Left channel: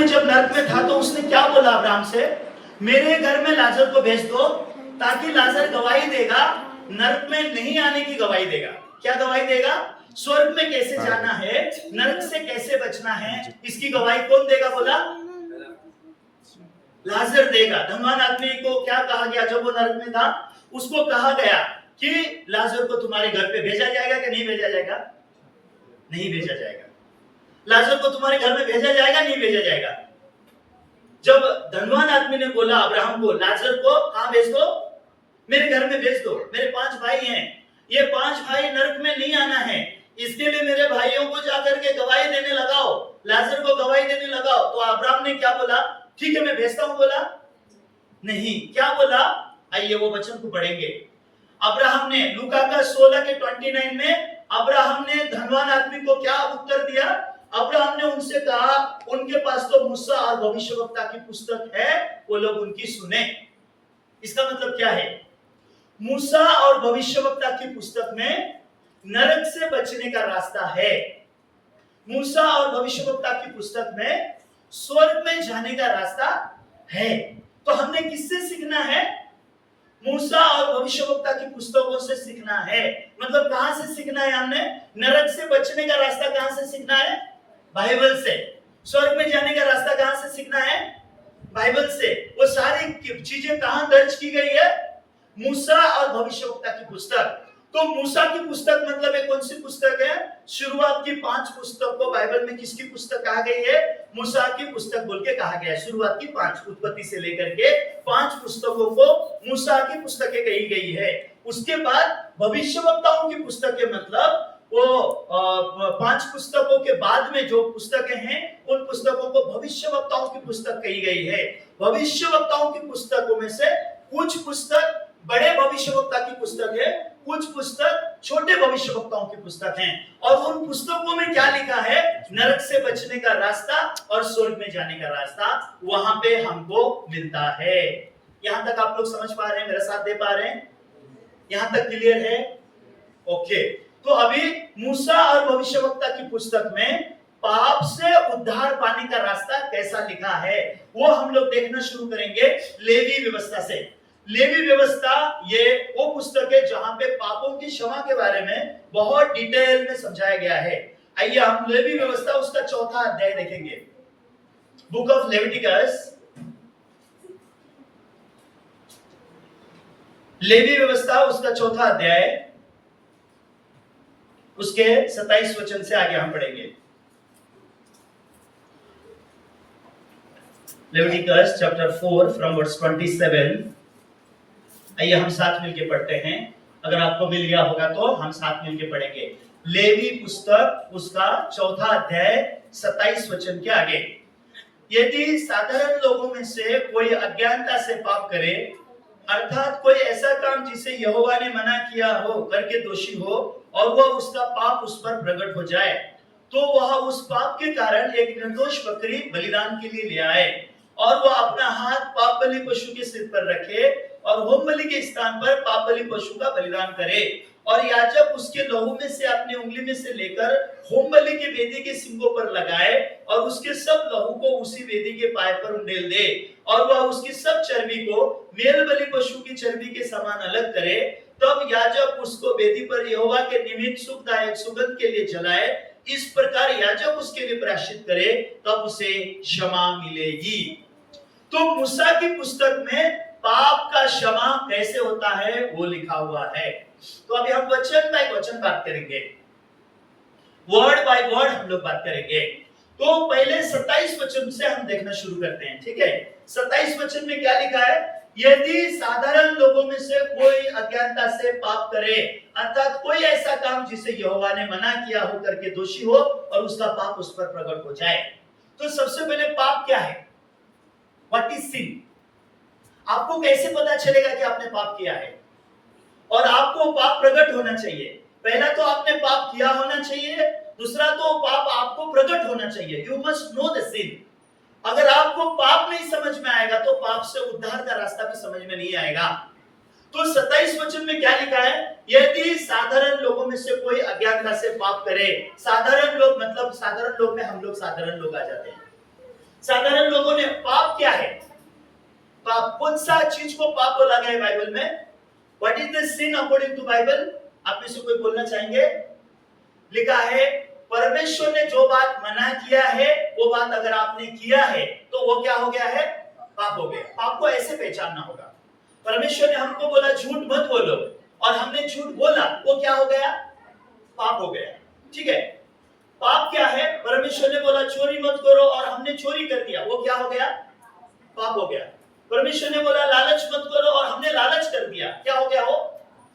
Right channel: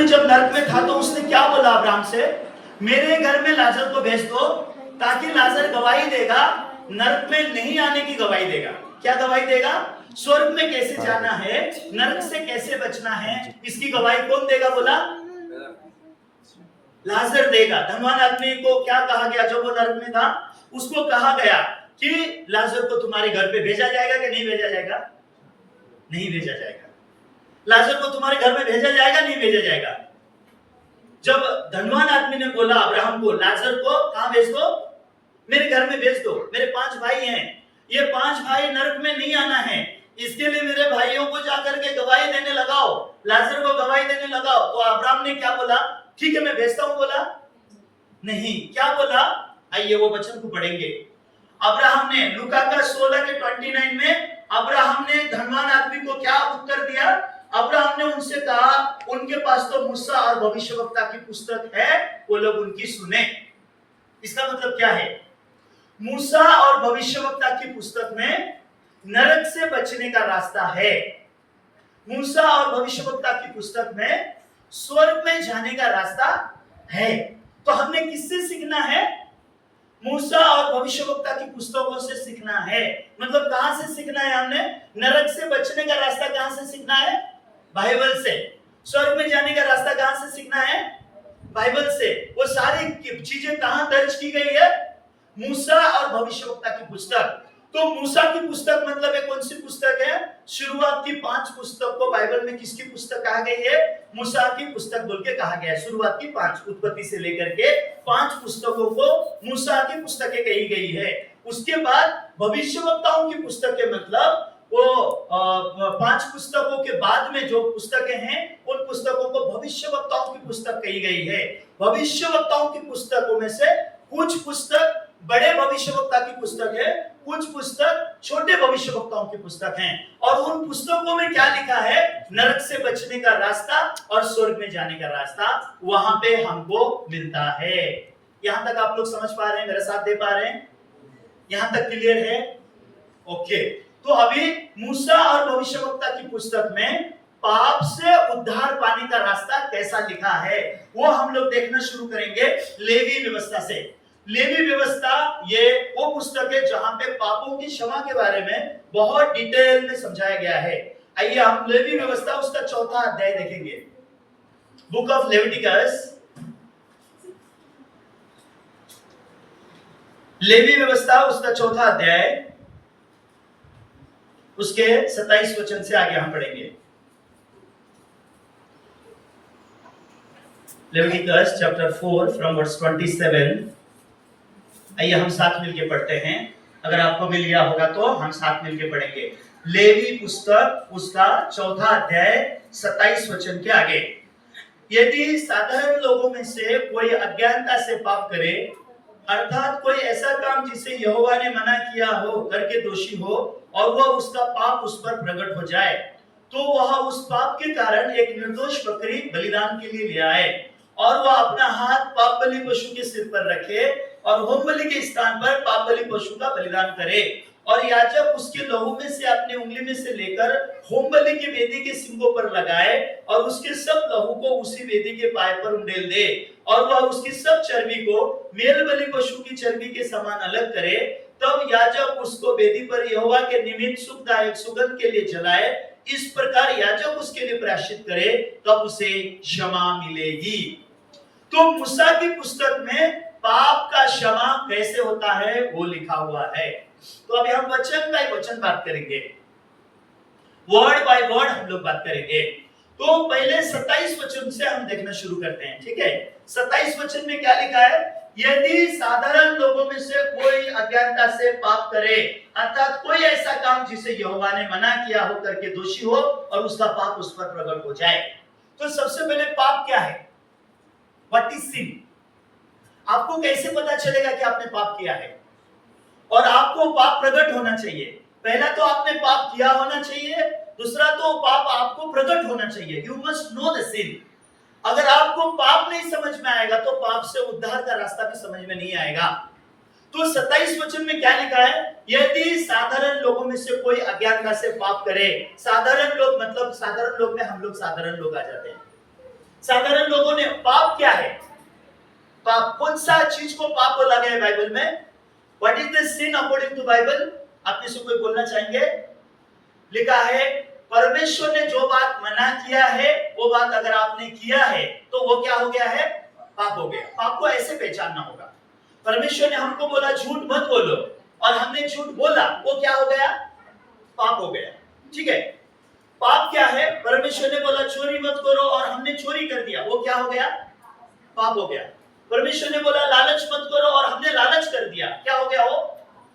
ने जब नरक में था तो उसने क्या बोला अब्राहम से, मेरे घर में लाजर को भेज दो ताकि लाजर गवाही देगा, नरक में नहीं आने की गवाही देगा। क्या गवाही देगा? स्वर्ग में कैसे जाना है, नरक से कैसे बचना है, इसकी गवाही कौन देगा? बोला लाजर देगा। धनवान आदमी को क्या कहा गया जब वो नरक में था? उसको कहा गया कि लाजर को तुम्हारे घर पे भेजा जाएगा कि नहीं भेजा जाएगा? नहीं भेजा जाएगा। लाजर को तुम्हारे घर में भेजा जाएगा, नहीं भेजा जाएगा? जब धनवान आदमी ने बोला अब्राहम को, लाजर को कहां भेज दो? मेरे घर में भेज दो, मेरे 5 भाई हैं, ये 5 भाई नरक में नहीं आना है, इसके लिए मेरे भाइयों को जाकर के गवाही देने लगाओ, लाजर को गवाही देने लगाओ। तो अब्राहम ने क्या बोला? ठीक है मैं भेजता हूं। बोला नहीं। क्या बोला? आइए वो वचन को पढ़ेंगे। अब्राहम ने लूका का 16 के 29 में अब्राहम ने धनवान आदमी को क्या उत्तर दिया? अब्राहम ने उनसे कहा उनके पास तो मूसा और भविष्यवक्ता की पुस्तक है, वो लोग उनकी सुने। इसका मतलब क्या है? मूसा और भविष्यवक्ता की पुस्तक में नरक से बचने का रास्ता है। मूसा और भविष्यवक्ता की पुस्तक में स्वर्ग में जाने का रास्ता है। तो हमने किससे सीखना है? मूसा और भविष्यवक्ता की पुस्तकों से सीखना है। मतलब कहां से सीखना है? हमने नरक से बचने का रास्ता कहां से सीखना है? बाइबल से। स्वर्ग में जाने का रास्ता कहां से सीखना है? बाइबल से। वो सारी चीजें कहां दर्ज की गई है? मूसा और भविष्यवक्ता की पुस्तक। तो मूसा की पुस्तक मतलब ये कौन सी पुस्तक है? शुरुआत की 5 पुस्तक को बाइबल में किसकी पुस्तक कहा गई है? मूसा की पुस्तक बोल के कहा गया है। शुरुआत की 5 उत्पत्ति से लेकर के 5 पुस्तकों को मूसा की पुस्तकें कही गई है। उसके बाद भविष्यवक्ताओं की पुस्तकें मतलब वो 5 पुस्तकों के बाद में जो पुस्तकें हैं उन पुस्तकों को भविष्यवक्ताओं की पुस्तक कही गई है। भविष्यवक्ताओं की पुस्तकों में से कुछ पुस्तक बड़े भविष्यवक्ता की पुस्तक है, कुछ पुस्तक छोटे भविष्यवक्ताओं की पुस्तक हैं। और उन पुस्तकों में क्या लिखा है? नरक से बचने का रास्ता और स्वर्ग में जाने का रास्ता वहां पे हमको मिलता है। यहां तक आप लोग समझ पा रहे हैं? मेरे साथ दे पा रहे हैं? यहां तक क्लियर है? ओके। तो अभी मूसा और भविष्यवक्ता की पुस्तक में पाप से उद्धार पाने का रास्ता कैसा लिखा है वो हम लोग देखना शुरू करेंगे लेवी व्यवस्था से। लेवी व्यवस्था ये वो पुस्तक है जहां पे पापों की क्षमा के बारे में बहुत डिटेल में समझाया गया है। आइए हम लेवी व्यवस्था उसका 4था अध्याय देखेंगे। बुक ऑफ लेविटिकस, लेवी व्यवस्था उसका 4था अध्याय, उसके 27 वचन से आगे हम पढ़ेंगे। Leviticus chapter 4 from verse 27। आइए हम साथ मिलके पढ़ते हैं। अगर आपको मिल गया होगा तो हम साथ मिलके पढ़ेंगे। लेवी पुस्तक उसका 4था अध्याय 27 वचन के आगे। यदि साधारण लोगों में से कोई अज्ञानता से पाप करे, अर्थात कोई ऐसा काम जिसे यहोवा ने मना किया हो करके दोषी हो और वह उसका पाप उस पर प्रकट हो जाए, तो वह उस पाप के कारण एक निर्दोष बकरी बलिदान के लिए ले आए और वह अपना हाथ पाप बलि पशु के सिर पर रखे और होम बलि के स्थान पर पाप बलि पशु का बलिदान करे, और याजक उसके लहू में से अपनी उंगली में से लेकर होम बलि की वेदी के सिंगों पर लगाए और उसके सब लहू को उसी वेदी के पाए पर उंडेल दे, और वह उसकी सब चर्बी को मेल बलि पशु की चर्बी के समान अलग करे। तब याजक उसको वेदी पर यहोवा के निमित्त सुखदायक सुगंध के लिए जलाए। इस प्रकार याजक उसके लिए प्रायश्चित करे, तब उसे क्षमा मिलेगी। तो मूसा की पुस्तक में पाप का क्षमा कैसे होता है वो लिखा हुआ है। तो अभी हम वचन बाय वचन बात करेंगे, वर्ड बाय वर्ड हम लोग बात करेंगे। तो पहले 27 वचन से हम देखना शुरू करते हैं, ठीक है। 27 वचन में क्या लिखा है? यदि साधारण लोगों में से कोई अज्ञानता से पाप करे, अर्थात कोई ऐसा काम जिसे यहोवा ने मना किया हो करके दोषी हो और उसका पाप उस पर प्रकट हो जाए। तो सबसे पहले पाप क्या है? व्हाट इज सिन? आपको कैसे पता चलेगा कि आपने पाप किया है? और आपको पाप प्रकट होना चाहिए। पहला तो आपने पाप किया होना चाहिए, दूसरा तो पाप आपको प्रकट होना चाहिए। You must know the scene. अगर आपको पाप नहीं समझ में आएगा तो पाप से उद्धार का रास्ता भी समझ में नहीं आएगा। तो 27 वचन में क्या लिखा है? यदि साधारण लोगों में से कोई अज्ञानता से पाप करे, साधारण लोग मतलब साधारण लोग में हम लोग साधारण लोग आ जाते हैं। साधारण लोगों ने पाप क्या है, पाप कौन सा चीज को पाप बोला गया है बाइबल में? What is the sin according to Bible? आप में से कोई बोलना चाहेंगे? लिखा है परमेश्वर ने जो बात मना किया है वो बात अगर आपने किया है तो वो क्या हो गया है? पाप हो गया। पाप को ऐसे पहचानना होगा। परमेश्वर ने हमको बोला झूठ मत बोलो और हमने झूठ बोला, वो क्या हो गया? पाप हो गया। ठीक है, पाप क्या है? परमेश्वर ने बोला चोरी मत करो और हमने चोरी कर दिया, वो क्या हो गया? पाप हो गया। परमेश्वर ने बोला लालच मत करो और हमने लालच कर दिया, क्या हो गया? वो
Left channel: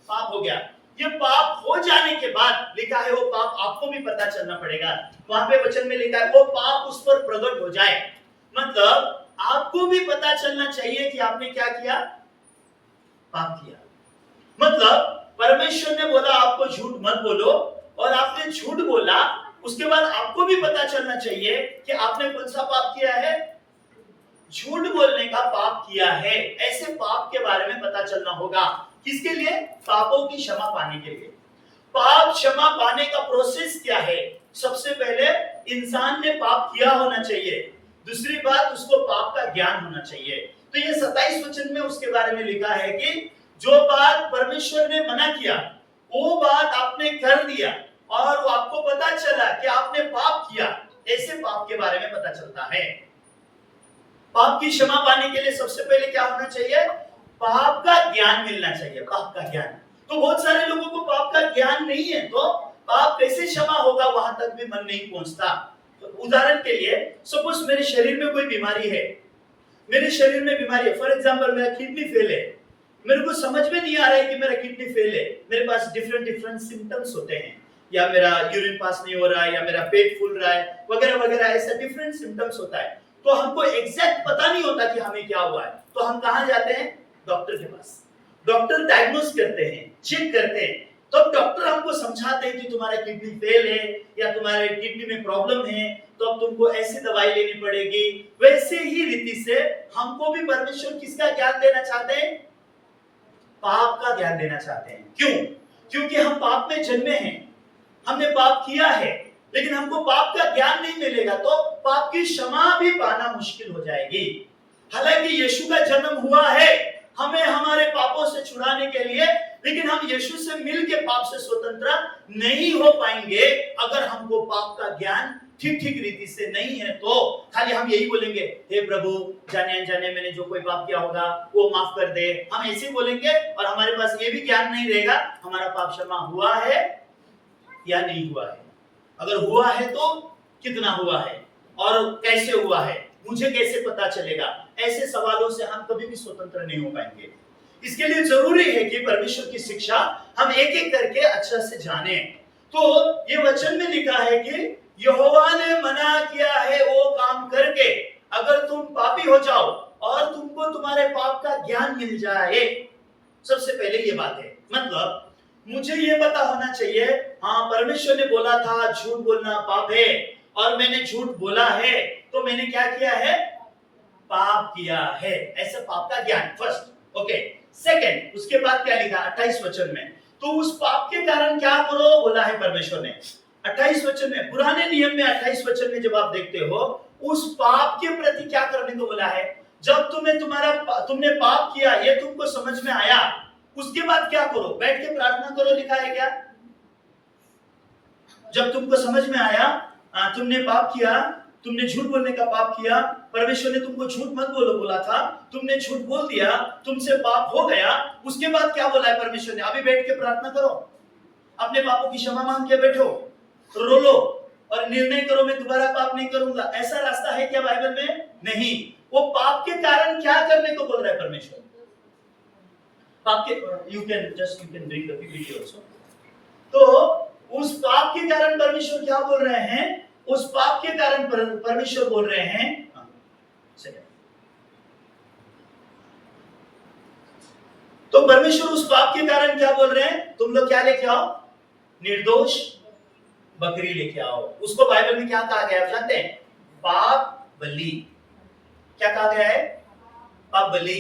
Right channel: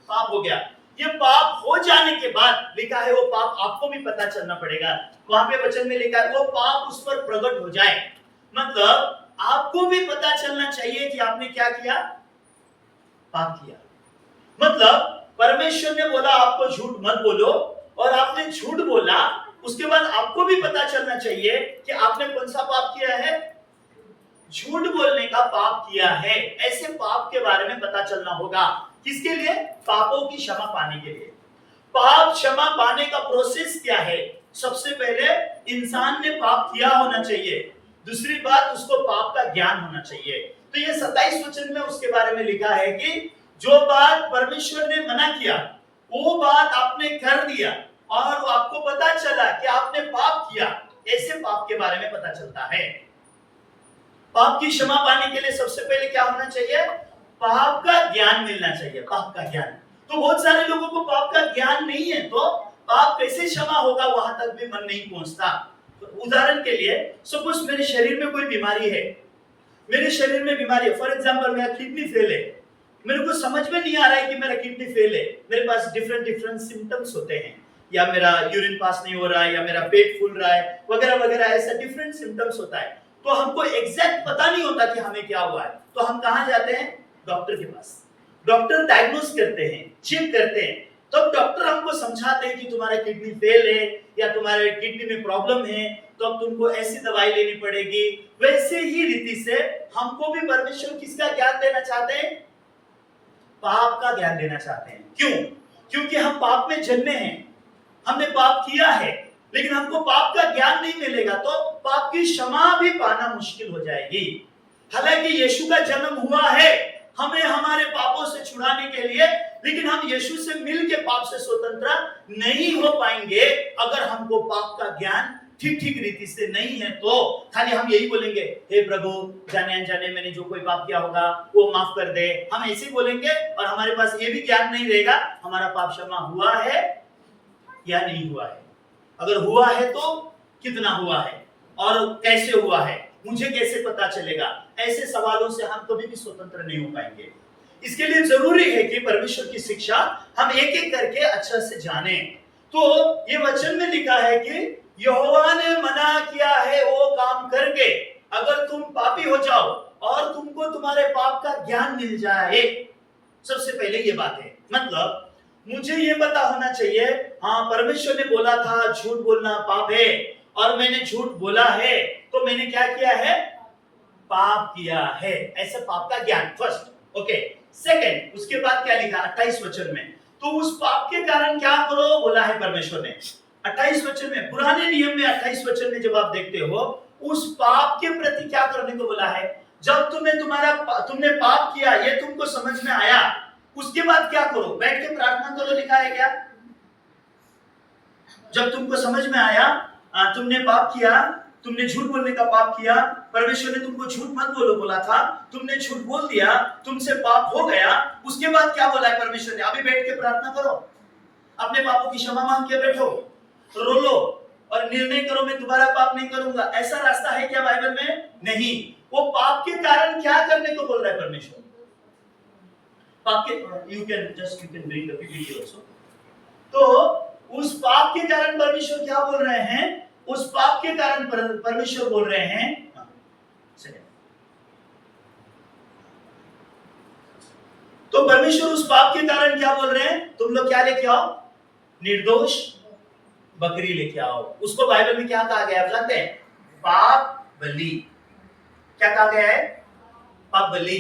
पाप हो गया। ये पाप हो जाने के बाद लिखा है वो पाप आपको भी पता चलना पड़ेगा। वहां पे वचन में लिखा है वो पाप उस पर प्रकट हो जाए, मतलब आपको भी पता चलना चाहिए कि आपने क्या किया? पाप किया। मतलब परमेश्वर ने बोला आपको झूठ मत बोलो और आपने झूठ बोला, उसके बाद आपको भी पता चलना चाहिए कि आपने कौन सा पाप किया है? झूठ बोलने का पाप किया है। ऐसे पाप के बारे में पता चलना होगा। किसके लिए? पापों की क्षमा पाने के लिए। पाप क्षमा पाने का प्रोसेस क्या है? सबसे पहले इंसान ने पाप किया होना चाहिए, दूसरी बात उसको पाप का ज्ञान होना चाहिए। तो ये 27 वचन में उसके बारे में लिखा है कि जो बात परमेश्वर ने मना किया वो बात आपने कर दिया और वो आपको पता चला कि आपने पाप किया, ऐसे पाप के बारे में पता चलता है। पाप की क्षमा पाने के लिए सबसे पहले क्या होना चाहिए? पाप का ज्ञान मिलना चाहिए। पाप का ज्ञान। तो बहुत सारे लोगों को पाप का ज्ञान नहीं है, तो पाप कैसे क्षमा होगा वहां तक भी मन नहीं पहुंचता। तो उदाहरण के लिए सपोज मेरे शरीर में कोई बीमारी है, मेरे शरीर में बीमारी है, फॉर एग्जांपल मेरा किडनी फेल है, मेरे को समझ में नहीं आ रहा है कि मेरा किडनी फेल है, मेरे पास डिफरेंट सिम्टम्स होते हैं, या मेरा यूरिन पास नहीं हो रहा है, या मेरा पेट फूल रहा है, वगैरह वगैरह, ऐसा डिफरेंट सिम्टम्स होता है। तो हमको एग्जैक्ट पता नहीं होता कि हमें क्या हुआ है, तो हम कहां जाते हैं? डॉक्टर के पास। डॉक्टर डायग्नोस करते हैं, चेक करते हैं, तब डॉक्टर हमको समझाते हैं कि तुम्हारा किडनी फेल है या तुम्हारे किडनी में प्रॉब्लम है, तो अब तुमको ऐसी दवाई लेनी पड़ेगी। वैसे ही रीति से हमको भी परमेश्वर किसका ज्ञान देना चाहते हैं? पाप का ज्ञान देना चाहते हैं। क्यों? क्योंकि हम पाप में जन्मे हैं, हमने पाप किया है, लेकिन हमको पाप का ज्ञान नहीं मिलेगा तो पाप की क्षमा भी पाना मुश्किल हो जाएगी। हालांकि यीशु का जन्म हुआ है हमें हमारे पापों से छुड़ाने के लिए, लेकिन हम यीशु से मिलके पाप से स्वतंत्र नहीं हो पाएंगे अगर हमको पाप का ज्ञान ठीक रीति से नहीं है। तो खाली हम यही बोलेंगे हे प्रभु जाने अनजाने मैंने जो कोई पाप किया होगा वो माफ कर दे, हम ऐसे बोलेंगे और हमारे पास ये भी ज्ञान नहीं रहेगा हमारा पाप क्षमा हुआ है या नहीं हुआ है। अगर हुआ है तो कितना हुआ है और कैसे हुआ है, मुझे कैसे पता चलेगा? ऐसे सवालों से हम कभी भी स्वतंत्र नहीं हो पाएंगे। इसके लिए जरूरी है कि परमेश्वर की शिक्षा हम एक एक करके अच्छा से जाने। तो ये वचन में लिखा है कि यहोवा ने मना किया है वो काम करके अगर तुम पापी हो जाओ और तुमको तुम्हारे पाप का ज्ञान मिल जाए। सबसे पहले ये बात है, मतलब मुझे ये पता होना चाहिए हाँ परमेश्वर ने बोला था झूठ बोलना पाप है और मैंने झूठ बोला है, तो मैंने क्या किया है? पाप किया है। ऐसा पाप का ज्ञान फर्स्ट। ओके, सेकंड उसके बाद क्या लिखा 28 वचन में? तो उस पाप के कारण क्या करो बोला है परमेश्वर ने 28 वचन में। पुराने नियम में 28 वचन में जब आप देखते हो उस पाप के प्रति क्या करने को बोला है? जब तुमने पाप किया ये तुमको समझ में आया, उसके बाद क्या करो? बैठ के प्रार्थना करो, लिखा है क्या? जब तुमको समझ में आया तुमने पाप किया, तुमने झूठ बोलने का पाप किया, परमेश्वर ने तुमको झूठ मत बोलो बोला था, तुमने झूठ बोल दिया, तुमसे पाप हो गया, उसके बाद क्या बोला है परमेश्वर ने? अभी बैठ के प्रार्थना करो, अपने पापों की क्षमा मांग के बैठो, रो लो और निर्णय करो मैं दोबारा पाप नहीं करूंगा। ऐसा रास्ता है क्या बाइबल में? नहीं। वो पाप के कारण क्या करने को बोल रहा है परमेश्वर? पाप के you can bring the PPT also. तो उस पाप के कारण परमेश्वर क्या बोल रहे हैं? उस पाप के कारण परमेश्वर बोल रहे हैं तो परमेश्वर उस पाप के कारण क्या बोल रहे हैं? तुम लोग क्या लेके आओ? निर्दोष बकरी लेके आओ। उसको बाइबल में क्या कहा गया है जानते हैं? पाप बलि। क्या कहा गया है? पाप बलि।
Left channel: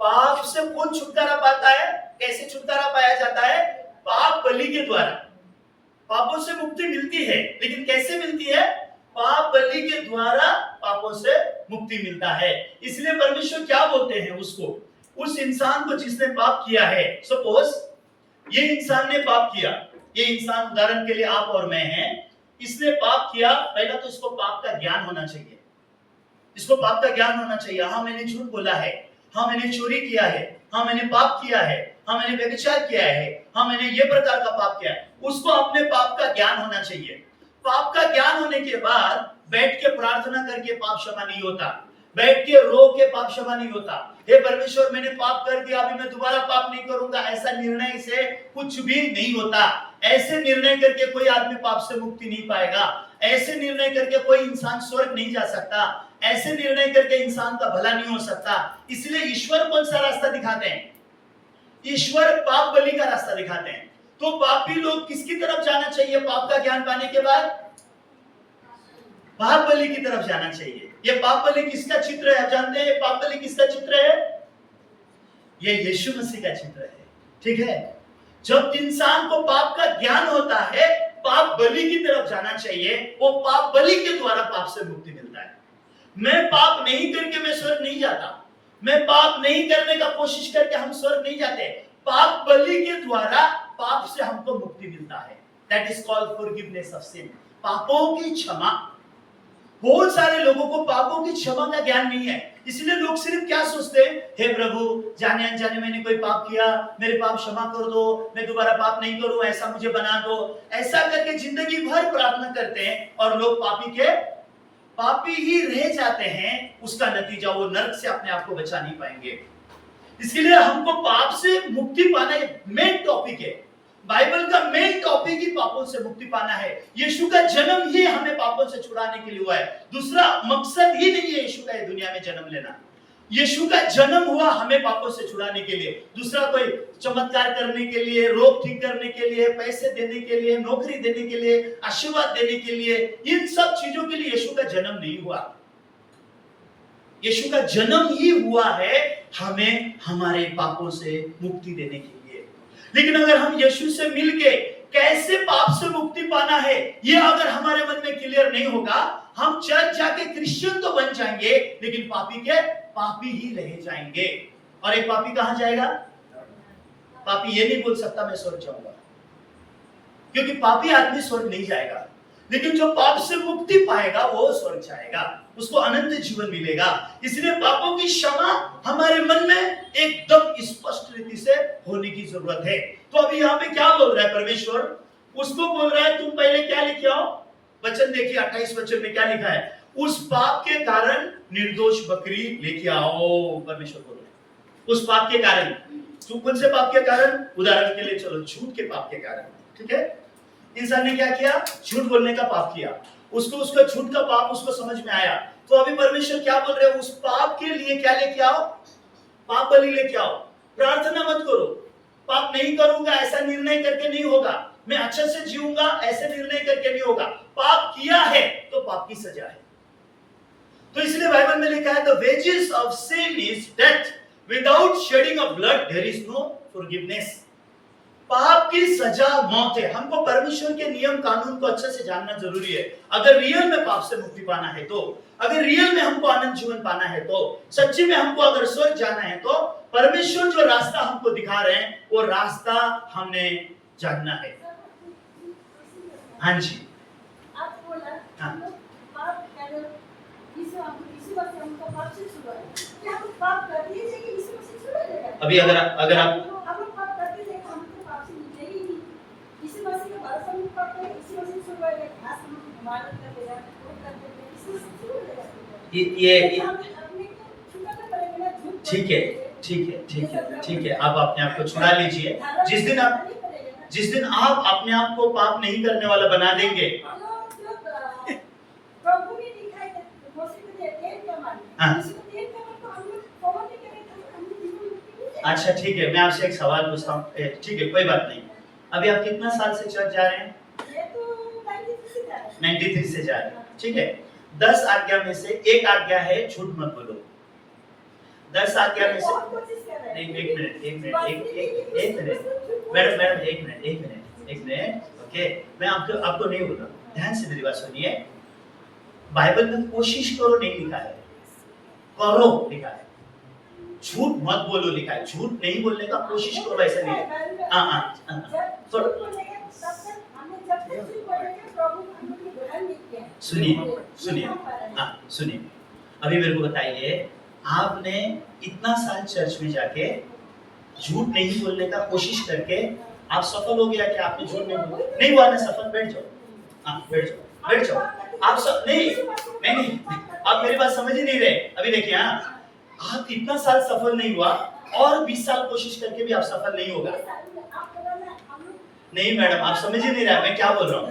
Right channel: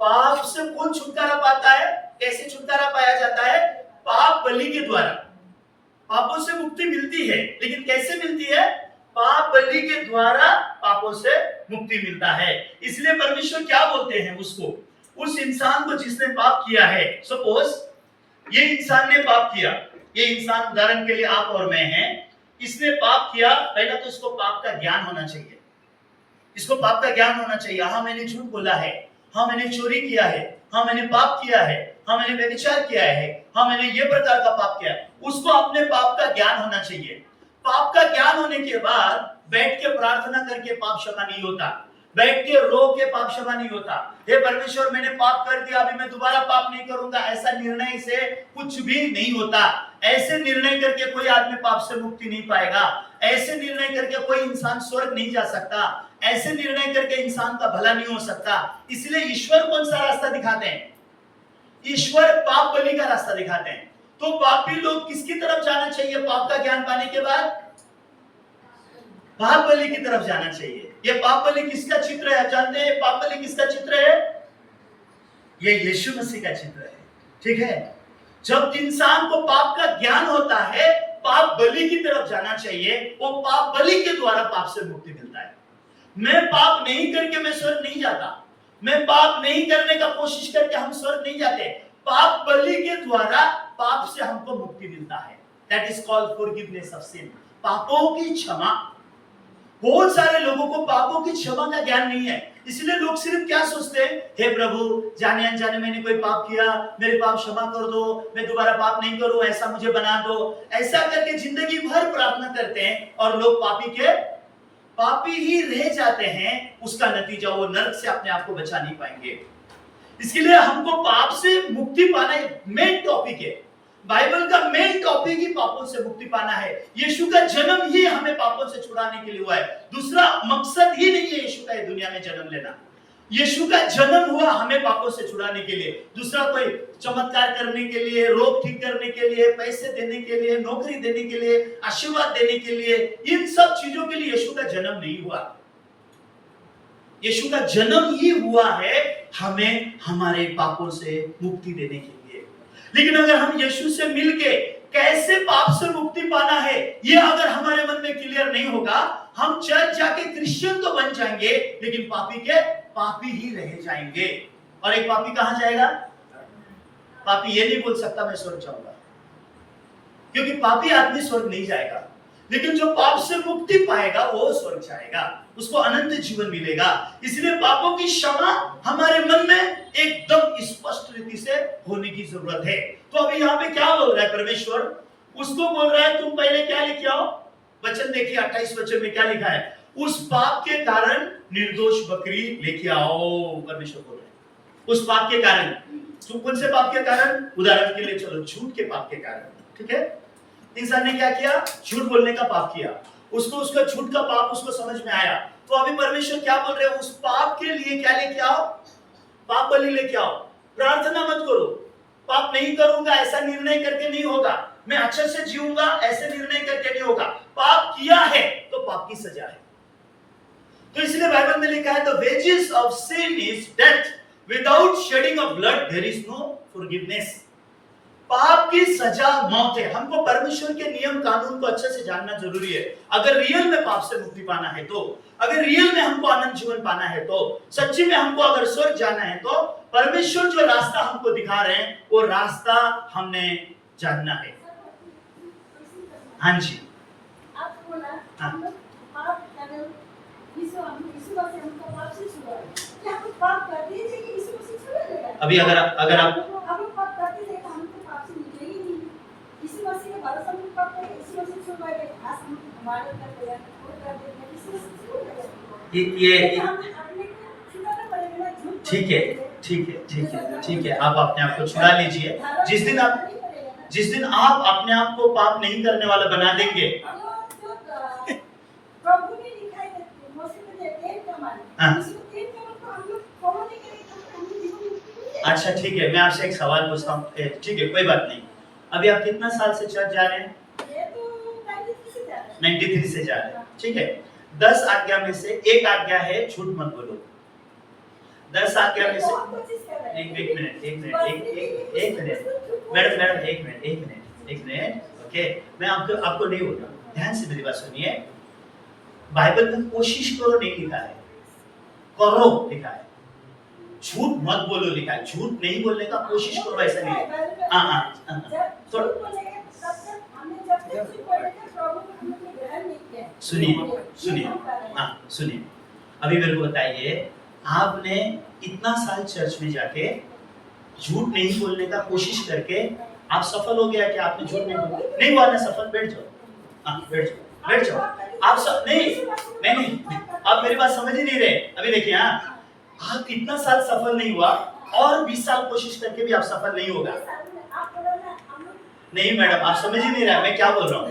पाप से कौन छुटकारा पाता है? कैसे छुटकारा पाया जाता है? पाप बलि के द्वारा। पापों से मुक्ति मिलती है, लेकिन कैसे मिलती है? पाप बलि के द्वारा पापों से मुक्ति मिलता है। इसलिए परमेश्वर क्या बोलते हैं उसको, उस इंसान को जिसने पाप किया है, सपोज ये इंसान ने पाप किया, ये इंसान उदाहरण के लिए आप और मैं हैं, इसने पाप किया, पहला तो इसको पाप का ज्ञान होना चाहिए, इसको पाप का ज्ञान होना चाहिए। हाँ मैंने झूठ बोला है, हाँ मैंने चोरी किया है, हाँ मैंने पाप किया है, हाँ मैंने व्यभिचार किया है, हाँ मैंने ये प्रकार का पाप किया है, उसको अपने पाप का ज्ञान होना चाहिए। पाप का ज्ञान होने के बाद बैठ के प्रार्थना करके पाप क्षमा नहीं होता, बैठ के रो के पाप क्षमा नहीं होता। हे परमेश्वर मैंने पाप कर दिया, अभी मैं दोबारा पाप नहीं करूंगा, ऐसा निर्णय से कुछ भी नहीं होता। ऐसे निर्णय करके कोई आदमी पाप से मुक्ति नहीं पाएगा, ऐसे निर्णय करके कोई इंसान स्वर्ग नहीं जा सकता, ऐसे निर्णय करके इंसान का भला नहीं हो सकता। इसलिए ईश्वर कौन सा रास्ता दिखाते हैं, ईश्वर पाप बलि का रास्ता दिखाते हैं। तो पापी लोग किसकी तरफ जाना चाहिए पाप का ज्ञान पाने के बाद? पाप बलि की तरफ जाना चाहिए। ये पाप बलि किसका चित्र है, आप जानते हैं पाप बलि किसका चित्र है? ये यीशु मसीह का चित्र है, ठीक है। जब इंसान को पाप का ज्ञान होता है, पाप बलि की तरफ जाना चाहिए, वो पाप बलि के द्वारा पाप से मुक्ति मिलता है। मैं पाप नहीं करके मैं स्वर्ग नहीं जाता, मैं पाप नहीं करने का कोशिश करके हम स्वर्ग नहीं जाते, पाप बलि के द्वारा पाप से हमको मुक्ति मिलता है। That is called forgiveness of sin, पापों की क्षमा। बहुत सारे लोगों को पापों की क्षमा का ज्ञान नहीं है, इसलिए लोग सिर्फ क्या सोचते हैं, हे प्रभु जाने अनजाने मैंने कोई पाप किया, मेरे पाप क्षमा कर दो, मैं दोबारा पाप नहीं करूं, ऐसा मुझे बना दो। ऐसा करके जिंदगी भर प्रार्थना करते हैं और लोग पापी ही रह जाते हैं। उसका नतीजा वो नरक से अपने आप को बचा नहीं पाएंगे। इसके लिए हमको पाप से मुक्ति पाना मेन टॉपिक है, बाइबल का मेन टॉपिक ही पापों से मुक्ति पाना है। यीशु का जन्म ही हमें पापों से छुड़ाने के लिए हुआ है, दूसरा मकसद ही नहीं है यीशु का दुनिया में जन्म लेना। यीशु का जन्म हुआ हमें पापों से छुड़ाने के लिए, दूसरा कोई चमत्कार करने के लिए, रोग ठीक करने के लिए, पैसे देने के लिए, नौकरी देने के लिए, आशीर्वाद देने के लिए, इन सब चीजों के लिए यीशु का जन्म नहीं हुआ। यीशु का जन्म ही हुआ है हमें हमारे पापों से मुक्ति देने के लिए। लेकिन अगर हम यीशु से मिलके कैसे पाप से मुक्ति पाना है, ये अगर हमारे मन में क्लियर नहीं होगा, हम चर्च जाके क्रिश्चियन तो बन जाएंगे लेकिन पापी के पापी ही रह जाएंगे। और एक पापी कहां जाएगा? पापी ये नहीं बोल सकता मैं स्वर्ग जाऊंगा, क्योंकि पापी आदमी स्वर्ग नहीं जाएगा, लेकिन जो पाप से मुक्ति पाएगा वो स्वर्ग जाएगा, उसको अनंत जीवन मिलेगा। इसलिए पापों की क्षमा हमारे मन में एकदम स्पष्ट रीति से होने की जरूरत है। तो अभी यहाँ पे क्या बोल रहा है परमेश्वर? उसको बोल रहा है तुम पहले क्या लेके आओ, वचन देखिए 28 वचन में क्या लिखा है, उस पाप के कारण निर्दोष बकरी लेके आओ। परमेश्वर बोल रहे हैं उस पाप के कारण। तो कौन से पाप के कारण? उदाहरण के लिए चलो झूठ के पाप के कारण, ठीक है। इंसान ने क्या किया? झूठ बोलने का पाप किया, उसको उसका झूठ का पाप उसको समझ में आया। तो अभी परमेश्वर क्या बोल रहे हैं? उस पाप के लिए क्या लेके आओ? पाप बलि लेके आओ। प्रार्थना मत करो, पाप नहीं करूंगा ऐसा निर्णय करके नहीं होगा, मैं अच्छे से जीऊंगा ऐसे निर्णय करके नहीं होगा। पाप किया है तो पाप की सजा है। तो इसलिए बाइबल में लिखा है the wages of sin is death, without shedding of blood there is no forgiveness. पाप की सजा मौत है। हमको परमेश्वर के नियम कानून को अच्छे से जानना जरूरी है। अगर रियल में पाप से मुक्ति पाना है तो, अगर रियल में हमको आनंद जीवन पाना है तो, सच्ची में हमको अगर स्वर्ग जाना है तो परमेश्वर जो रास्ता हमको दिखा रहे हैं वो रास्ता हमने जानना है। हाँ जी, आप बोला हाँ। पाप अगर यीशु मसीह हमको पाप से छुड़ाए, क्या हम पाप करते हैं कि यीशु मसीह छुड़ा देगा? अभी अगर आप हम पाप करते हैं हमको पाप से मिलेगी नहीं। यीशु मसीह के भरोसा में पाप करें, यीशु मसीह छुड़ाएगा, खास हम हमारा कर देगा, पूरा कर देगा, यीशु मसीह छुड़ा देगा। ये हम अपने को छुड़ाना पड़ेगा ना, झूठ। ठीक है, ठीक है, ठीक है, ठीक है, आप अपने आप को छुड़ा लीजिए। जिस दिन आप अपने आप को पाप नहीं करने वाला बना देंगे, प्रभु ने लिखा है मसीह को 10 कमांड, यीशु को 10 कमांड को हम लोग फॉलो नहीं करेंगे तो हमें जीवन मुक्ति नहीं मिलेगी। अच्छा ठीक है, मैं आपसे एक सवाल पूछता हूँ। ठीक है, कोई बात नहीं। अभी आप कितना साल से चर्च जा रहे हैं? ये तो 93 से जा रहे हैं। 93 से जा रहे हैं, ठीक है। 10 आज्ञा में से एक आज्ञा है झूठ मत बोलो। 10 आज्ञा में से एक मिनट ओके, मैं आपको नहीं बोल रहा, ध्यान से मेरी बात सुनिए। बाइबल में कोशिश करो नहीं लिखा है, करो लिखा है, झूठ मत बोलो लिखा है। झूठ नहीं बोलने का कोशिश करो, ऐसा नहीं है। हाँ हाँ सुनिए सुनिए, हाँ सुनिए, अभी मेरे को बताइए, आपने इतना साल चर्च में जाके झूठ नहीं बोलने का कोशिश करके आप सफल हो गया कि आपने झूठ नहीं हुआ ना सफल? बैठ जाओ, हाँ बैठ जाओ, बैठ जाओ। आप सब नहीं, आप मेरी बात समझ ही नहीं रहे। अभी देखिए, हाँ आप इतना साल सफल नहीं हुआ और 20 साल कोशिश करके भी आप सफल नहीं होगा। नहीं मैडम, आप समझ ही नहीं रहे मैं क्या बोल रहा हूँ।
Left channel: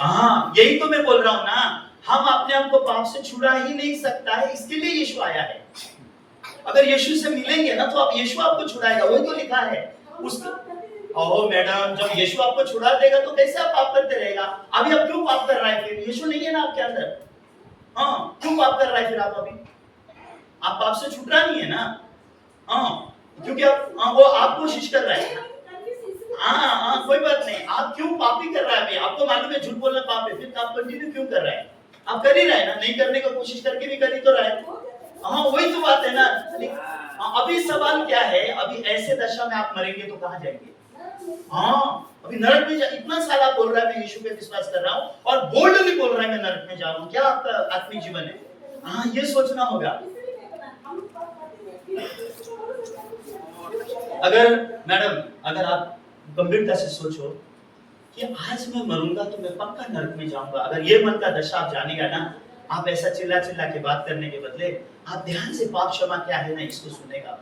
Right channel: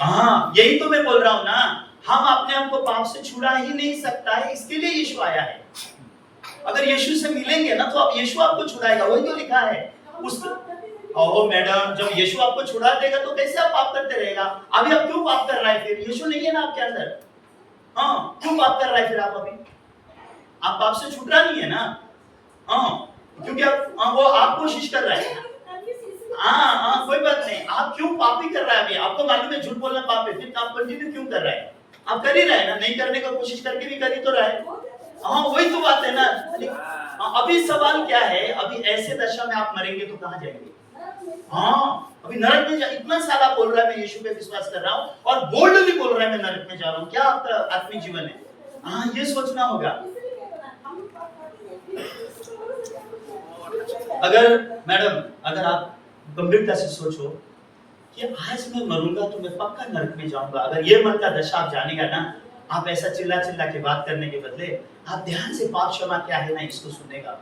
हाँ यही तो मैं बोल रहा हूँ ना, हम अपने आप को पाप से छुड़ा ही नहीं सकता है, इसके लिए यीशु आया है। अगर यीशु से मिलेंगे ना तो आप यीशु आपको छुड़ाएगा, वही तो लिखा है उसको। ओह मैडम, जब यीशु आपको छुड़ा देगा तो कैसे आप पाप करते रहेगा? अभी आप क्यों पाप कर रहा है? फिर यीशु नहीं है ना आपके अंदर, हाँ क्यों पाप कर रहा है फिर आप? अभी आप पाप से छूट रहा नहीं है ना, हाँ क्योंकि वो आप कोशिश कर रहा है। हाँ कोई बात नहीं, आप क्यों पापी कर रहा है? अभी आपको मालूम है झूठ बोलना पाप है, फिर आप कंटिन्यू क्यों कर रहा है? आप कर ही रहे हैं ना, नहीं करने का कोशिश करके भी कर ही तो रहा है। हाँ वही तो बात है ना। अभी सवाल क्या है, अभी ऐसे दशा में आप मरेंगे तो कहाँ जाएंगे? हाँ अभी नरक में इतना साल आप बोल रहा है मैं यीशु पे विश्वास कर रहा हूँ और बोल्डली बोल रहा है मैं नरक में जा रहा हूँ, क्या आपका आत्मिक जीवन है? हाँ ये सोचना होगा। अगर मैडम, अगर आप गंभीरता से सोचो कि आज मैं मरूंगा तो मैं पक्का नरक में जाऊंगा, अगर ये मन का दशा आप जानेगा ना, आप ऐसा चिल्ला चिल्ला के बात करने के बदले आप ध्यान से पाप क्षमा क्या है ना इसको सुनेगा।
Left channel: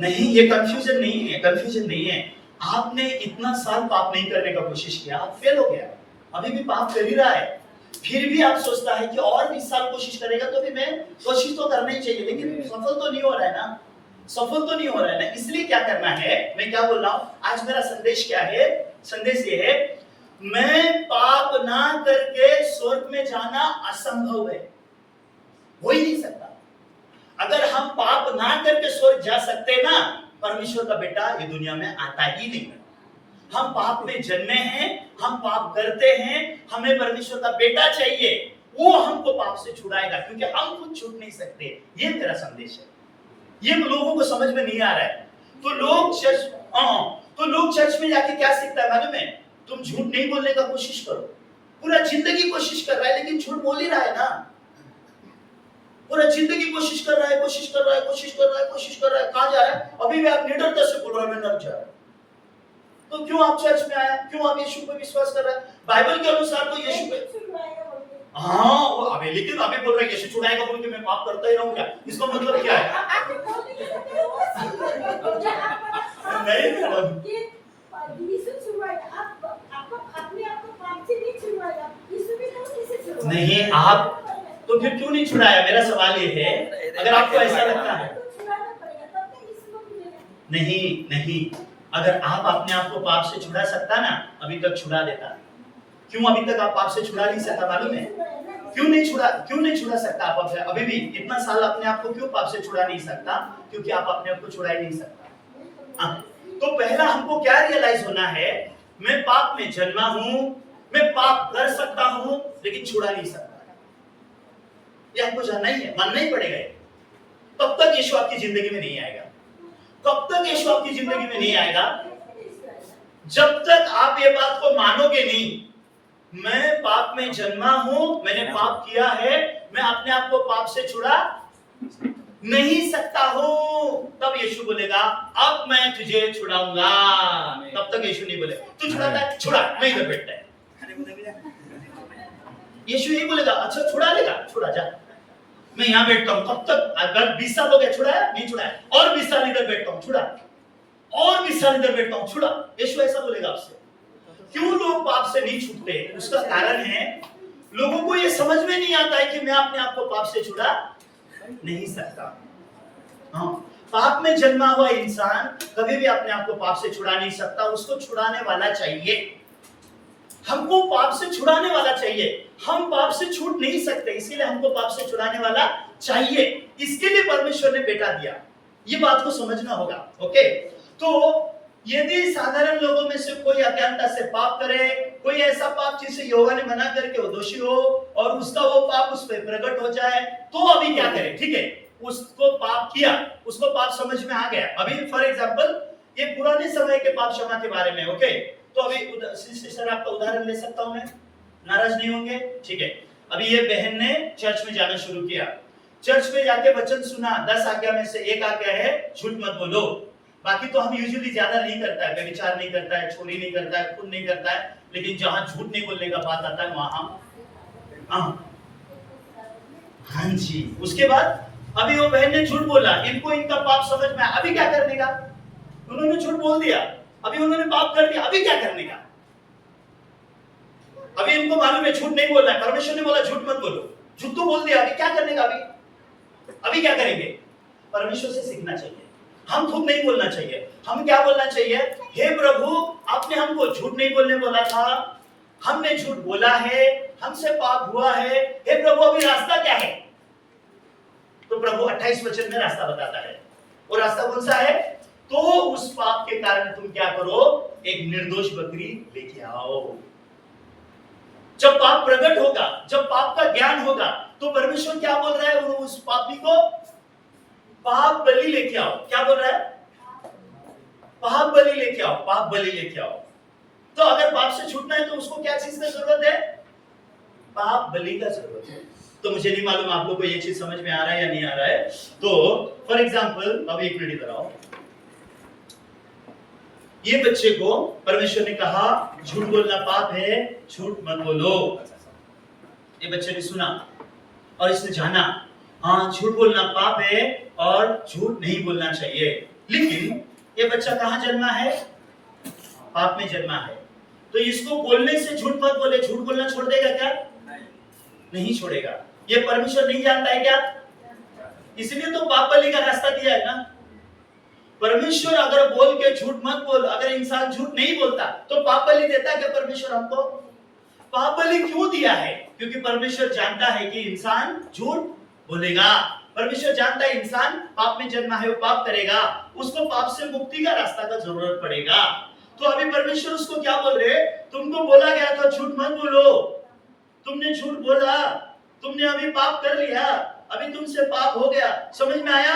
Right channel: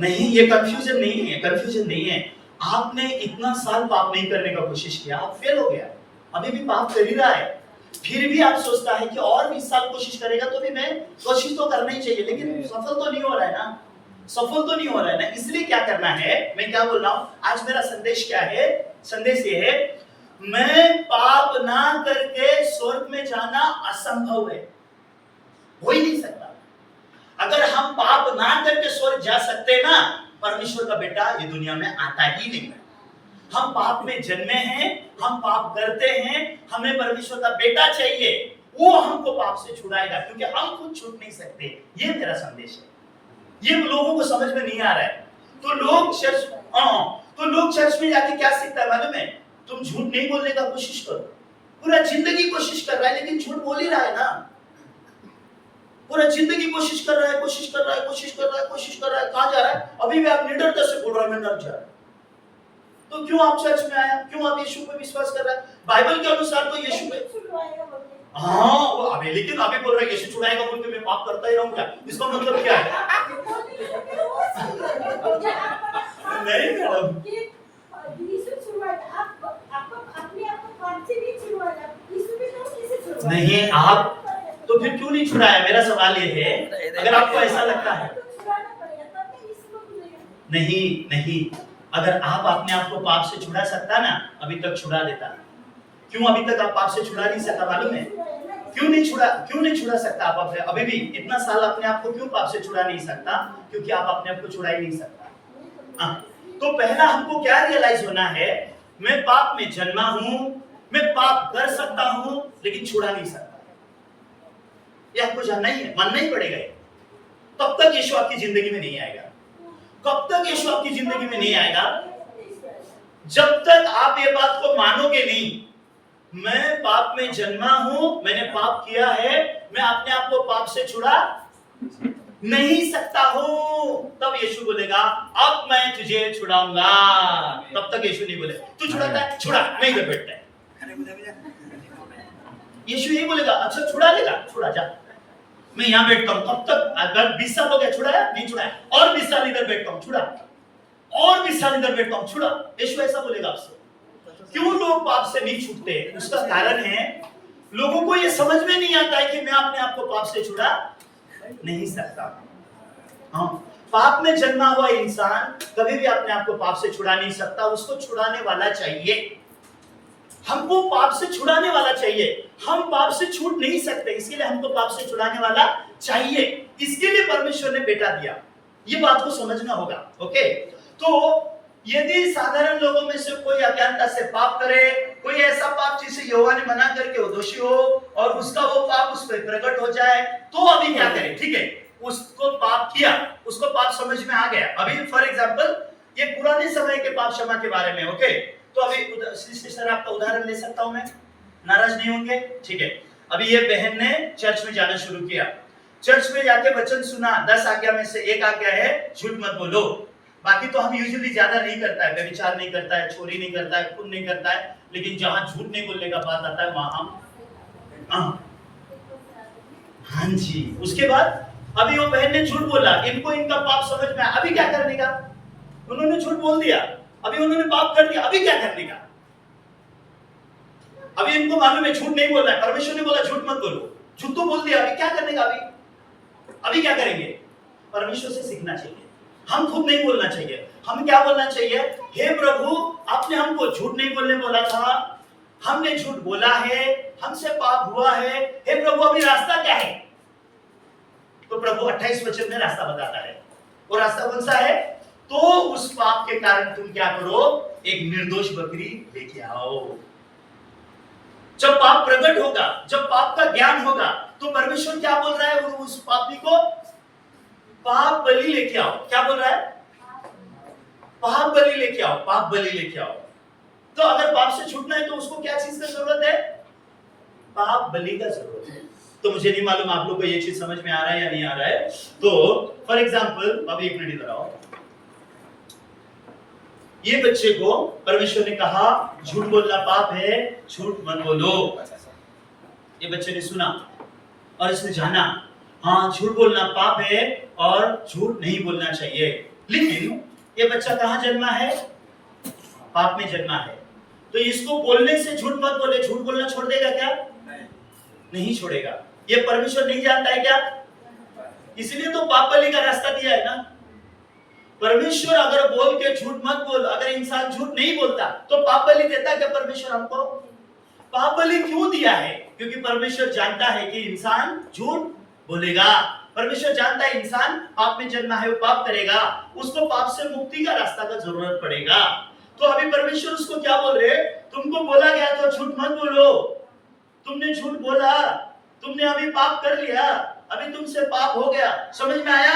नहीं ये कंफ्यूजन नहीं है, कंफ्यूजन नहीं है। आपने इतना साल पाप नहीं करने का कोशिश किया, आप फेल हो गया, अभी भी पाप कर ही रहा है, फिर भी आप सोचता है कि और 20 साल कोशिश करेगा तो भी मैं कोशिश तो करना ही चाहिए, लेकिन सफल तो नहीं हो रहा है ना, सफल तो नहीं हो रहा है ना। इसलिए क्या करना है, मैं क्या बोल रहा हूँ आज, मेरा संदेश क्या है? संदेश ये है, मैं पाप ना करके स्वर्ग में जाना असंभव है, हो ही नहीं सकता। अगर हम पाप ना करके स्वर्ग जा सकते ना, परमेश्वर का बेटा ये दुनिया में आता ही नहीं है। हम पाप में जन्मे हैं, हम पाप करते हैं, हमें परमेश्वर का बेटा चाहिए, वो हमको पाप से छुड़ाएगा, क्योंकि हम खुद छूट नहीं सकते। ये मेरा संदेश है, ये लोगों को समझ में नहीं आ रहा है। तो लोग चर्च में जाके क्या सीखता है मालूम है? तुम झूठ नहीं बोलने का कोशिश करो, पूरा जिंदगी कोशिश कर रहा है लेकिन झूठ बोल ही रहा है ना, पूरा जिंदगी कोशिश कर रहा है, कोशिश कर रहा है, कोशिश कर रहा है, कोशिश कर रहा है, कहां जा रहा है? अभी भी आप निडरता से बोल रहा है मैं नरक जा रहा हूं, तो क्यों आप चर्च में आया? क्यों आप यीशु पे विश्वास कर रहा है? बाइबल के अनुसार तो यीशु पे हाँ वो अभी, लेकिन अभी बोल रहा है यीशु छुड़ाएगा बोल के मैं पाप करता ही रहूंगा, इसका मतलब क्या है? नहीं मैडम, नहीं आप तो फिर क्यों नहीं छुड़ाया? मेरा सवाल ये है, अगर आपको ऐसा लगता है नहीं, अगर आप अपने आप को पाप से छुड़ा सकता ना, अभी तक छुड़ा देता। क्यों अभी तक आप पाप से छुड़ा नहीं सकता मालूम है? क्यों नहीं छुड़ा सकता आप अभी भी इतना साल अपने आप को क्यों पाप से छुड़ा नहीं सकता? क्योंकि आप अपने आप को छुड़ा ही नहीं सकता। तो पहला हमको क्या रियलाइज होना है, मैं पाप में जन्मा हूं, मैं पाप कर सकता हूं लेकिन छुड़ा नहीं सकता। ये आपको जानना ही है, मानना ही पड़ेगा। तब तक यीशु आपकी जिंदगी में नहीं आएगा, कब तक यीशु आपकी जिंदगी में नहीं आएगा? जब तक आप ये बात को मानोगे नहीं, मैं पाप में जन्मा हूं, मैंने पाप किया है, मैं अपने आप को पाप से छुड़ा नहीं सकता हूं, तब यीशु बोलेगा अब मैं तुझे छुड़ाऊंगा। तब तक यीशु नहीं बोले तू छुड़ाता है, छुड़ा, मैं इधर बैठता है। यीशु यही बोलेगा अच्छा छुड़ा लेगा, छुड़ा जा, मैं यहाँ बैठता हूँ। कब तक? अगर 20 साल हो गया छुड़ाया नहीं छुड़ाया, और 20 साल इधर बैठता हूँ, छुड़ा, और 20 साल इधर बैठता हूँ, छुड़ा। यीशु ऐसा बोलेगा आपसे। क्यों लोग पाप से नहीं छूटते? उसका कारण है लोगों को ये समझ में नहीं आता है कि मैं अपने आप को पाप से छुड़ा नहीं सकता। हाँ, पाप में जन्मा हुआ इंसान कभी भी अपने आप को पाप से छुड़ा नहीं सकता, उसको छुड़ाने वाला चाहिए। हमको पाप से छुड़ाने वाला चाहिए, हम पाप से छूट नहीं सकते, इसीलिए हमको पाप से छुड़ाने वाला चाहिए। इसके लिए परमेश्वर ने बेटा दिया, ये बात को समझना होगा। ओके, तो यदि साधारण लोगों में से कोई अज्ञानता से पाप करे, कोई ऐसा पाप जिस से यहोवा ने मना करके वो दोषी हो और उसका वो पाप उस पर प्रकट हो जाए, तो अभी क्या करें? ठीक है, उसको पाप किया, उसको पाप समझ में आ गया। अभी फॉर एग्जांपल ये पुराने समय के पाप क्षमा के बारे में, ओके? तो अभी सिस्टर आपका उदाहरण ले सकता हूं मैं, नाराज नहीं होंगे? ठीक है, अभी ये बहन ने चर्च में जाना शुरू किया, चर्च में जाके वचन सुना, 10 आज्ञा में से एक आज्ञा है झूठ मत बोलो। बाकी तो हम यूजुअली ज्यादा नहीं करता है, व्यभिचार नहीं करता है, चोरी नहीं करता है, खून नहीं करता है, लेकिन जहां झूठ नहीं बोलने का बात आता है वहां हम हाँ जी। उसके बाद अभी वो बहन ने झूठ बोला, इनको इनका पाप समझ में आया, अभी क्या करने का? उन्होंने झूठ बोल दिया, अभी उन्होंने पाप कर दिया, अभी क्या करने का? अभी इनको मालूम है झूठ नहीं बोलना है, परमेश्वर ने बोला झूठ मत बोलो, झूठ तो बोल दिया, अभी क्या करने का? अभी क्या करेंगे? परमेश्वर से सीखना चाहिए, हम खुद नहीं बोलना चाहिए। हम क्या बोलना चाहिए? हे प्रभु, आपने हमको झूठ नहीं बोलने बोला था, हमने झूठ बोला है, हमसे पाप हुआ है, हे प्रभु अभी रास्ता क्या है? तो प्रभु 28 वचन में रास्ता बताता है। वो रास्ता कौन सा है? तो उस पाप के कारण तुम क्या करो? एक निर्दोष बकरी लेके आओ। जब पाप प्रकट होगा, जब पाप का ज्ञान होगा, तो परमेश्वर क्या बोल रहा है उस पापी को? पाप बलि लेके आओ। क्या बोल रहा है? पाप बलि लेके आओ, पाप बलि लेके आओ। तो अगर पाप से छूटना है तो उसको क्या चीज की जरूरत है? पाप बलि का जरूरत है। तो मुझे नहीं मालूम आप लोग को ये चीज समझ में आ रहा है या नहीं आ रहा है। तो फॉर एग्जाम्पल, अभी एक मिनट इधर आओ, ये बच्चे को परमेश्वर ने कहा झूठ बोलना पाप है, झूठ मत बोलो। ये बच्चे ने सुना और इसने जाना, हाँ झूठ बोलना पाप है और झूठ नहीं बोलना चाहिए। लेकिन ये बच्चा कहाँ जन्मा है? पाप में जन्मा है। तो इसको बोलने से झूठ मत बोले, झूठ बोलना छोड़ देगा क्या? नहीं छोड़ेगा। ये परमेश्वर नहीं जानता है क्या? इसलिए तो पाप बलि का रास्ता दिया है ना। परमेश्वर अगर बोल के झूठ मत बोल, अगर इंसान झूठ नहीं बोलता तो पाप बलि देता क्या परमेश्वर हमको? पाप बलि क्यों दिया है? क्योंकि परमेश्वर जानता है कि इंसान झूठ बोलेगा। परमेश्वर जानता है इंसान पाप में जन्मा है, वो पाप करेगा, उसको पाप से मुक्ति का रास्ता का जरूरत पड़ेगा। तो अभी परमेश्वर उसको क्या बोल रहे? तुमको बोला गया था झूठ मत बोलो, तुमने झूठ बोला, तुमने अभी पाप कर लिया, अभी तुमसे पाप हो गया। समझ में आया?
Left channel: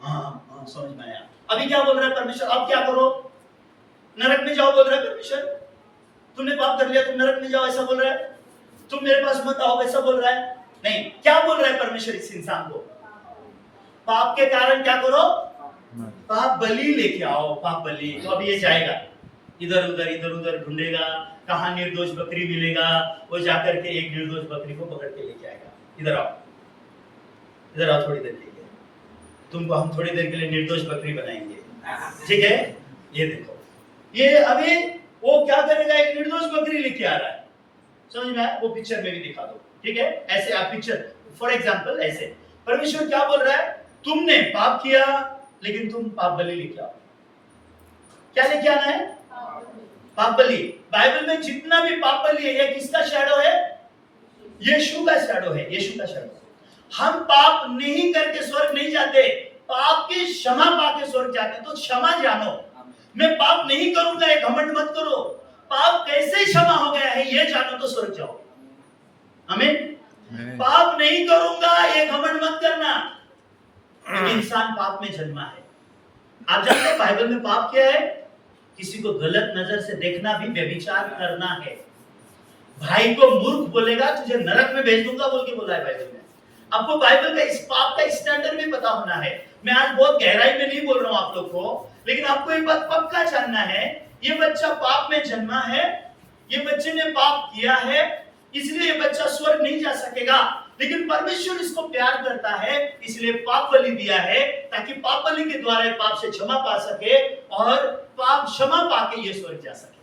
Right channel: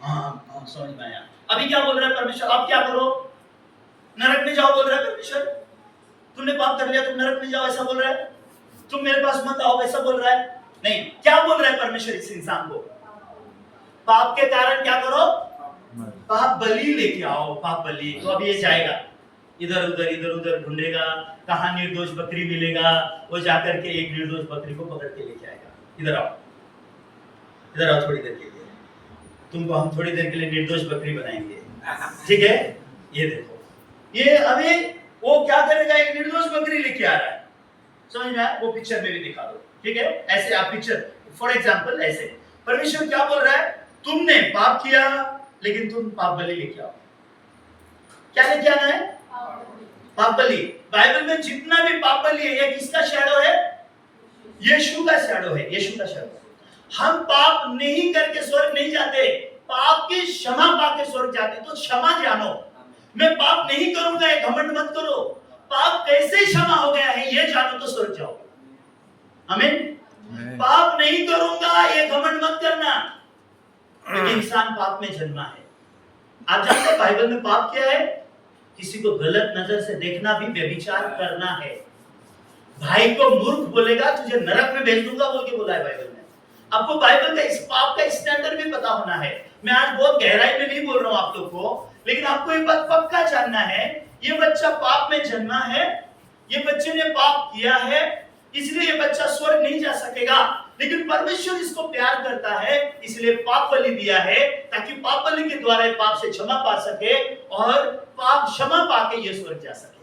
हाँ समझ में आया। अभी क्या बोल रहा है परमेश्वर? अब क्या करो? नरक में जाओ बोल रहा है परमेश्वर। तुमने पाप कर लिया, तुम नरक में जाओ ऐसा बोल रहा है। तुम मेरे पास मत आओ ऐसा बोल रहा है। नहीं, क्या बोल रहा है परमेश्वर इस इंसान को? पाप के कारण क्या करो? पाप बलि लेके आओ, पाप बलि। तो अभी ये जाएगा इधर उधर ढूंढेगा, कहाँ निर्दोष बकरी मिलेगा, वो जाकर के एक निर्दोष बकरी को पकड़ के लेके आएगा। इधर आओ थोड़ी देर के लिए, तुमको हम थोड़ी देर के लिए निर्दोष बकरी बनाएंगे, ठीक है? ये देखो, ये अभी वो क्या करेगा? एक निर्दोष बकरी लेके आ रहा है। समझ में आया? वो पिक्चर में भी दिखा दो, ठीक है? ऐसे आप पिक्चर, फॉर एग्जांपल ऐसे परमेश्वर क्या बोल रहा है? तुमने पाप किया लेकिन तुम पाप बलि लेके आओ। क्या लेके आना है? पाप बलि। बाइबल में जितना भी पाप बलि है, ये किसका शैडो है? यीशु का शैडो है, यीशु का शैडो। हम पाप नहीं करके स्वर्ग नहीं जाते, पाप की क्षमा पाके स्वर्ग जाते। तो क्षमा जानो, मैं पाप नहीं करूंगा ये घमंड मत करो, पाप कैसे क्षमा हो गया है ये जानो तो स्वर्ग जाओ। आमीन। पाप नहीं करूंगा ये घमंड मत करना। इंसान पाप में जन्मा है। आप जानते हैं बाइबल में पाप क्या है? किसी को गलत नजर से देखना भी व्यभिचार करना है। भाई को मूर्ख बोलेगा तुझे नरक में भेज दूंगा बोल के बोला है बाइबल में। आपको बाइबल का इस पाप का स्टैंडर्ड भी पता होना है। मैं आज बहुत गहराई में नहीं बोल रहा हूं आप लोग को, लेकिन आपको एक बात पक्का जानना है, ये बच्चा पाप में जन्मा है, ये बच्चे ने पाप किया है, इसलिए ये बच्चा स्वर्ग नहीं जा सकेगा। लेकिन परमेश्वर इसको प्यार करता है, इसलिए पाप बलि दिया है, ताकि पाप बलि के द्वारा पाप से क्षमा पा सके और पाप क्षमा पाके ये स्वर्ग जा सके।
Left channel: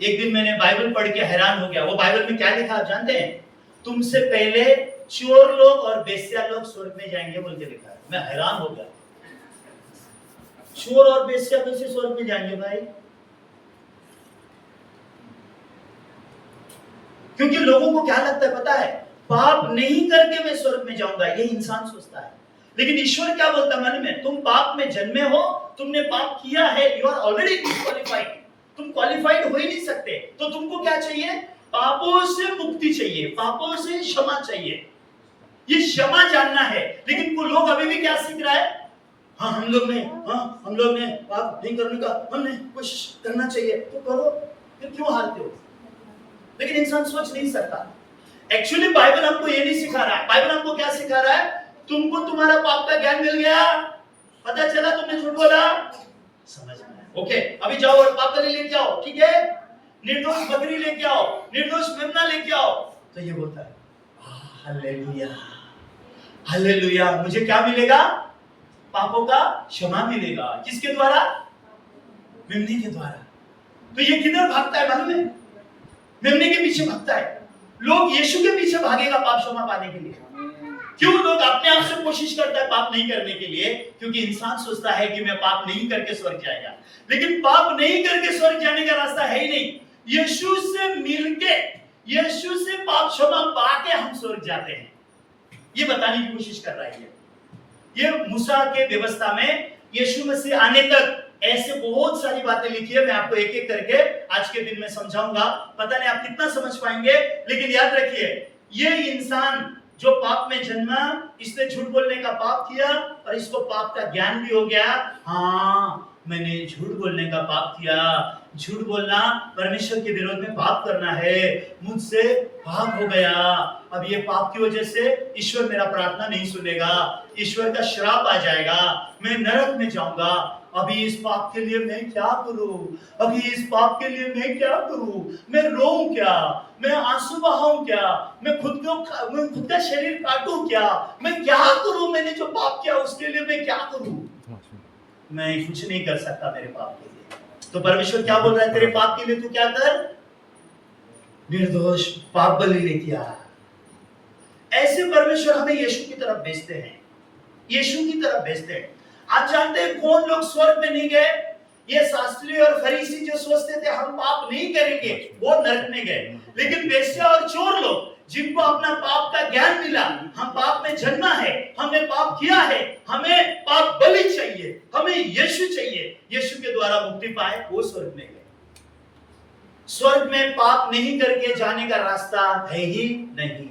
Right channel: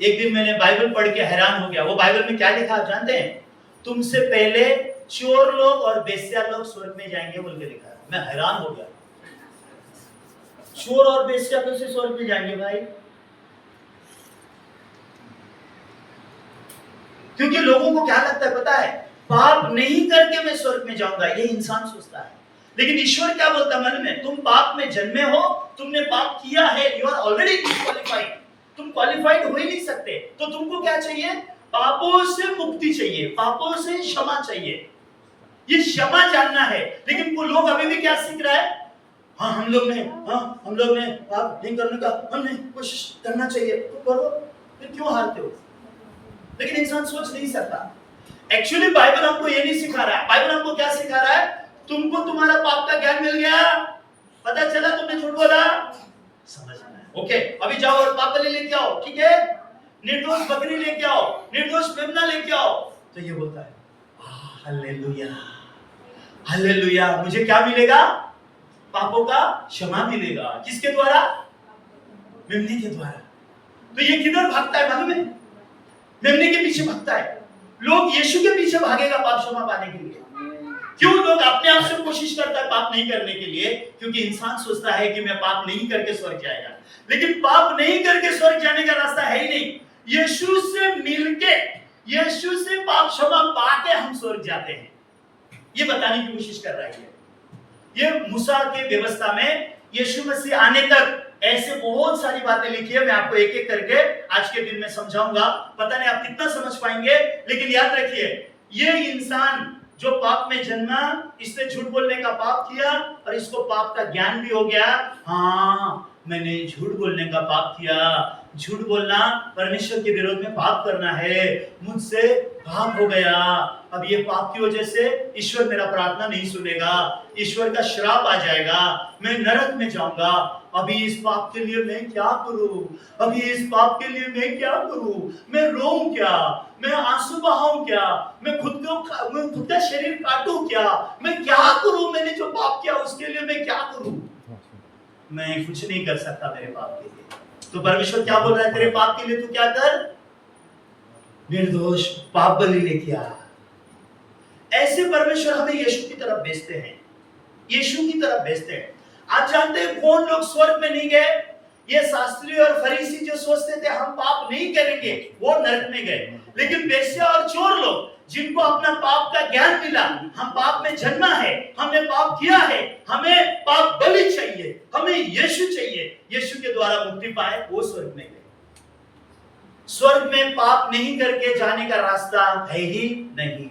एक दिन मैंने बाइबल पढ़ के हैरान हो गया। वो बाइबल में क्या लिखा आप जानते हैं? तुमसे पहले चोर लोग और बेश्या लोग स्वर्ग में जाएंगे बोल के लिखा है। मैं हैरान हो गया, चोर और बेश्या कैसे स्वर्ग में जाएंगे भाई? क्योंकि लोगों को क्या लगता है पता है? पाप नहीं करके मैं स्वर्ग में जाऊंगा, ये इंसान सोचता है। लेकिन ईश्वर क्या बोलता है मन में? तुम पाप में जन्मे हो, तुमने पाप किया है, यू आर ऑलरेडी डिस्क्वालिफाइड, तुम क्वालिफाइड हो ही नहीं सकते। तो तो तुमको क्या चाहिए? पापों से मुक्ति चाहिए, पापों से क्षमा चाहिए, ये क्षमा जानना है। लेकिन वो लोग अभी भी क्या सीख रहा है? हाँ हम लोग ने पाप नहीं करने का हमने कोशिश करना चाहिए, तो करो, फिर क्यों हारते हो? लेकिन इंसान सोच नहीं सकता। एक्चुअली बाइबल हमको ये नहीं सिखा रहा है। बाइबल हमको क्या सिखा रहा है? तुमको तुम्हारा पाप का ज्ञान मिल गया, पता चला तुमने झूठ बोला, समझ में आया, ओके अभी जाओ और पाप बलि लेके आओ, ठीक है, निर्दोष बकरी लेके आओ, निर्दोष मेमना लेके आओ। तो ये बोलता है हालेलुया हालेलुया, मुझे क्या मिलेगा? पापों का क्षमा मिलेगा। किसके द्वारा? मेमने के द्वारा। तो ये किधर भागता है मालूम है? मेमने के पीछे भागता है। लोग यीशु के पीछे भागेगा पाप क्षमा पाने के लिए। क्यों लोग अपने आप से कोशिश करता है पाप नहीं करने के लिए? क्योंकि इंसान सोचता है कि मैं पाप नहीं करके स्वर्ग जाएगा, लेकिन पाप नहीं करके स्वर्ग जाने का रास्ता है ही नहीं। यीशु से मिलके, यीशु से पाप क्षमा पाके हम स्वर्ग जाते हैं, ये बताने की कोशिश कर रहा है। ये मूसा के व्यवस्था में यीशु मसीह आने तक ऐसे बहुत सारी बातें लिखी है। मैं आपको एक एक करके आज के दिन में समझाऊंगा। पता नहीं आप कितना समझ पाएंगे, लेकिन याद रखिए, ये इंसान जो पाप में जन्मा, इसने झूठ बोलने का पाप किया और इसको पाप का ज्ञान भी हो गया। हाँ मैंने झूठ बोलने का पाप किया, झूठ बोलना परमेश्वर के विरोध में पाप करना है, मुझसे पाप हो गया। अब ये पाप की वजह से ईश्वर मेरा प्रार्थना नहीं सुनेगा, ईश्वर का श्राप आ जाएगा, मैं नरक में जाऊंगा। अभी इस पाप के लिए मैं क्या करूं? अभी इस पाप के लिए मैं क्या करूं? मैं रोऊं क्या? मैं आंसू बहाऊं क्या? मैं खुद का शरीर काटूं क्या? मैं क्या करूं? मैंने जो पाप किया उसके लिए मैं क्या करूं? मैं कुछ नहीं कर सकता मेरे पाप के लिए। तो परमेश्वर क्या बोल रहा है? तेरे पाप के लिए तू क्या कर? निर्दोष पाप बलि लेके आ। ऐसे परमेश्वर हमें यीशु की तरफ भेजते हैं, यीशु की तरफ भेजते हैं। आप जानते हैं कौन लोग स्वर्ग में नहीं गए? ये शास्त्री और फरीसी जो सोचते थे हम पाप नहीं करेंगे, वो नरक में गए। लेकिन वेश्या और चोर लोग, जिनको अपना पाप का ज्ञान मिला, हम पाप में जन्मा है, हमने पाप किया है, हमें पाप बलि चाहिए, हमें यीशु चाहिए, यीशु के द्वारा मुक्ति पाए, वो स्वर्ग में गए। स्वर्ग में पाप नहीं करके जाने का रास्ता है ही नहीं।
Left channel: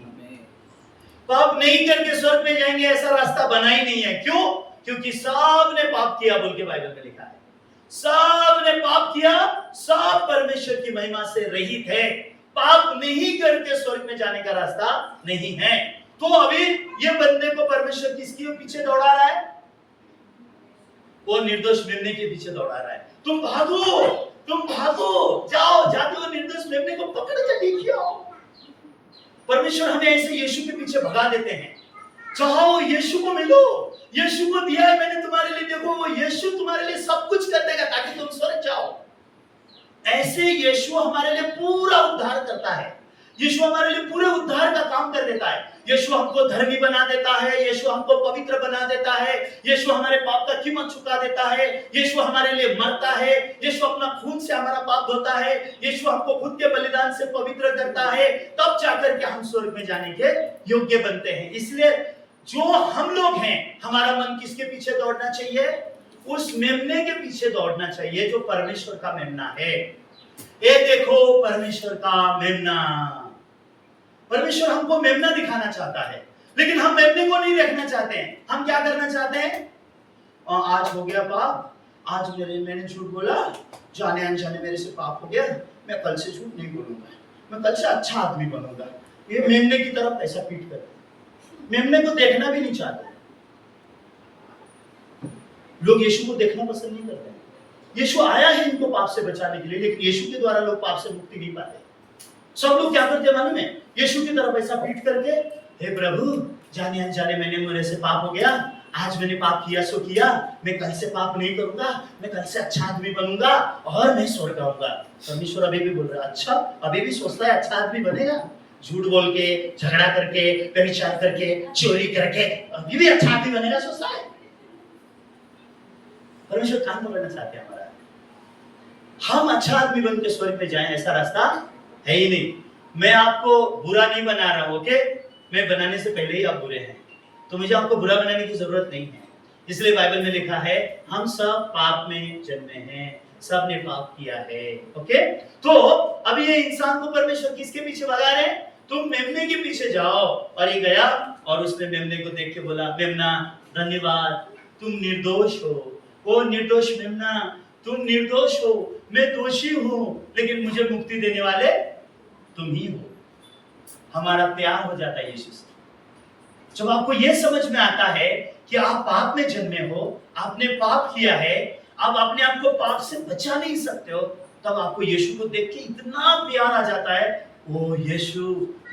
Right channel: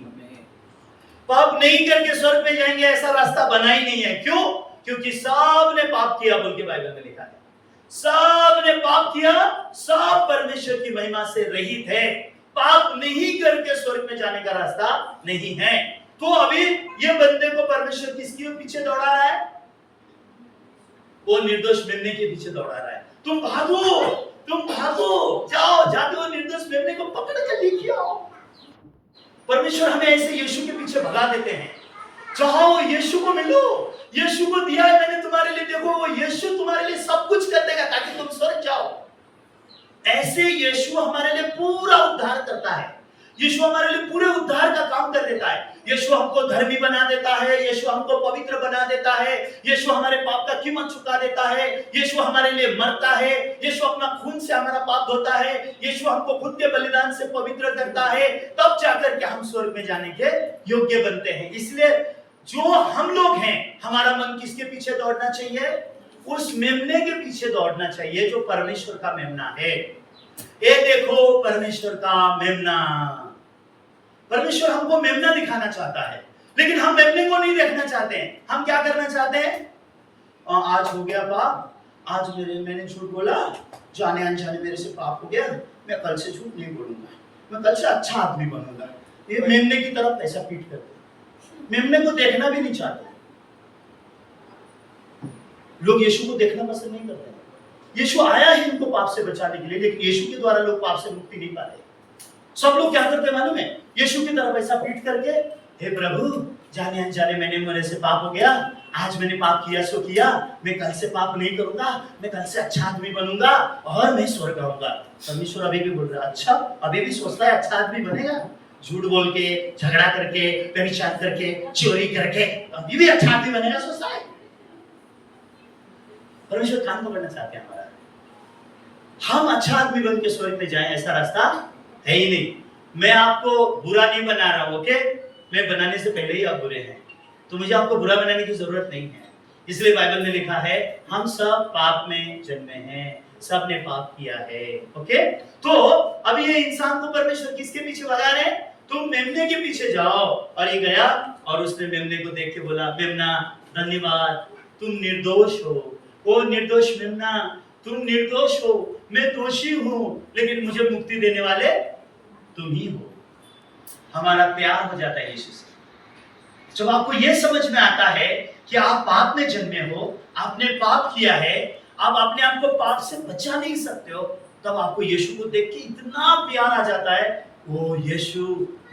पाप नहीं करके स्वर्ग में जाएंगे ऐसा रास्ता बना ही नहीं है। क्यों? क्योंकि सब ने पाप किया बोल के बाइबल में लिखा है। सब ने पाप किया, सब परमेश्वर की महिमा से रहित है। पाप नहीं करके स्वर्ग में जाने का रास्ता नहीं है। तो अभी ये बंदे को परमेश्वर किसके पीछे दौड़ा रहा है? वो निर्दोष मेमने के पीछे दौड़ा रहा है। तुम भागो, तुम भागो, जाओ, जाके वो निर्दोष मेमने को पकड़ कर लेके आओ। परमेश्वर हमें ऐसे यीशु के पीछे भगा देते हैं। जाओ यीशु को मिलो, यीशु को दिया है मैंने तुम्हारे लिए, देखो वो यीशु तुम्हारे लिए सब कुछ कर देगा ताकि तुम स्वर्ग जाओ। ऐसे यीशु हमारे लिए पूरा उद्धार करता है, यीशु हमारे लिए पूरे उद्धार का काम कर देता है। यीशु हमको धर्मी बना देता है, यीशु हमको पवित्र बना देता है, यीशु हमारे पाप का कीमत चुका देता है, यीशु हमारे लिए मरता है, यीशु अपना खून से हमारा पाप धोता है, यीशु हमको खुद के बलिदान से पवित्र करता है, तब जाकर के हम स्वर्ग में जाने के योग्य बनते हैं। इसलिए जो हम लोग हैं, हमारा मन किसके पीछे दौड़ना चाहिए? उस मेमने के पीछे दौड़ना चाहिए जो परमेश्वर का मेमना है। ये देखो परमेश्वर का मेमना। परमेश्वर हमको मेमना दिखाना चाहता है, लेकिन हम मेमने को नहीं देखना चाहते हैं। हम क्या करना चाहते हैं? आज हो गया पाप, आज मैंने झूठ बोला, जाने अनजाने मेरे से पाप हो गया, मैं कल से झूठ नहीं बोलूंगा, मैं कल से अच्छा आदमी बनूंगा। ये मेमने की तरफ ऐसा पीट करते, मेमने को देखना भी नहीं चाहते। लोग यीशु को देखना पसंद नहीं करते। यीशु आया है इनको पाप से बचाने के लिए, लेकिन यीशु के द्वारा लोग पाप से मुक्ति नहीं पाते। सब लोग क्या करते मालूम है? यीशु की तरफ ऐसा पीट करके, हे प्रभु जाने अनजाने मेरे से पाप हो गया, आज मैंने पाप किया सो किया, मैं कल से पाप नहीं करूंगा, मैं कल से अच्छा आदमी बनूंगा और मैं स्वर्ग आऊंगा। परमेश्वर अभी भी बोल रहा है, अच्छा अभी भी सोचता है अच्छा आदमी बनेगा? झूठ बोल के, झगड़ा करके, व्यभिचार करके, चोरी करके अभी भी अच्छा आदमी बनेगा सोचता है? परमेश्वर काम पकड़ना चाहते हैं हमारा, हम अच्छा आदमी बन के स्वर्ग में जाएं, ऐसा रास्ता है ही नहीं। मैं आपको बुरा नहीं बना रहा हूं, ओके? मैं बनाने से पहले ही आप बुरे हैं, तो मुझे आपको बुरा बनाने की जरूरत नहीं है। इसलिए बाइबल में लिखा है हम सब पाप में जन्मे हैं, सबने पाप किया है। ओके, तो अब ये इंसान को परमेश्वर किसके पीछे भगा रहे हैं? तुम मेमने के पीछे जाओ। और ये गया और उसने मेमने को देख के बोला, मेमना धन्यवाद, तुम निर्दोष हो। ओ निर्दोष मेमना, तुम निर्दोष हो, मैं दोषी हूं, लेकिन मुझे मुक्ति देने वाले तुम ही हो। हमारा प्यार हो जाता है यीशु से। जब आपको यह समझ में आता है कि आप पाप में जन्मे हो, आपने पाप किया है, आप अपने आप को पाप से बचा नहीं सकते हो, तब आपको यीशु को देख के इतना प्यार आ जाता है। ओ यीशु,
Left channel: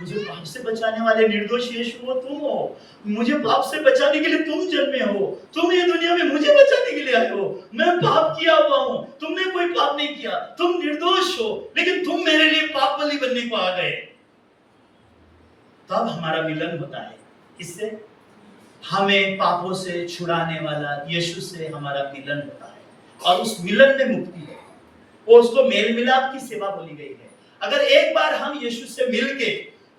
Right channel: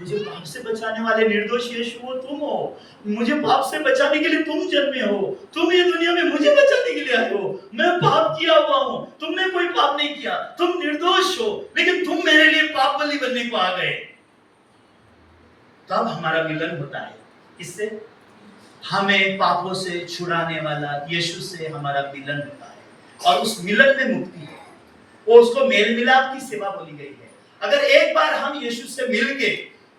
मुझे पाप से बचाने वाले निर्दोष यीशु वो तुम हो। मुझे पाप से बचाने के लिए तुम जन्मे हो, तुम ये दुनिया में मुझे बचाने के लिए आए हो। मैं पाप किया हुआ हूं, तुमने कोई पाप नहीं किया, तुम निर्दोष हो, लेकिन तुम मेरे लिए पाप बलि बनने को आ गए। तब हमारा मिलन होता है। इससे हमें पापों से छुड़ाने वाला यीशु से हमारा मिलन होता है, और उस मिलन में मुक्ति है। वो उसको मेल मिलाप की सेवा बोली गई है। अगर एक बार हम यीशु से मिलके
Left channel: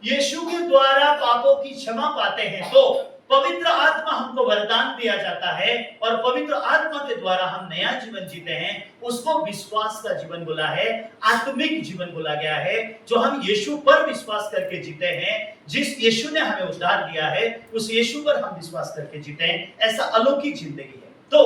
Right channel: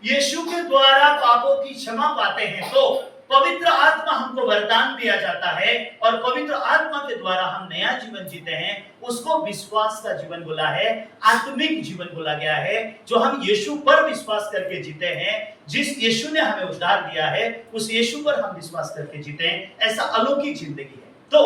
यीशु के द्वारा पापों की क्षमा पाते हैं, तो पवित्र आत्मा हमको वरदान दिया जाता है, और पवित्र आत्मा के द्वारा हम नया जीवन जीते हैं। उसको विश्वास का जीवन बोला है, आत्मिक जीवन बोला गया है, जो हम यीशु पर विश्वास करके जीते हैं। जिस यीशु ने हमें उद्धार दिया है, उस यीशु पर हम विश्वास करके जीते हैं। ऐसा अलौकिक जिंदगी है। तो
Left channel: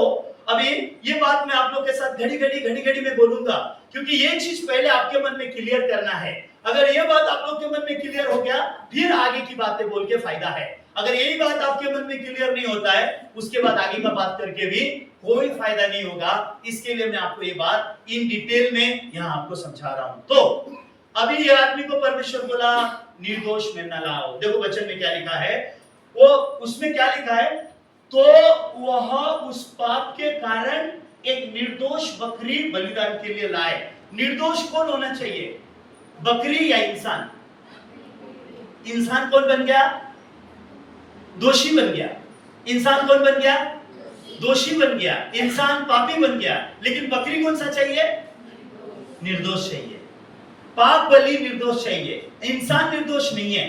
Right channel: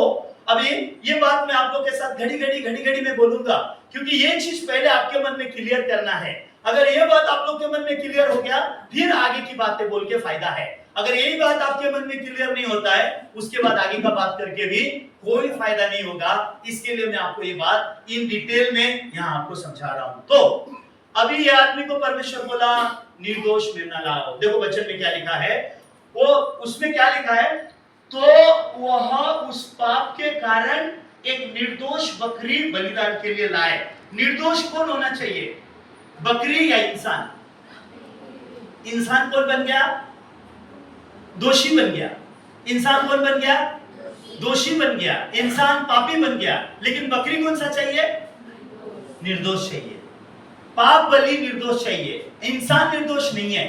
अभी ये बात मैं आप लोग के साथ घड़ी घड़ी में बोलूंगा, क्योंकि ये चीज पहले आपके मन में क्लियर करना है। अगर ये बात आप लोग के मन में क्लियर हो गया, फिर आगे की बातें बोल के फायदा है। अगर यही बात आपके मन में क्लियर नहीं होता है, उसके बाद आगे का बात करके भी कोई फायदा नहीं होगा। इसके लिए मैं आपको ये बात इन डिटेल में यहाँ आपको समझा रहा हूं। तो अभी ये आदमी को परमेश्वर बोला, निर्दोष मेमना लाओ। देखो वचन में क्या लिखा है, वो उसमें क्या लिखा है, तो वह उस पाप के कारण एक निर्दोष बकरी बलिदान के लिए लाए। निर्दोष कौन होना चाहिए, बकरी या इंसान? इंसान कौन बन गया? दोषी बन गया। इंसान कौन बन गया? दोषी बन गया। इंसान पापी बन गया। लेकिन बकरी कौन सा चाहिए? निर्दोष चाहिए। पाप बलि निर्दोष चाहिए। इंसान निर्दोष नहीं है,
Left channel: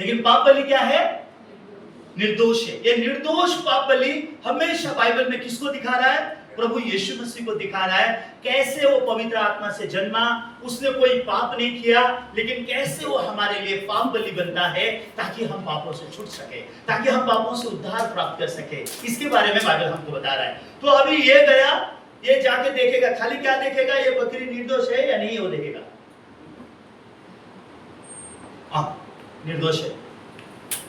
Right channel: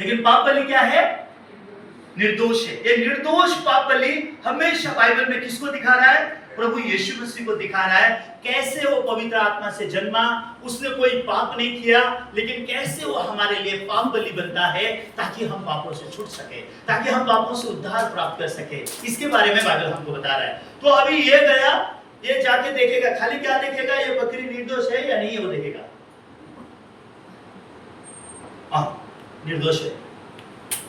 लेकिन पाप बलि क्या है? निर्दोष है। ये निर्दोष पाप बलि हमेशा बाइबल में किसको दिखा रहा है? प्रभु यीशु मसीह को दिखा रहा है। कैसे वो पवित्र आत्मा से जन्मा, उसने कोई पाप नहीं किया, लेकिन कैसे वो हमारे लिए पाप बलि बनता है, ताकि हम पापों से छूट सके, ताकि हम पापों से उद्धार प्राप्त कर सके। इसके बारे में बाइबल हमको बता रहा है। तो अभी ये गया, ये जाके देखेगा, खाली क्या देखेगा, ये बकरी निर्दोष है या नहीं, वो देखेगा। निर्दोष है।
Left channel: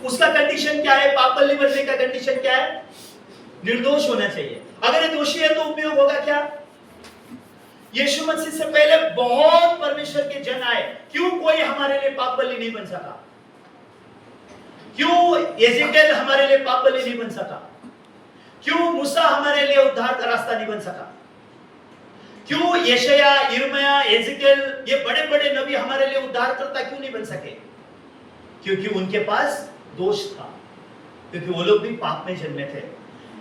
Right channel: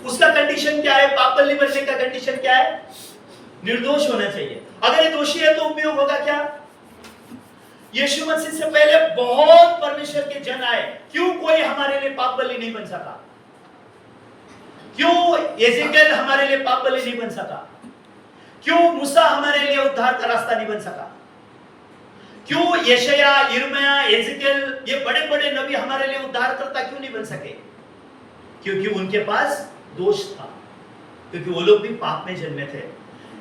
उसका कंडीशन क्या है? पाप बलि बनने का कंडीशन क्या है? निर्दोष होना चाहिए। अगर ये दोषी है तो उपयोग होगा क्या? यीशु मसीह से पहले बहुत परमेश्वर के जन आए, क्यों कोई हमारे लिए पाप बलि नहीं बन सका? क्यों एजेकेल हमारे लिए पाप बलि नहीं बन सका? क्यों मूसा हमारे लिए उद्धार का रास्ता नहीं बन सका? क्यों यशाया, यिर्मयाह, एजेकेल, ये बड़े बड़े नबी हमारे लिए उद्धारकर्ता क्यों नहीं बन सके? क्योंकि उनके पास दोष था, क्योंकि वो लोग भी पाप में जन्मे थे।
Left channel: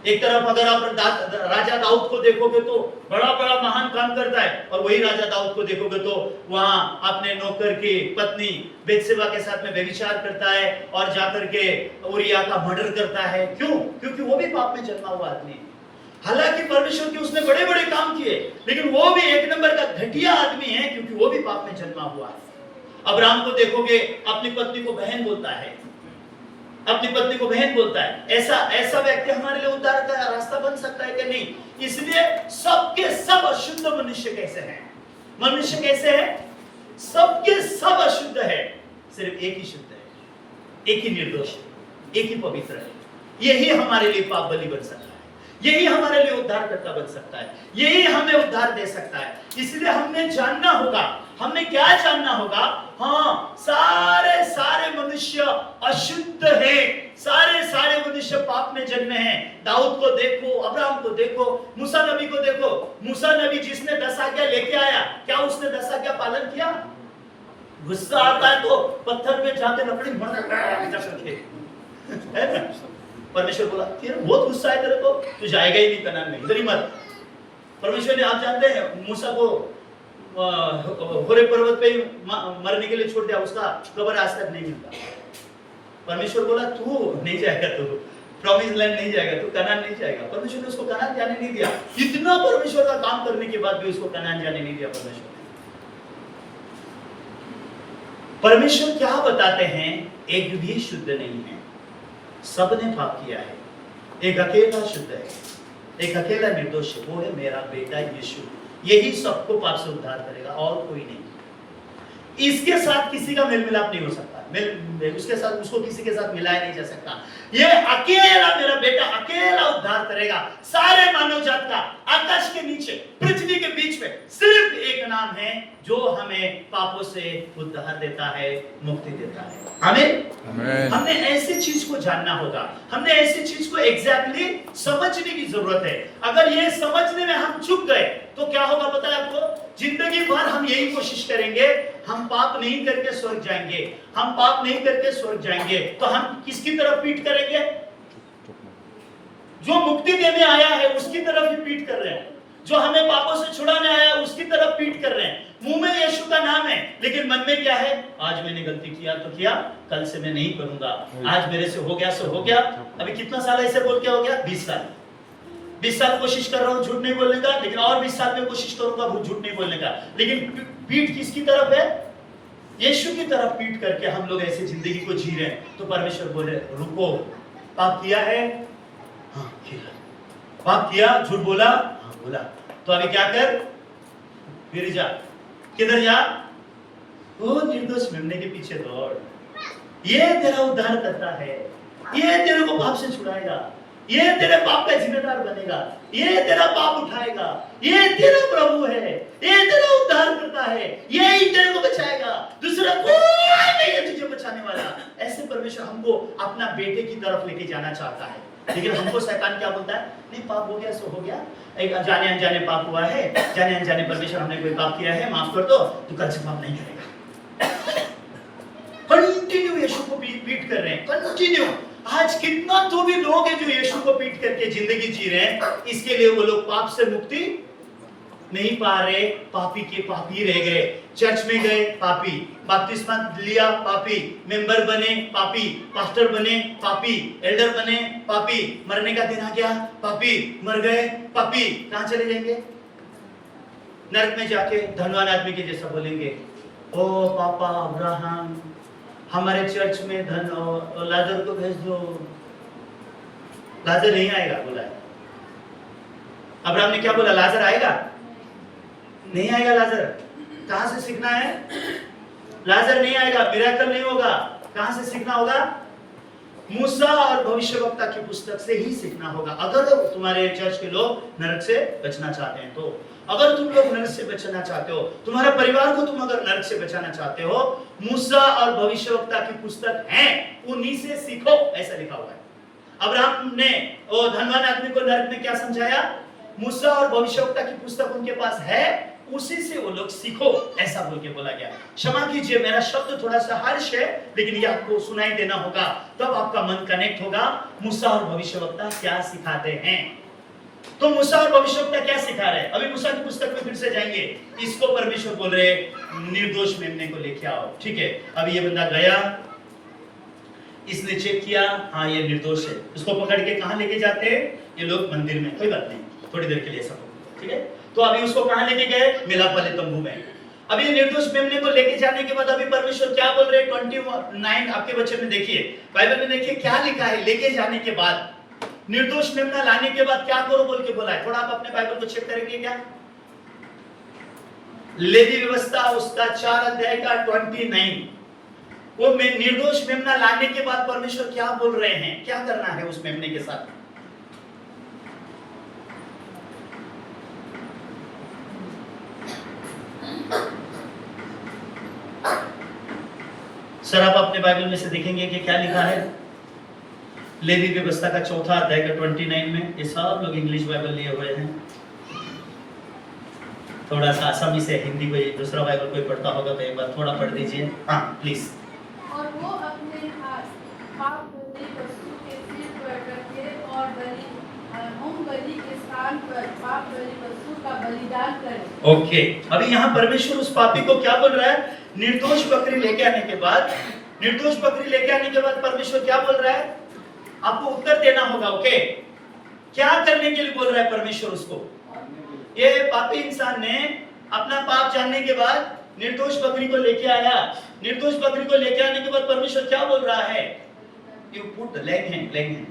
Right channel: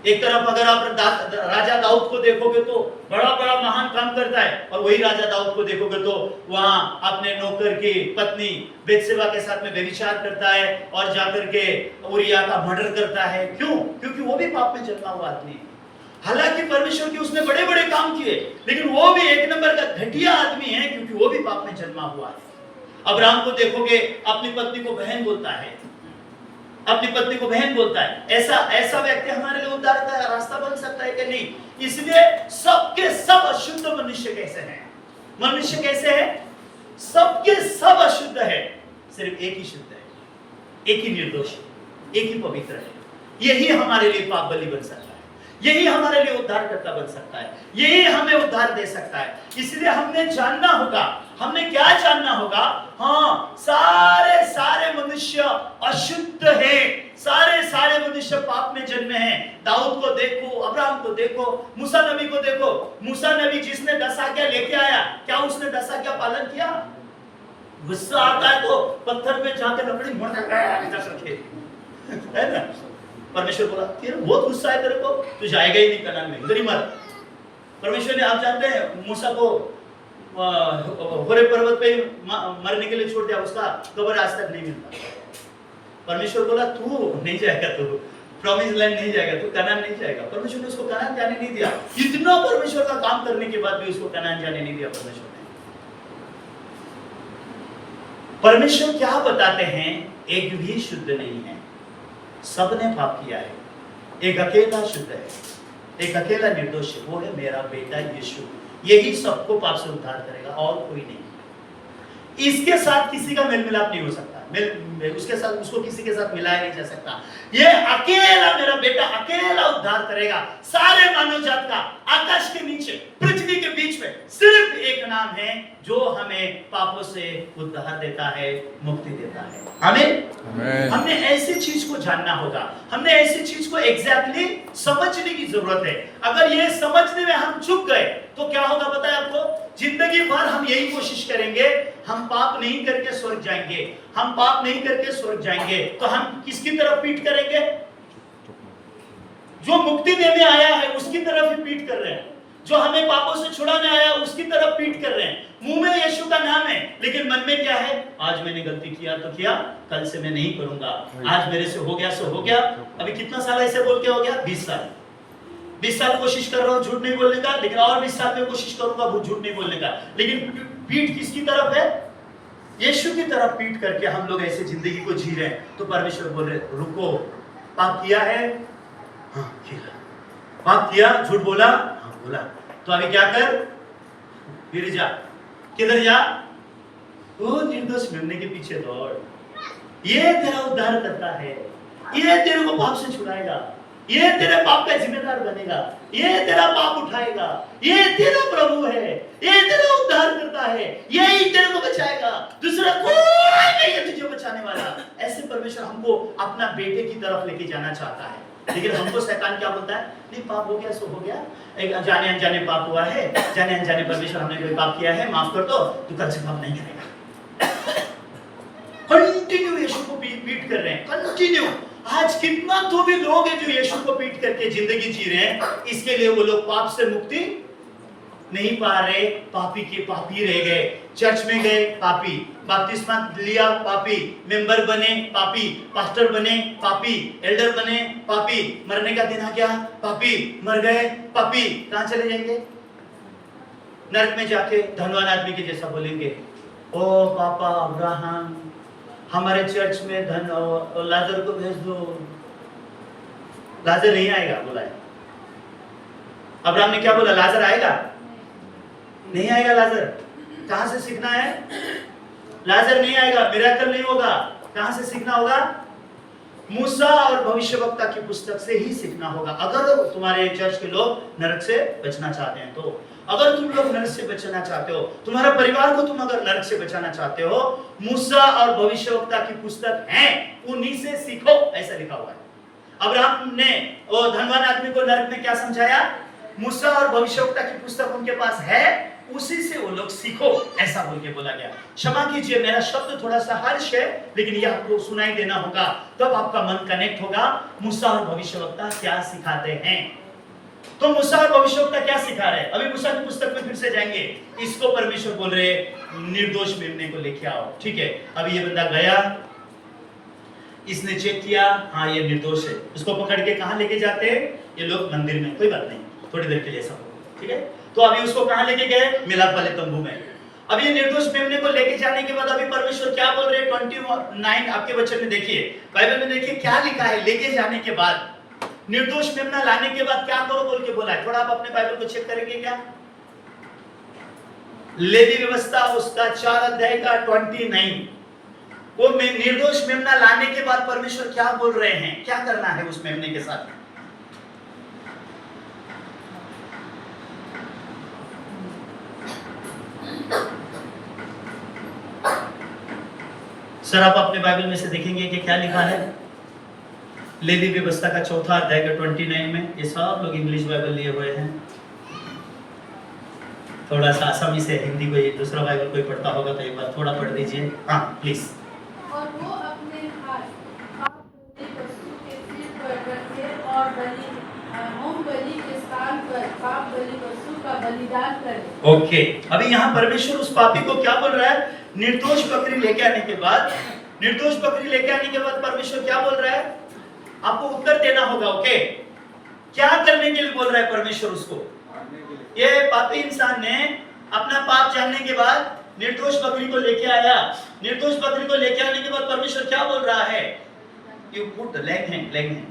एक तरफ अगर आप राजा दाऊद को देखोगे तो बड़ा बड़ा महान काम करता है, और वही राजा दाऊद को देखोगे तो वहां अपने नौकर की पत्नी बेतशेबा के साथ में व्यभिचार करता है, और जाकर के उरिया का मर्डर करता है। क्यों? क्योंकि वो भी पाप में जन्मा हुआ आदमी। हालांकि परमेश्वर के उसने बड़े बड़े काम किए, लेकिन वो भी एक नंबर का घटिया आदमी है, क्योंकि वो भी पाप में जन्मा हुआ है। अब्राहम को देखोगे, अपनी पत्नी को बहन बोलता है, अपनी पत्नी को बहन बोलता है। ऐसा व्यक्ति हमारे लिए उद्धार का रास्ता बन सकता है कि नहीं? इसलिए सबके सब अशुद्ध मनुष्य कैसे हैं? मनुष्य कैसे है? सबके सब अशुद्ध है, सिर्फ एक ही शुद्ध है, एक ही निर्दोष है, एक ही पवित्र है। यही हमारे लिए पाप बलि बन सकता है, यही हमारे लिए उद्धारकर्ता बन सकता है, यही हमें उद्धार दे सकता है। इसलिए हमें जानना होगा, हमें क्या जानना होगा? हाँ, सारे मनुष्य अशुद्ध हैं, सारे मनुष्य पाप में जन्मे हैं। दाऊद को देखो, अब्राहम को देखो, मूसा नबी को देखो। मूसा नबी जिसने 10 आज्ञा लेके आया, क्या उसने 10 आज्ञा पालन किया? गुस्सा आता है तो पत्थर में जाकर अपनी है ना? परमेश्वर बोला, तेरे बहुत गुस्सा है तेरे को, तू जाएगा ही नहीं कनान में, इधर ही मत। परमेश्वर ने, आप जानते हैं, मूसा को होरेब पर्वत पे मरने के लिए छोड़ दिया, उसका कब्र आज तक नहीं मिलता। परमेश्वर बोला, तू नहीं जाएगा, प्रॉमिस लैंड नहीं जाएगा, तू कनान नहीं जाएगा। परमेश्वर ने उसको कनान जाने नहीं दिया। इतना परमेश्वर का काम करने के बाद भी उसको कनान जाने नहीं दिया परमेश्वर ने। परमेश्वर क्या बताते हैं? एक भी शुद्ध नहीं है, सबने पाप किया है, एक अकेला शुद्ध है, एक अकेला निर्दोष है, वो है मेरा बेटा यीशु। यही सबको पाप से उद्धार करेगा और कोई नहीं। इसके साथ किसी का मेल मिलाप नहीं हो सकता, उसके साथ उसको किसी के साथ मिलाया नहीं जा सकता। ये अकेला मेरा बेटा अकेला उद्धार करेगा सारे मानव जात का। आकाश के नीचे पृथ्वी के बीच में सिर्फ एक नाम है जो हमें पापों से उद्धार देता है, मुक्ति देता है। आमीन। हमने ऐसी चीज को जानना होगा, हमने ऐसी चीज को एग्जैक्टली समझने की जरूरत है। अगर ये समझने में हम चूक गए तो क्या होगा पता है आपको? जिंदगी भर हम यही कोशिश करेंगे, हम पाप नहीं करके स्वर्ग जाएंगे, हम पाप नहीं करके स्वर्ग जाएंगे। तो हम किसकी तरफ पीठ करेंगे? जो मुक्ति देने आया है उसकी तरफ ही पीठ कर रहे हैं। जो हमें पापों से छुड़ाने आया उसकी तरफ पीठ कर रहे हैं। मुंह में यीशु का नाम है लेकिन मन में क्या है? आज मैंने गलती किया तो किया, कल से मैं नहीं करूंगा, आज मेरे से हो गया सो हो गया। अभी कितना साल ऐसे बोल के हो गया? 20 साल। 20 साल कोशिश कर रहा हूं झूठ नहीं बोलने का, लेकिन और 20 साल में कोशिश करूंगा झूठ नहीं बोलने का। लेकिन पीठ किसकी तरफ है? यीशु की तरफ पीठ करके हम लोग ऐसे जिंदगी को जी रहे हैं। तो परमेश्वर बोले रुको, पाप किया है? हाँ किया। पाप किया, झूठ बोला? हाँ बोला। तो अभी क्या कर? फिर जा। किधर जा? वो निर्दोष मेमने के पीछे दौड़। ये तेरा उद्धार करता है, ये तेरे को पाप से छुड़ाएगा, ये तेरे पाप का जिम्मेदार बनेगा, ये तेरा पाप उठाएगा, ये तेरा प्रभु है, ये तेरा उद्धार करता है, यही तेरे को बचाएगा, दूसरा कोई नहीं है तुझे बचाने वाला। ऐसे परमेश्वर हमको अपना बेटे की तरफ लेके जाना चाहता है। लेकिन हमको शैतान क्या बोलता है? नहीं पाप हो गया सो हो गया, एक जाने अनजाने पाप हुआ है, जाने अनजाने परमेश्वर हमने कोई पाप किया है, माफ कर दो, तू कल से पाप नहीं करेगा। कंटिन्यू यीशु को पीट कर रहे हैं, कंटिन्यू। आज कितना तो भी लोग हैं जो यीशु को पीट करके जिंदगी जी रहे हैं, इसके लिए वो लोग पाप से मुक्ति नहीं पा रहे, पापी के पापी रह गए। चर्च में गए पापी, बपतिस्मा लिया पापी, मेंबर बने पापी, पास्टर बने पापी, एल्डर बने पापी, मरने का दिन आ गया पापी, मर गए पापी। कहां चले जाएंगे? नरक में जाके धनवान आदमी के जैसा बोलेंगे, ओ पापा अब्राहम हमारे चर्च में धन लाजर को भेज दो। लाजर नहीं आएगा बोला है। अब्राहम ने क्या बोला? लाजर आएगा? नहीं आएगा। लाजर कहां से सीखना है? लाजर नहीं आएगा, मिरेकल नहीं होगा। कहां से सीखना होगा? मूसा और भविष्यवक्ता की पुस्तक से ही सीखना होगा। अगर तुम्हारे चर्च के लोग नरक से बचना चाहते हैं तो, अगर तुम लोग नरक से बचना चाहते हो, तुम्हारा परिवार को तुम अगर नरक से बचाना चाहते हो, मूसा और भविष्यवक्ता की पुस्तक है, उन्हीं से सीखो, ऐसा लिखा हुआ है। अब्राहम ने वो धनवान आदमी को नरक में क्या समझाया? मूसा और भविष्यवक्ता की पुस्तक उनके पास है, उसी से वो लोग सीखो, ऐसा बोल के बोला गया। क्षमा कीजिए मेरा शब्द थोड़ा सा हार्श है, लेकिन ये आपको सुनाई देना होगा, तब आपका मन कनेक्ट होगा। मूसा और भविष्यवक्ता क्या सिखाते हैं? तो मूसा और भविष्यवक्ता क्या सिखा रहे हैं? अभी मूसा की पुस्तक में फिर से जाएंगे। इसको परमेश्वर बोल रहे निर्दोष मेमने को लेके आओ। ठीक है, अभी ये बंदा गया, इसने चेक किया, हाँ ये निर्दोष है। उसको पकड़ के कहां लेके जाते हैं ये लोग? मंदिर में। कोई बात नहीं, थोड़ी देर के लिए सब, ठीक है। तो अभी उसको कहां लेके गए? मिलाप वाले तंबू में। अभी निर्दोष मेमने को लेके जाने के बाद अभी परमेश्वर क्या बोल रहे हैं? 29 आपके वचन में देखिए, बाइबल में देखिए क्या लिखा है। लेके जाने के बाद, निर्दोष मेमना लाने के बाद क्या करो बोल के बोला है। थोड़ा आप अपने बाइबल को चेक करेंगे क्या? लेवी व्यवस्था उसका 4 अध्याय का 29, वो निर्दोष मेमना लाने के बाद परमेश्वर क्या बोल रहे हैं, क्या करना है उस मेमने के साथ। सर आप अपने बाइबल में से देखेंगे कि क्या लिखा है। लेवी व्यवस्था का 4 अध्याय का 29 में, ये सब लोग इंग्लिश बाइबल लिए हुए हैं। थोड़ा सा आसानी से हिंदी कोई दूसरा बाइबल कोई पढ़ता होगा तो एक बार थोड़ा पढ़ दीजिए। हाँ प्लीज। और वो अपने हाथ पाप बलि वस्तु के सिर पर रखे और बलि होम बलि के स्थान पर पाप बलि वस्तु का बलिदान करे। ओके, अभी यहाँ परमेश्वर उस पापी को क्या बोल रहा है? निर्दोष बकरी लेके आने के बाद, निर्दोष बकरी लेके आने के बाद परमेश्वर क्या बोल रहा है? आपको उत्तर देना होगा। ओके, क्या करने के लिए बोल रहा है परमेश्वर उसको? ये पापी इंसान ने अपना पाप जानने के बाद निर्दोष बकरी को लेके आया। निर्दोष बकरी को लेके आने के बाद परमेश्वर क्या बोल रहा है? You put leg hand, leg hand.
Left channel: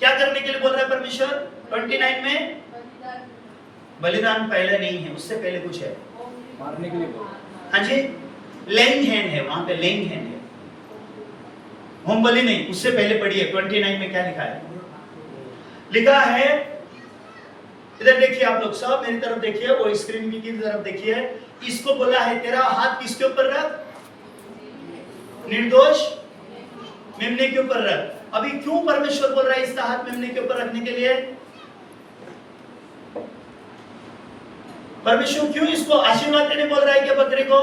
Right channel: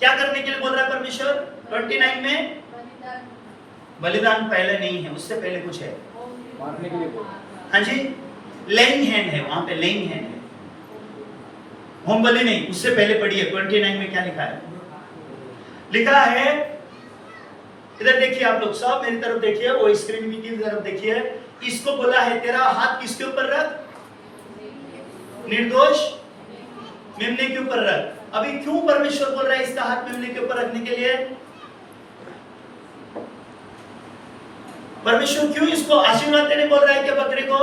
क्या करने के लिए बोल रहा है परमेश्वर? 29 में बलिदान पहले नहीं है, उससे पहले कुछ है, मारने के लिए। हाँ जी, लेइंग हैंड है, वहां पे लेइंग हैंड है, होम बलि नहीं, उससे पहले पढ़िए 29 में क्या लिखा है? लिखा है, इधर देखिए आप लोग सब, मेरी तरफ देखिए, वो स्क्रीन की तरफ देखिए। इसको बोला है तेरा हाथ किसके ऊपर रख? निर्दोष मेमने के ऊपर रख। अभी क्यों परमेश्वर बोल रहा है इसका हाथ मेमने के ऊपर रखने के लिए? परमेश्वर क्यों इसको आशीर्वाद देने बोल रहा है क्या बकरे को?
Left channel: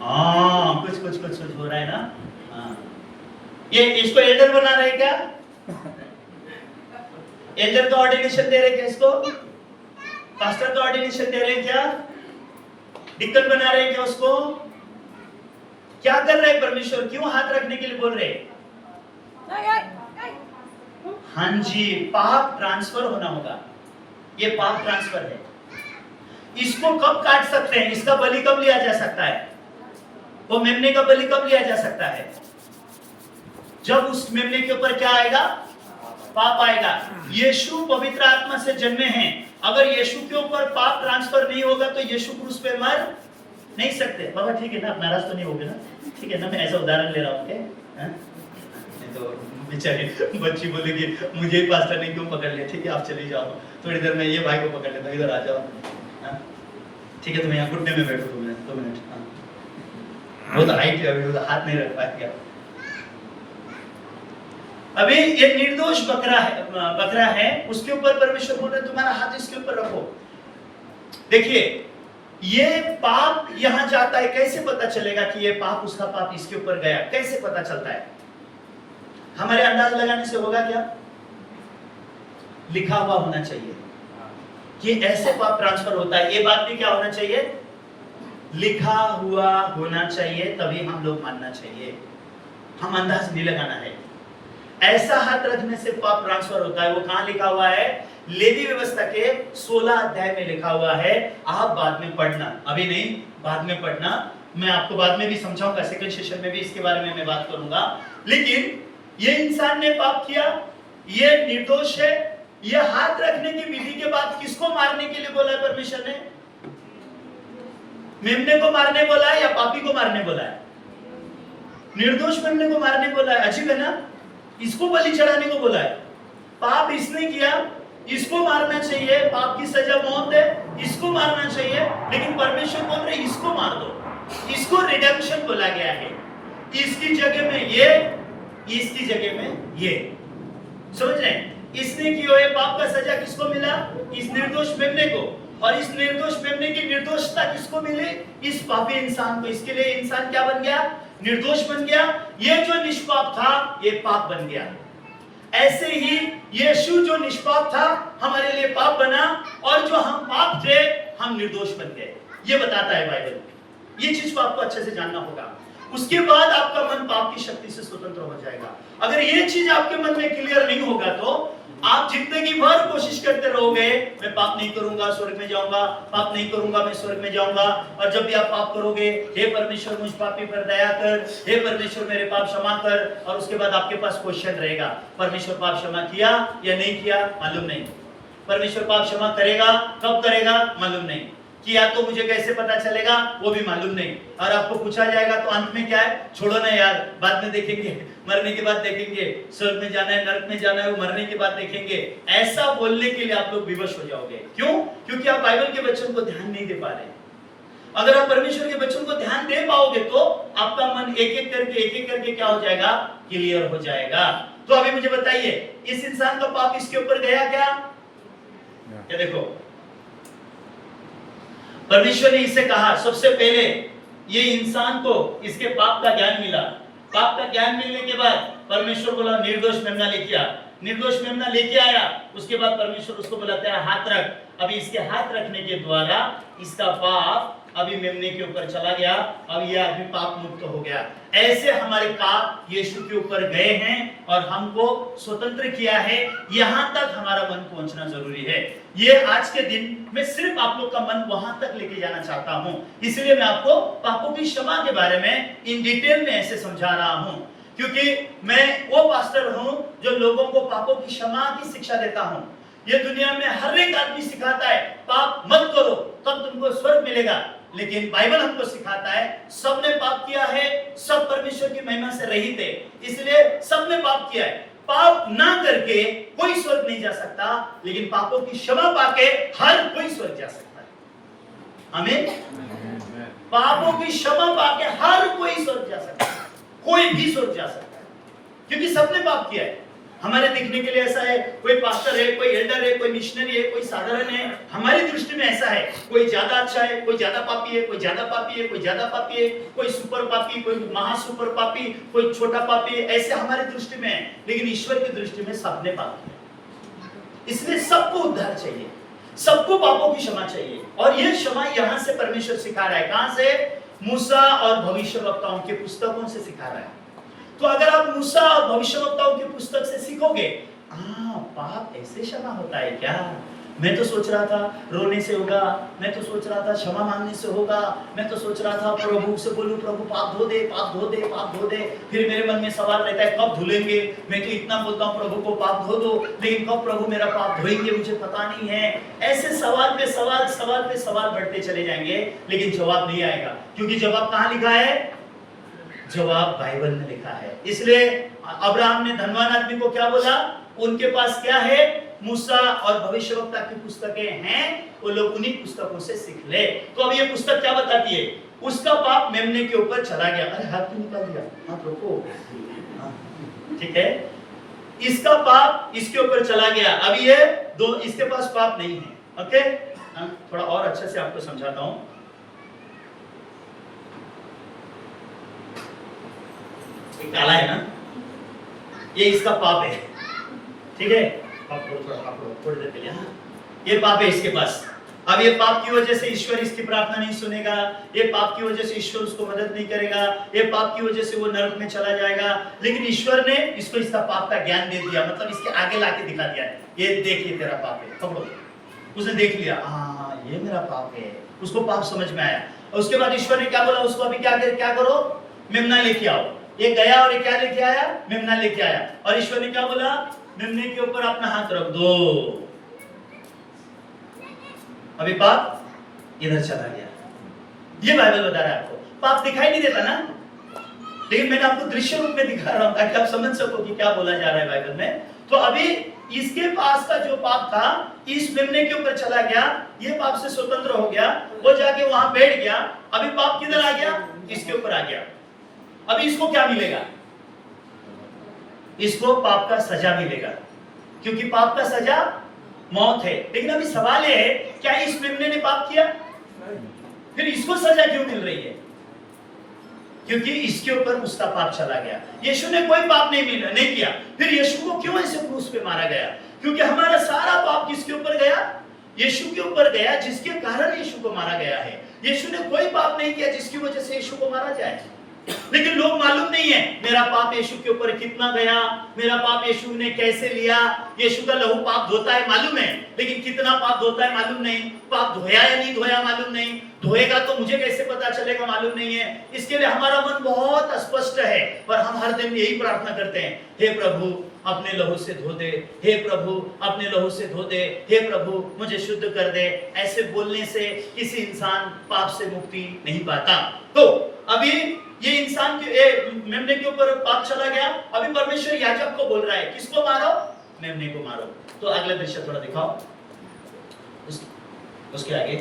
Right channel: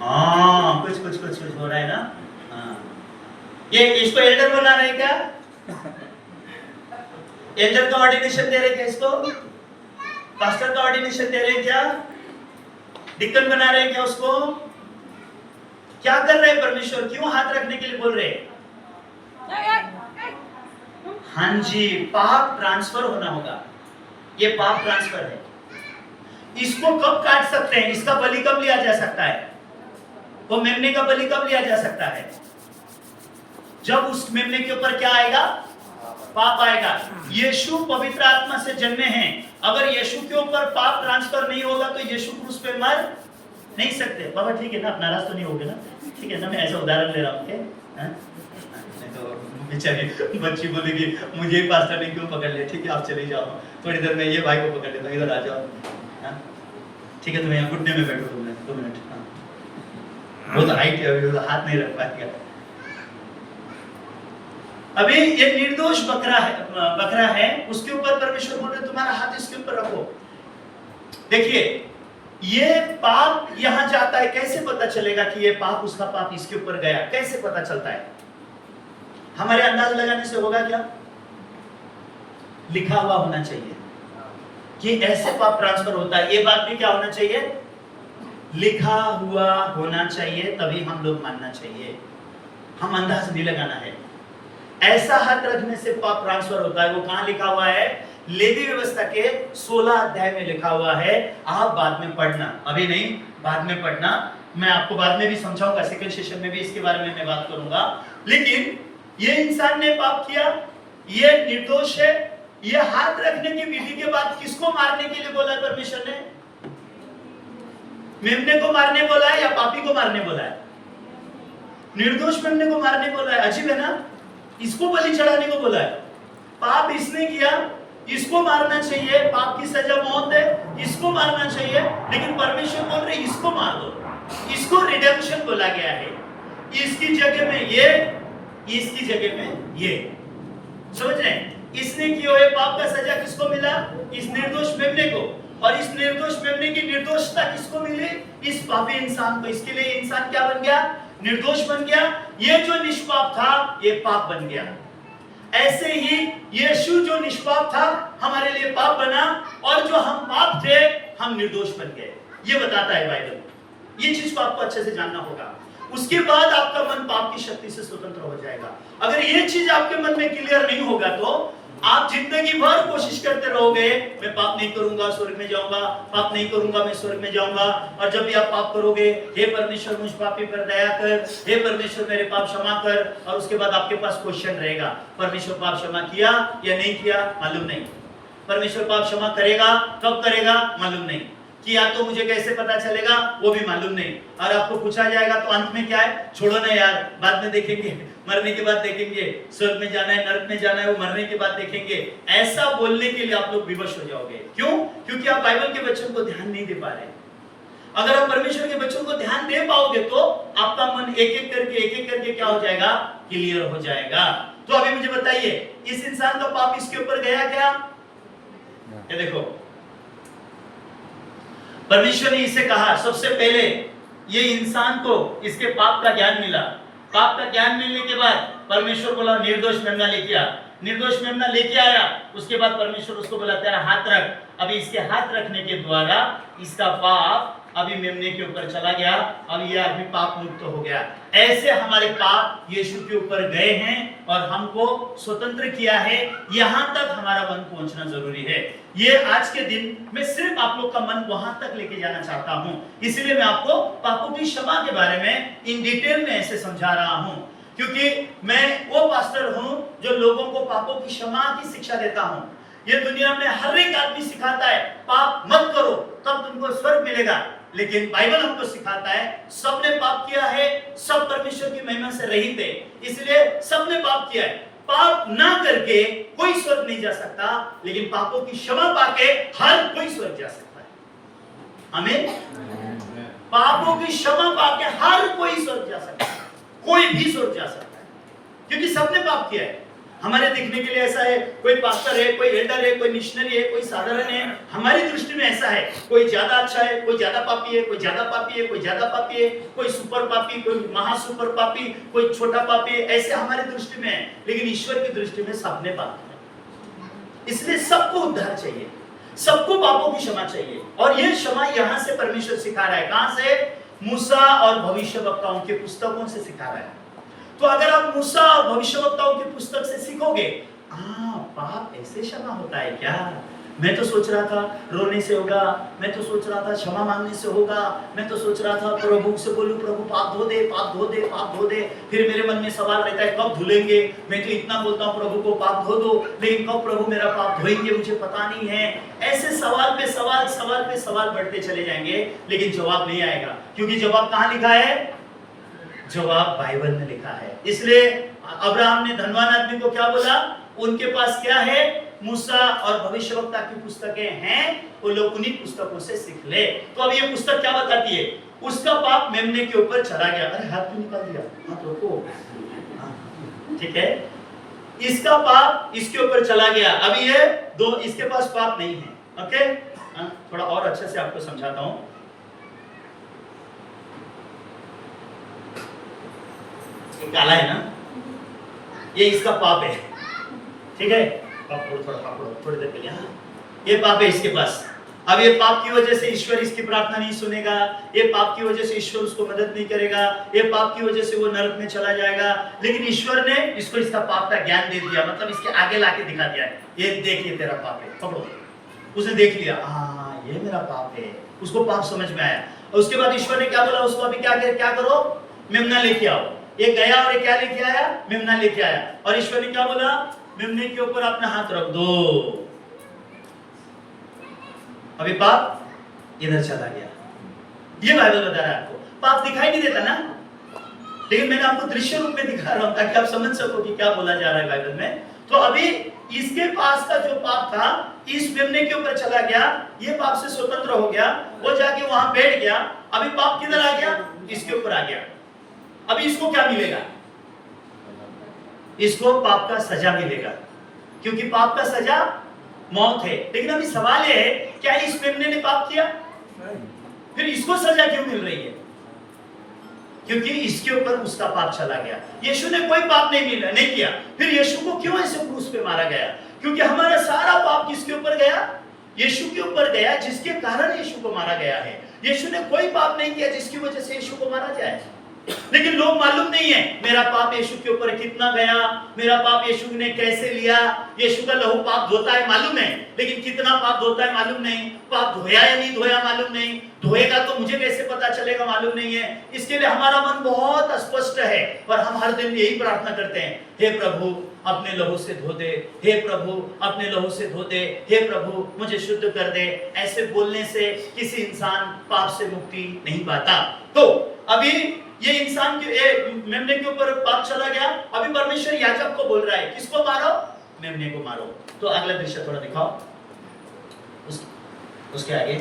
हाँ, कुछ कुछ कुछ कुछ हो रहा है ना। हाँ, ये इसको एल्डर बना रहे क्या? एल्डर का ऑर्डिनेशन दे रहे क्या इसको? पास्टर का ऑर्डिनेशन दे रहे क्या? डिकन बना रहे क्या उसको? क्या कर रहे हैं परमेश्वर? क्यों हाथ रखने के लिए बोल रहे हैं? हाँ जी, पाप ट्रांसफर होना होगा। ये पाप ट्रांसफर है। इसको कब काट सकते हैं? इसका बलि कब लिया जा सकता है? वो मेमने का बलि कब लिया जा सकता है? जब उस मेमने के ऊपर क्या आएगा? पाप आएगा। यीशु पवित्र आत्मा से जन्मे हैं। अगर यीशु के ऊपर पाप ट्रांसफर नहीं होगा तो यीशु क्रूस पे मर नहीं सकते। बाबा ठीक है ना, आप नाराज तो नहीं होगे ना? ठीक है ना, मैं ऐसा उदाहरण ले रहा हूँ। नहीं तो बेचारी बच्ची बोलेगी मुझे ही पास्टर ने क्यों पकड़ लिया। ठीक है, आप चले जाओ, थोड़ी देर में ये भाई को पकड़ लेता, इधर आ जाओ। ठीक है, तुम यहाँ घुटने में बैठो 2 मिनट। वो तो हाइट है, हाथ नहीं रख पाएगा। अभी ये निर्दोष बकरा है, उसके ऊपर परमेश्वर बोल रहे तुम्हारा हाथ इसके ऊपर रखो। देखिए, ये पाप यहां जाता है, कैसे पता चलेगा कि ये पाप, उसका पाप इसके ऊपर गया? कैसे पता चलता है? हमारे अंदाज लगाने से होगा क्या? लिखा हुआ होना चाहिए कि ऐसे पाप ट्रांसफर होता है। ये बात भी क्या होना चाहिए? लिखा हुआ होना चाहिए, तभी हम लोग मानना चाहिए। हम अंदाज नहीं लगाना है। ऐसा हाथ रखने से पाप ट्रांसफर होता है। वो कहां लिखा हुआ है? लेवी व्यवस्था के 16 अध्याय में लिखा हुआ है। आप बाद में पढ़ना, अभी नहीं, बाद में पढ़ना। मैं आपको बाद में भी समझाऊंगा, सेकंड सेशन में भी इसके बारे में मैं बात करूंगा। लेकिन ये इंसान ने पाप किया, ये निर्दोष है। ये हाथ रखने की विधि के बाद किसको मारने के लिए बोला है परमेश्वर ने? मेमने को मारने बोला है या पापी को मारने बोला है? निर्दोष मेमने को मारने बोला है। अजीब है ना? इसको बलि चढ़ाने को बोला है। पाप इसने किया, इसको मारना चाहिए, पाप की सजा मौत है, इसको मारना चाहिए। लेकिन परमेश्वर बोल रहे इसको मार दो। इसको रिडेम्पशन बोला गया है। इसकी जगह में ये, इसकी जगह में ये। समझ रहे हैं? इसने किए हुए पाप का सजा किसको मिला? इस निर्दोष मेमने को। और इस निर्दोष मेमने की निर्दोषता किसको मिली? इस पापी इंसान को। इसके लिए इंसान क्या बन गया? निर्दोष बन गया। ये जो निष्पाप था, ये पाप बन गया। ऐसे ही यीशु जो निष्पाप था, हमारे लिए पाप बना, और जो हम पाप थे, हम निर्दोष बन गए। ये बताता है बाइबल। ये चीज को आपको अच्छे से जानना होगा। उसके बाद आपका मन पाप की शक्ति से स्वतंत्र हो जाएगा। अगर ये चीज आपके मन में क्लियर नहीं होगा तो आप जिंदगी भर कोशिश करते रहोगे, मैं पाप नहीं करूंगा स्वर्ग में जाऊंगा, पाप नहीं करूंगा मैं स्वर्ग में जाऊंगा। और जब भी आप पाप करोगे, हे परमेश्वर मुझ पापी पर दया कर, हे परमेश्वर मेरे पाप क्षमा कर। और उसके बाद आपके पास क्वेश्चन रहेगा, परमेश्वर पाप क्षमा किया या नहीं किया मालूम नहीं। परमेश्वर पाप क्षमा करेगा, कब करेगा मालूम नहीं। किया तो मुझे कैसे पता चलेगा, वो भी मालूम नहीं। और आपको पूछा जाएगा तो अंत में क्या है? छोड़ो ना यार, बाद में देखेंगे, मरने के बाद देखेंगे, स्वर्ग में जाना है नरक में जाना है वो मरने के बाद देखेंगे। ऐसा बोलने के लिए आप लोग विवश हो जाओगे। क्यों? क्योंकि आप बाइबल के वचन को ध्यान नहीं दे पा रहे। अगर आप परमेश्वर के वचन को ध्यान दे पाओगे तो आपका मन एक एक करके क्या हो जाएगा? क्लियर हो जाएगा। तो अभी मुझे बताइए, इस इंसान का पाप इसके ऊपर गया क्या? ये देखो, परमेश्वर ने इसे कहा, सबसे पहले ये इंसान को इसके पाप का ज्ञान मिला। पाप का ज्ञान मिलने के बाद परमेश्वर बोला निर्दोष मेमना लेके आ। निर्दोष मेमना लेके आया। उसके बाद परमेश्वर उसको बोला तेरा हाथ रख। अभी इसके हाथ रखने के द्वारा इसका पाप अभी मेमने के ऊपर चला गया, अब यह अभी पाप मुक्त हो गया। ऐसे हमारे पाप यीशु के ऊपर गए हैं और हमको स्वतंत्र किया है। यहां तक हमारा मन पहुंचना जरूरी है। ये आज के दिन मैं सिर्फ आप लोग का मन वहां तक लेके जाना चाहता हूं, इसलिए मैं आपको पापों की क्षमा के बारे में इन डिटेल में ऐसे समझा रहा हूं, क्योंकि मैं वो पास्टर हूं जो लोगों को पापों की क्षमा की शिक्षा देता हूं। ये दुनिया में हर एक आदमी सिखाता है पाप मत करो तब तुमको स्वर्ग मिलेगा, लेकिन बाइबल हमको सिखाता है सबने पाप किया है, सब परमेश्वर की महिमा से रहित है, इसलिए सबने पाप किया है। पाप ना करके कोई स्वर्ग नहीं जा सकता, लेकिन पापों की क्षमा पाके हर कोई स्वर्ग जा सकता है। आमीन। पापों की क्षमा पाके हर कोई स्वर्ग जा सकता है, कोई भी स्वर्ग जा सकता है, क्योंकि सबने पाप किया है। हमारे दिखने के लिए ऐसा है, कोई पास्टर है, कोई एल्डर है, कोई मिशनरी है, कोई साधारण है, हमारी दृष्टि में ऐसा है, कोई ज्यादा अच्छा है, कोई ज्यादा पापी है, कोई ज्यादा पापी है, कोई ज्यादा पापी है, कोई सुपर पापी, कोई महा सुपर पापी, कोई छोटा पापी है, ऐसे हमारी दृष्टि में है। लेकिन ईश्वर की दृष्टि में सबने पाप किया, इसलिए सबको उद्धार चाहिए, सबको पापों की क्षमा चाहिए। और यह क्षमा यहां से परमेश्वर सिखा रहा है। कहां से? मूसा और भविष्यवक्ताओं के पुस्तकों से सिखा रहा है। तो अगर आप मूसा और भविष्यवक्ताओं की पुस्तक से सीखोगे, पाप ऐसे क्षमा होता है क्या? मैं तो सोच रहा था रोने से होगा, मैं तो सोच रहा था क्षमा मांगने से होगा, मैं तो सोच रहा था प्रभु से बोलूं प्रभु पाप धो दे, पाप धो दे, पाप धो दे। फिर मेरे मन में सवाल रहता है कब धुलेंगे? मैं तो इतना बोलता हूं प्रभु को पाप धो दो, लेकिन कब प्रभु मेरा पाप धोएंगे मुझे पता नहीं है। ऐसे सवाल पे सवाल, सवाल पे सवाल बढ़ते चले जाएंगे, लेकिन जवाब नहीं आएगा, क्योंकि जवाब कहां लिखा है? जवाब बाइबल में लिखा है। इसलिए अब्राहम ने धनवान आदमी को क्या बोला? उनके पास क्या है? मूसा और भविष्यवक्ता की पुस्तकें हैं, वो लोग उन्हीं पुस्तकों से सीख ले। तो अब ये पुस्तक क्या बताती है? उसका पाप मेमने के ऊपर चला गया। अरे हाथ क्यों निकाल दिया? हाथ रोको, ठीक है। इसका पाप इसके ऊपर चला गया, अभी ये दो इसके पास पाप नहीं है। ओके, थोड़ा और अच्छे से आपको समझाता हूं। काला है ना, ये इसका पाप है, ठीक है। थोड़ी देर के लिए, ये पाप है इसके पास। अब ये पाप की वजह से ईश्वर इसकी प्रार्थना नहीं सुनेगा, ये पाप की वजह से ईश्वर उसको मदद नहीं करेगा, ये पाप की वजह से वो नरक में चला जाएगा। लेकिन ईश्वर ने इसको इसका पाप का ज्ञान दे दिया, मतलब इसके आगे लाके दिखा दिया है, ये देख ये तेरा पाप है, पकड़ो। उसने देख लिया, हाँ ये मेरा पाप है, उसको पाप समझ में आया। और उसके बाद ईश्वर ने क्या बोला उसको? अभी क्या करो? मेमना लेके आओ। ये गया और ये क्या लेके आया? मेमना लेके आया। और ईश्वर ने क्या बोला? मेमने के ऊपर अपना हाथ रख दो। अभी पाप इधर चला गया। ये बाइबल बता रहा है आपको। पाप दिखाई नहीं देता ना, लेकिन मैंने आपको दृश्य रूप में दिखा रहा हूं ताकि आप समझ सको कि क्या बोला जा रहा है बाइबल में। तो अभी इसके पास का जो पाप था इस मेमने के ऊपर चला गया, ये पाप से स्वतंत्र हो गया, वो जाके वहां बैठ गया। अभी पाप किधर आ गया? इसके ऊपर आ गया। अभी इसको क्या मिलेगा? इसको पाप का सजा मिलेगा, क्योंकि पाप का सजा मौत है। लेकिन अभी सवाल है, क्या इस मेमने ने पाप किया? फिर इसको सजा क्यों मिल रही है? क्योंकि इसके ऊपर उसका पाप चला गया। यीशु ने कोई पाप नहीं किया, फिर यीशु को क्यों ऐसे क्रूस पे मारा गया? क्योंकि हमारा सारा पाप किसके ऊपर गया? यीशु के ऊपर गया, जिसके कारण यीशु को मारा गया है। यीशु ने कोई पाप नहीं किया जिसकी वजह से यीशु को मारा जाए। लेकिन लोग मालूम नहीं है मेरा पाप यीशु के ऊपर कितना गया, मेरा पाप यीशु ने कैसे लिया। यीशु का लहू पाप धोता है मालूम है, लेकिन कितना पाप धोता है मालूम नहीं। पाप धोया या नहीं धोया मालूम नहीं, धोएगा तो मुझे कैसे पता चलेगा मालूम नहीं है। इसके लिए हमारा मन बहुत अस्पष्ट है और हम हर दिन यही प्रार्थना करते हैं, हे प्रभु अपने लहू से धो दे, हे प्रभु अपने लहू से धो दे, हे प्रभु मुझे शुद्ध कर दे। ऐसे बोलने से किसी इंसान पाप से मुक्ति नहीं पाता। तो अभी ये इंसान के मेमने के ऊपर पाप चला गया। अभी परमेश्वर याजक को बोल रहा है, किसको मारो? मेमने को मारो। तो अगला दृश्य थोड़ा दिखाओ, उसके आगे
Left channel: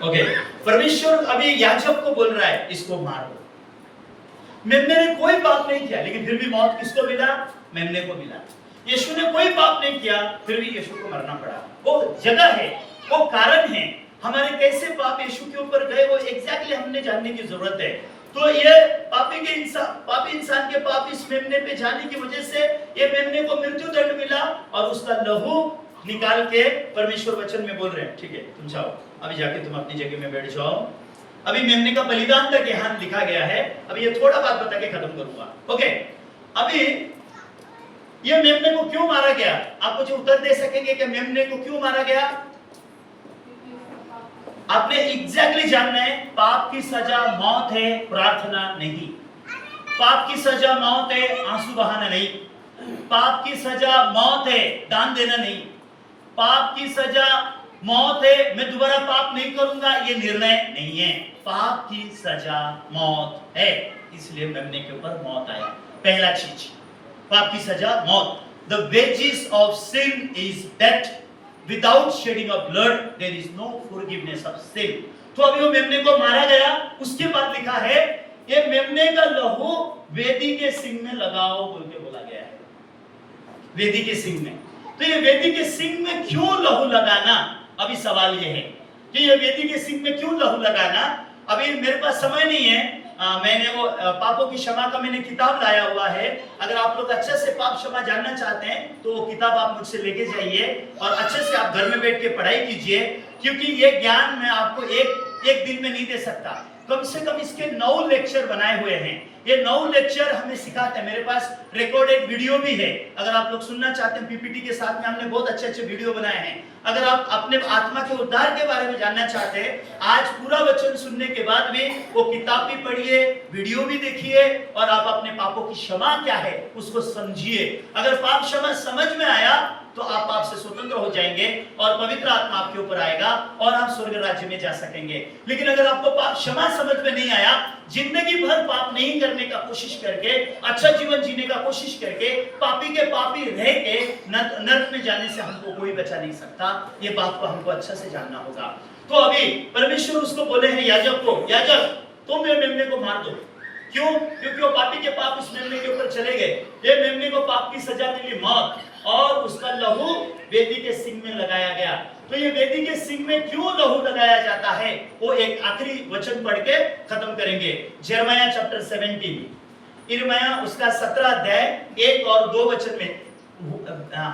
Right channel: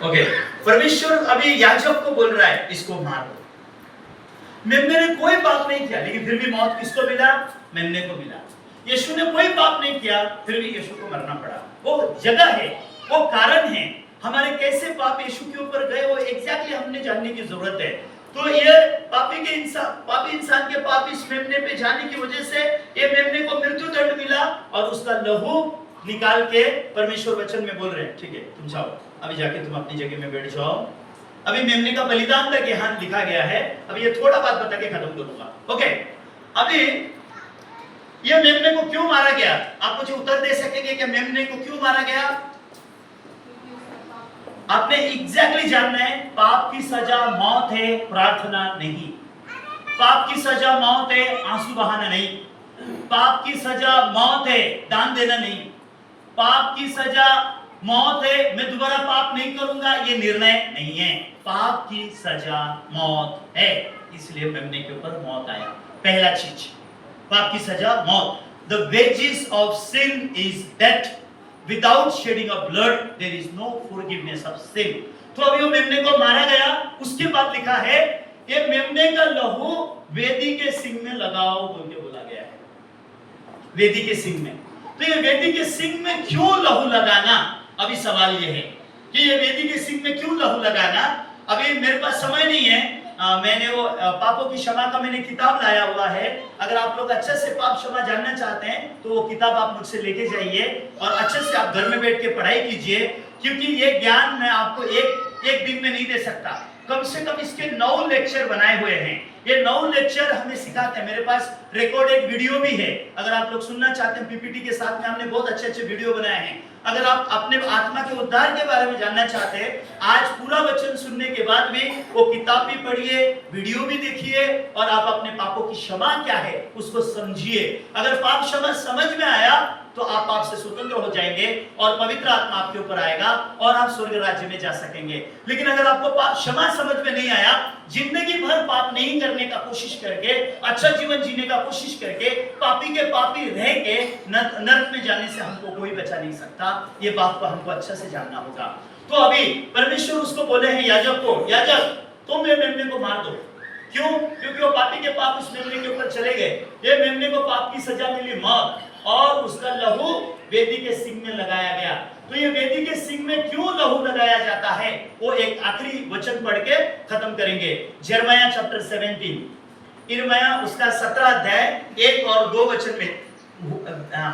ओके। परमेश्वर अभी याजक को बोल रहा है, इसको मारो। मेमने ने कोई पाप नहीं किया, लेकिन फिर भी मौत किसको मिला? मेमने को मिला। यीशु ने कोई पाप नहीं किया, फिर भी यीशु को मरना पड़ा। वो जगह है, वो कारण है। हमारे कैसे पाप यीशु के ऊपर गए वो एग्जैक्टली हमने जानने की जरूरत है। तो ये पापी इंसान के पाप इस मेमने पे जाने की वजह से ये मेमने को मृत्यु दंड मिला और उसका लहू निकाल के परमेश्वर वचन में बोल रहे हैं, ठीक है तुम जाओ, अभी जाके तुम अपनी जगह में बैठ जाओ। अभी मेमने का बलिदान तक यहाँ लिखा गया है, अभी ये थोड़ा बात बता के खत्म करूंगा। ओके, अभी ये मेमने को क्यों मारा गया? आप मुझे उत्तर दे सकेंगे कि मेमने को क्यों मारा गया? आपने एग्जैक्टली जानना है। पाप की सजा मौत है, प्रार्थना नहीं। पाप की सजा मौत है, आंसू बहाना नहीं। पाप की सजा मौत है, दान देना नहीं। पाप की सजा मौत है, मैं दोबारा पाप नहीं करूंगा, ये निर्णय नहीं है। पाप की सजा मौत है, इसलिए मेमने के ऊपर मौत आया। पहला चीज, पाप की सजा मौत। The wages of sin is death, without shedding of blood there is no forgiveness of sin. तो अभी वो मेमने को मारा गया, उसके बाद लिखा है ये मेमने का लहू वेदी के सिंग में लगाओ बोल के बोला गया है। वेदी के सिंग में, तो ये वेदी के सिंग में क्यों लहू लगाना? अभी सवाल ये है कि ये वेदी के सिंग में क्यों लहू लगाना। अभी मेरे पास समय नहीं है, मैंने वो पापों की क्षमा का मैंने किताब लाया हुआ है। अगर आप लोग अच्छे से पाप क्षमा जानना चाहते हैं तो वो किताब आप मुझसे लेके जाइए और अच्छे से आप घर में बैठ के पढ़ाई कीजिए, क्योंकि ये ज्ञान मैं आपको एक दिन में नहीं दे सकता। कम से कम इसके 9 लेक्चर बनाए हुए हैं। ये 9 लेक्चर हमें सिखाते हैं। मेरे पास रिकॉर्डेड वीडियो भी है, अगर आप लोग सुनना चाहते हैं। पीपीटी के साथ में हमने बहुत अच्छे वीडियो बनाए हैं। अगर आप अपने आत्मा के उद्धार के बारे में जानना चाहते हैं, आज पूरा वचन सुनने के बाद भी वो किताब भी पढ़िए, वीडियो भी देखिए और आप अपने पापों की क्षमा क्या है उसको समझिए। अगर पाप क्षमा समझ में आया तो आप पाप से स्वतंत्र हो जाएंगे और पवित्र आत्मा आपके ऊपर आएगा और आप स्वर्ग राज्य में जा सकेंगे। लेकिन अगर आपको पाप क्षमा समझ में नहीं आया, जिंदगी भर पाप नहीं करने का कोशिश करके, अच्छा जीवन जीने का कोशिश करके, पापी के पापी रह के नरक में जाने से हमको कोई बचा नहीं सकता। ये बात को हमको अच्छा से जानना होगा। तो अभी परमेश्वर उसको बोले हैं याजक को, याजक तुम ये मेमने को मार दो। क्यों? क्योंकि वो पापी के पाप उस मेमने के ऊपर चले गए। ये मेमने को पाप की सजा मिली मौत, और उसका लहू वेदी के सिंग में लगाया गया। तो ये वेदी के सिंग में क्यों लहू लगाया जाता है, वो एक आखिरी वचन पढ़ के खत्म करेंगे। यिर्मयाह चैप्टर 17, यिर्मयाह उसका 17 अध्याय 1 और 2 वचन में,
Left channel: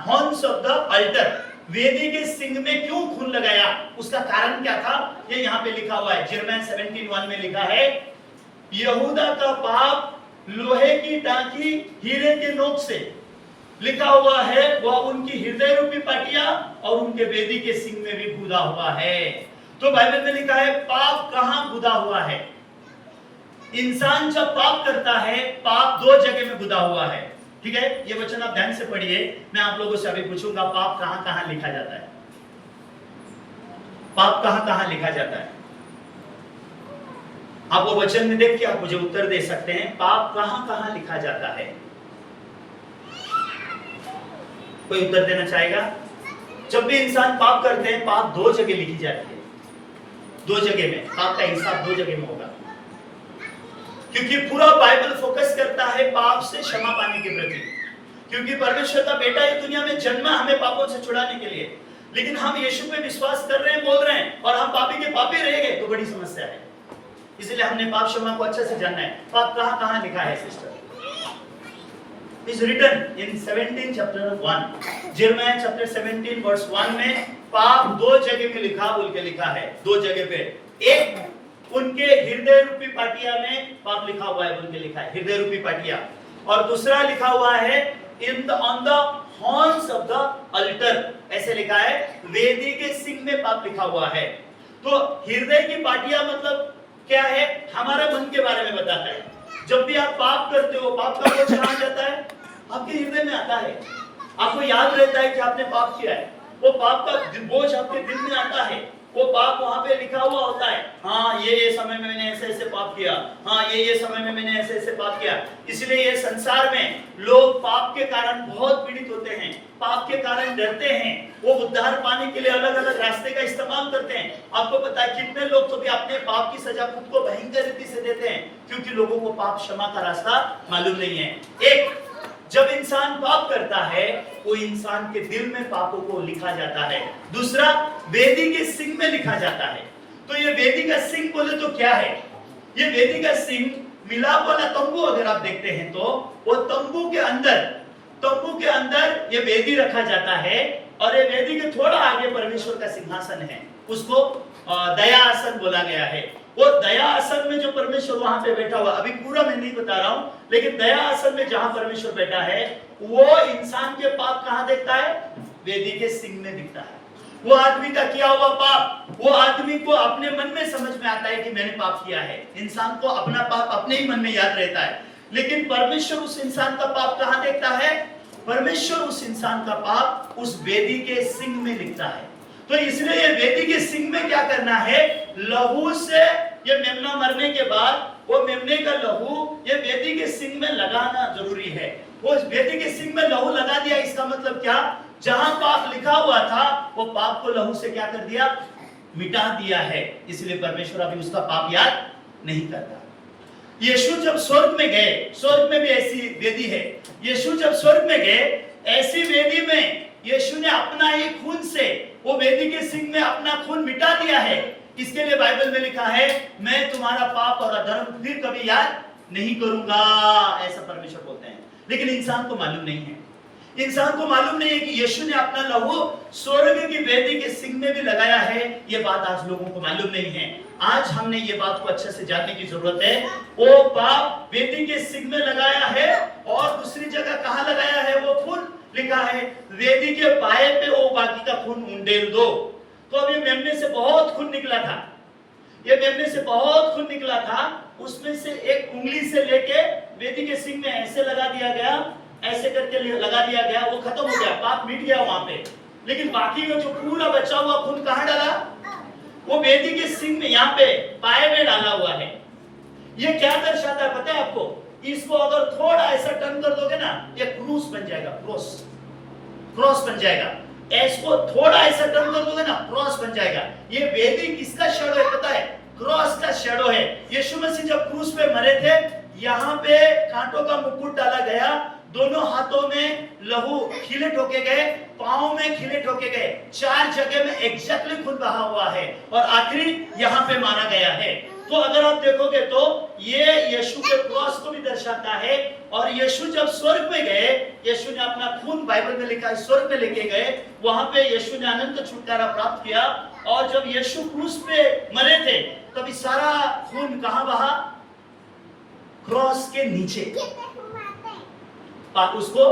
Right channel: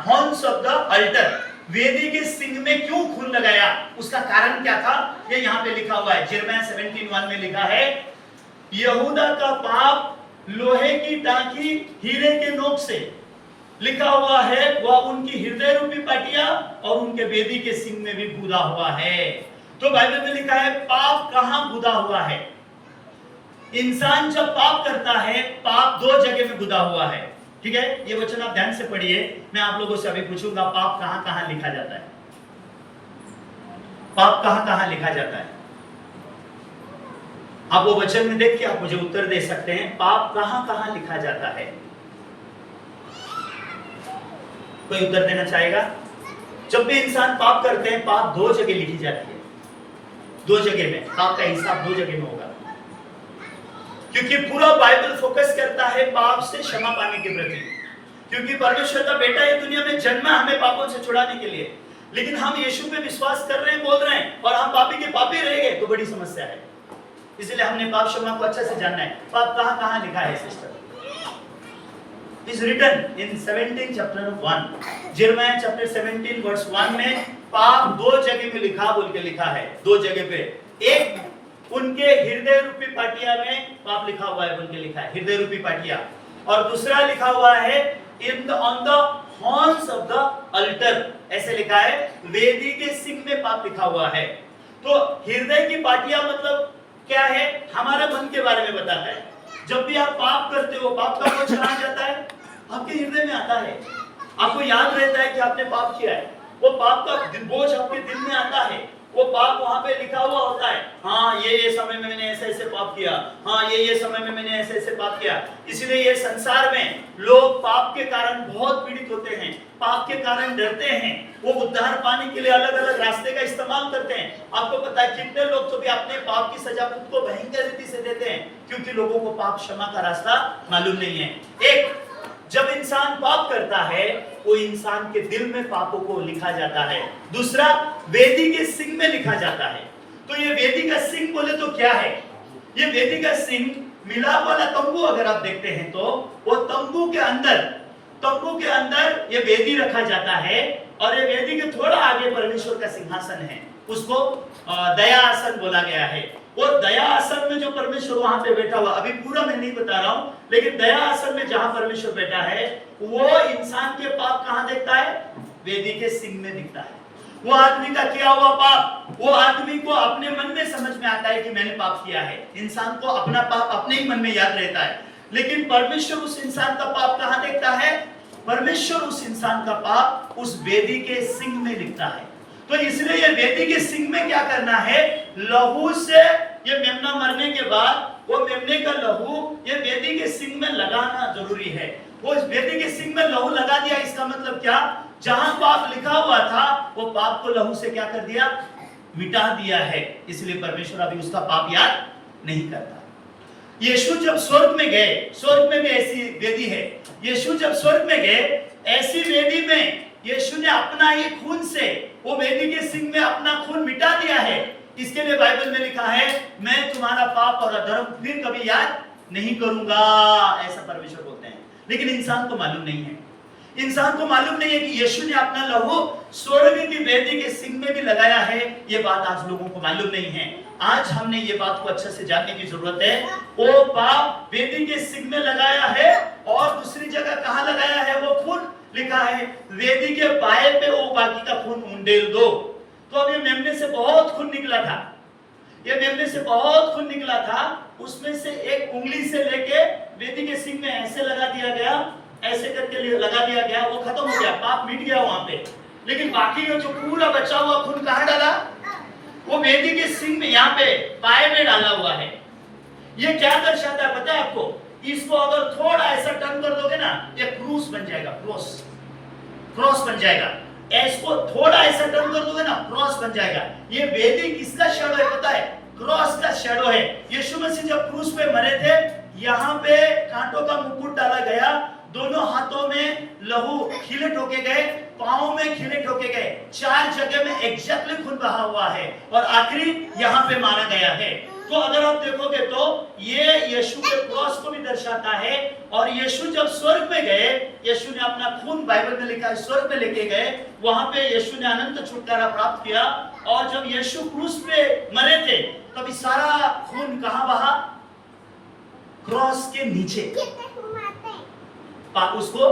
हॉर्न्स ऑफ द अल्टर, वेदी के सिंग में क्यों खून लगाया, उसका कारण क्या था, ये यहाँ पे लिखा हुआ है। यिर्मयाह 17:1 में लिखा है, यहूदा का पाप लोहे की टांकी हीरे के नोक से, लिखा हुआ है वह उनकी हृदय रूपी पाटिया और उनके वेदी के सिंग में भी गुदा हुआ है। तो बाइबल में लिखा है पाप कहां गुदा हुआ है। इंसान जब पाप करता है, पाप 2 जगह में गुदा हुआ है। ठीक है, ये वचन आप ध्यान से पढ़िए। मैं आप लोगों से अभी पूछूंगा पाप कहां कहां लिखा जाता है। पाप कहां कहां लिखा जाता है, आप वो वचन में देख के आप मुझे उत्तर दे सकते हैं। पाप कहां कहां लिखा जाता है, कोई उत्तर देना चाहेगा? जब भी इंसान पाप करते हैं, पाप 2 जगह लिखी जाती है। 2 जगह में पाप का हिसाब 2 जगह में होगा, क्योंकि पूरा बाइबल फोकस करता है पाप से क्षमा पाने के प्रति। क्योंकि परमेश्वर का बेटा ये दुनिया में जन्मा हमें पापों से छुड़ाने के लिए, लेकिन हम यीशु पे विश्वास कर रहे हैं, बोल रहे हैं, और हम पापी के पापी रह गए तो बड़ी समस्या है। इसलिए हमने पाप क्षमा को अच्छे से जानना है। पाप कहां कहां लिखा है sister? is written in 17 chapter 1, Jeremiah chapter 17 verse 1 में पाप 2 जगह में लिखा बोल के लिखा है। 2 जगह पे, एक उनके हृदय रूपी पाटिया में पाप लिखा हुआ है बोल के लिखा है, हृदय रूपी पाटिया, और दूसरा लिखा हुआ है on the horns of the altar, ऐसे लिखा है वेदी के सिंग में पाप लिखा हुआ है। तो हृदय की पाटिया मतलब क्या है, हमारे मन के बारे में बताता है। जब भी आप पाप करते हो, पाप का बोझ चढ़ा जाता है, आपके हृदय में आता है, आपको याद रहता है कि आपने पाप किया है। वो पाप का बोझ आपके दिल में आता है, वो पाप वहां पे लिखा हुआ होता है। हाँ, ये समय में मैंने ऐसे ऐसे पाप किया, हाँ ये समय में मैंने ऐसे ऐसे पाप किया। इसलिए ये संसार में लोग पाप के कारण बहुत पीड़ित होते हैं, पाप के कारण डरते हैं। वो उद्धार पाने के लिए अलग अलग रास्ते का इस्तेमाल करते हैं। आपको पता है कितने लोग तो भी अपने पाप की सजा खुद को भयंकर रीति से देते हैं, क्योंकि लोगों को पाप क्षमा का रास्ता मालूम नहीं है। एक, जब इंसान पाप करता है, वो इंसान के दिल में पापों को लिखा जाता है। दूसरा, वेदी के सिंग में लिखा जाता है। तो ये वेदी का सिंग बोले तो क्या है? ये वेदी का सिंग मिलाप वाला तंबू अगर आप देखते हैं तो वो तंबू के अंदर ये वेदी रखा जाता है, और ये वेदी के थोड़ा आगे परमेश्वर का सिंहासन है, उसको दया आसन बोला गया है। वो दया आसन में जो परमेश्वर वहां पे बैठा हुआ, अभी पूरा मैं नहीं बता रहा हूं, लेकिन दया आसन में जहां परमेश्वर बैठा है वो इंसान के पाप कहां देखता है? वेदी के सिंह में दिखता है। वो आदमी का किया हुआ पाप, वो आदमी को अपने मन में समझ में आता है कि मैंने पाप किया है। इंसान को अपना पाप अपने ही मन में याद रहता है, लेकिन परमेश्वर उस इंसान का पाप कहां देखता है? परमेश्वर उस इंसान का पाप उस वेदी के सिंह में दिखता है। तो इसलिए ये वेदी के सिंह में क्या करना है? लहू से, ये मेमना मरने के बाद वो मेमने का लहू ये वेदी के सिंह में लगाना जरूरी है। वो इस वेदी के सिंह में लहू लगा दिया, इसका मतलब क्या? जहां पाप लिखा हुआ था वो पाप को लहू से क्या कर दिया? मिटा दिया है। इसलिए परमेश्वर अभी उसका पाप याद नहीं करता। यीशु जब स्वर्ग में गए, स्वर्ग में भी ऐसी वेदी है, यीशु जब स्वर्ग में गए, ऐसी वेदी में यीशु ने अपना ही खून से वो वेदी के सिंह में अपना खून मिटा दिया है। इसके लिए बाइबल में लिखा है, मैं तुम्हारा पाप और अधर्म फिर कभी याद नहीं करूंगा, ऐसा परमेश्वर बोलते हैं। लेकिन इंसान को मालूम नहीं है, इंसान को मालूम नहीं है कि यीशु ने अपना लहू स्वर्ग की वेदी के सिंह में भी लगाया है। ये बात आज लोगों को मालूम नहीं है। आज हमने ये बात को अच्छे से जानने की जरूरत है। वो पाप वेदी के सिंह में लगाया है और दूसरी जगह कहां लगाया है? वो खून लिखा है वेदी के पाए पे वो बाकी का खून उंडेल दो। तो अब ये मेमने से बहुत खून निकला था, ये मेमने से बहुत खून निकला था, उसमें से एक उंगली से लेके वेदी के सिंह में ऐसे लगा दिया गया, ऐसे करके लगा दिया गया, वो खत्म हो गया, पाप मिट गया वहां पे। लेकिन बाकी का जो पूरा बचा हुआ खून कहां डाला? वो वेदी के सिंह में, यहाँ पे पाए में डाला हुआ है। ये क्या दर्शाता है पता है आपको? इसको अगर थोड़ा ऐसा टर्न कर दोगे ना, ये क्रूस बन जाएगा, क्रॉस बन जाएगा। इसको थोड़ा ऐसा टर्न कर दोगे ना, क्रॉस बन जाएगा। ये वेदी किसका शैडो है पता है? क्रॉस का शैडो है। यीशु मसीह जब क्रूस पे मरे थे, यहाँ पे कांटों का मुकुट डाला गया, दोनों हाथों में लहू खिले ठोके गए, पांव में खिले ठोके गए, 4 जगह में एग्जैक्टली खून बहा हुआ है और आखिरी यहाँ पे मारा गया है। तो अगर आप देखोगे तो ये यीशु के क्रॉस को भी दर्शाता है। और यीशु जब स्वर्ग में गए, यीशु ने अपना खून, बाइबल में लिखा है, स्वर्ग में लेके गए, वहां पे यीशु ने अनंत छुटकारा प्राप्त किया। और जब यीशु क्रूस पे मरे थे, तभी सारा खून कहां बहा? क्रॉस के नीचे। उसको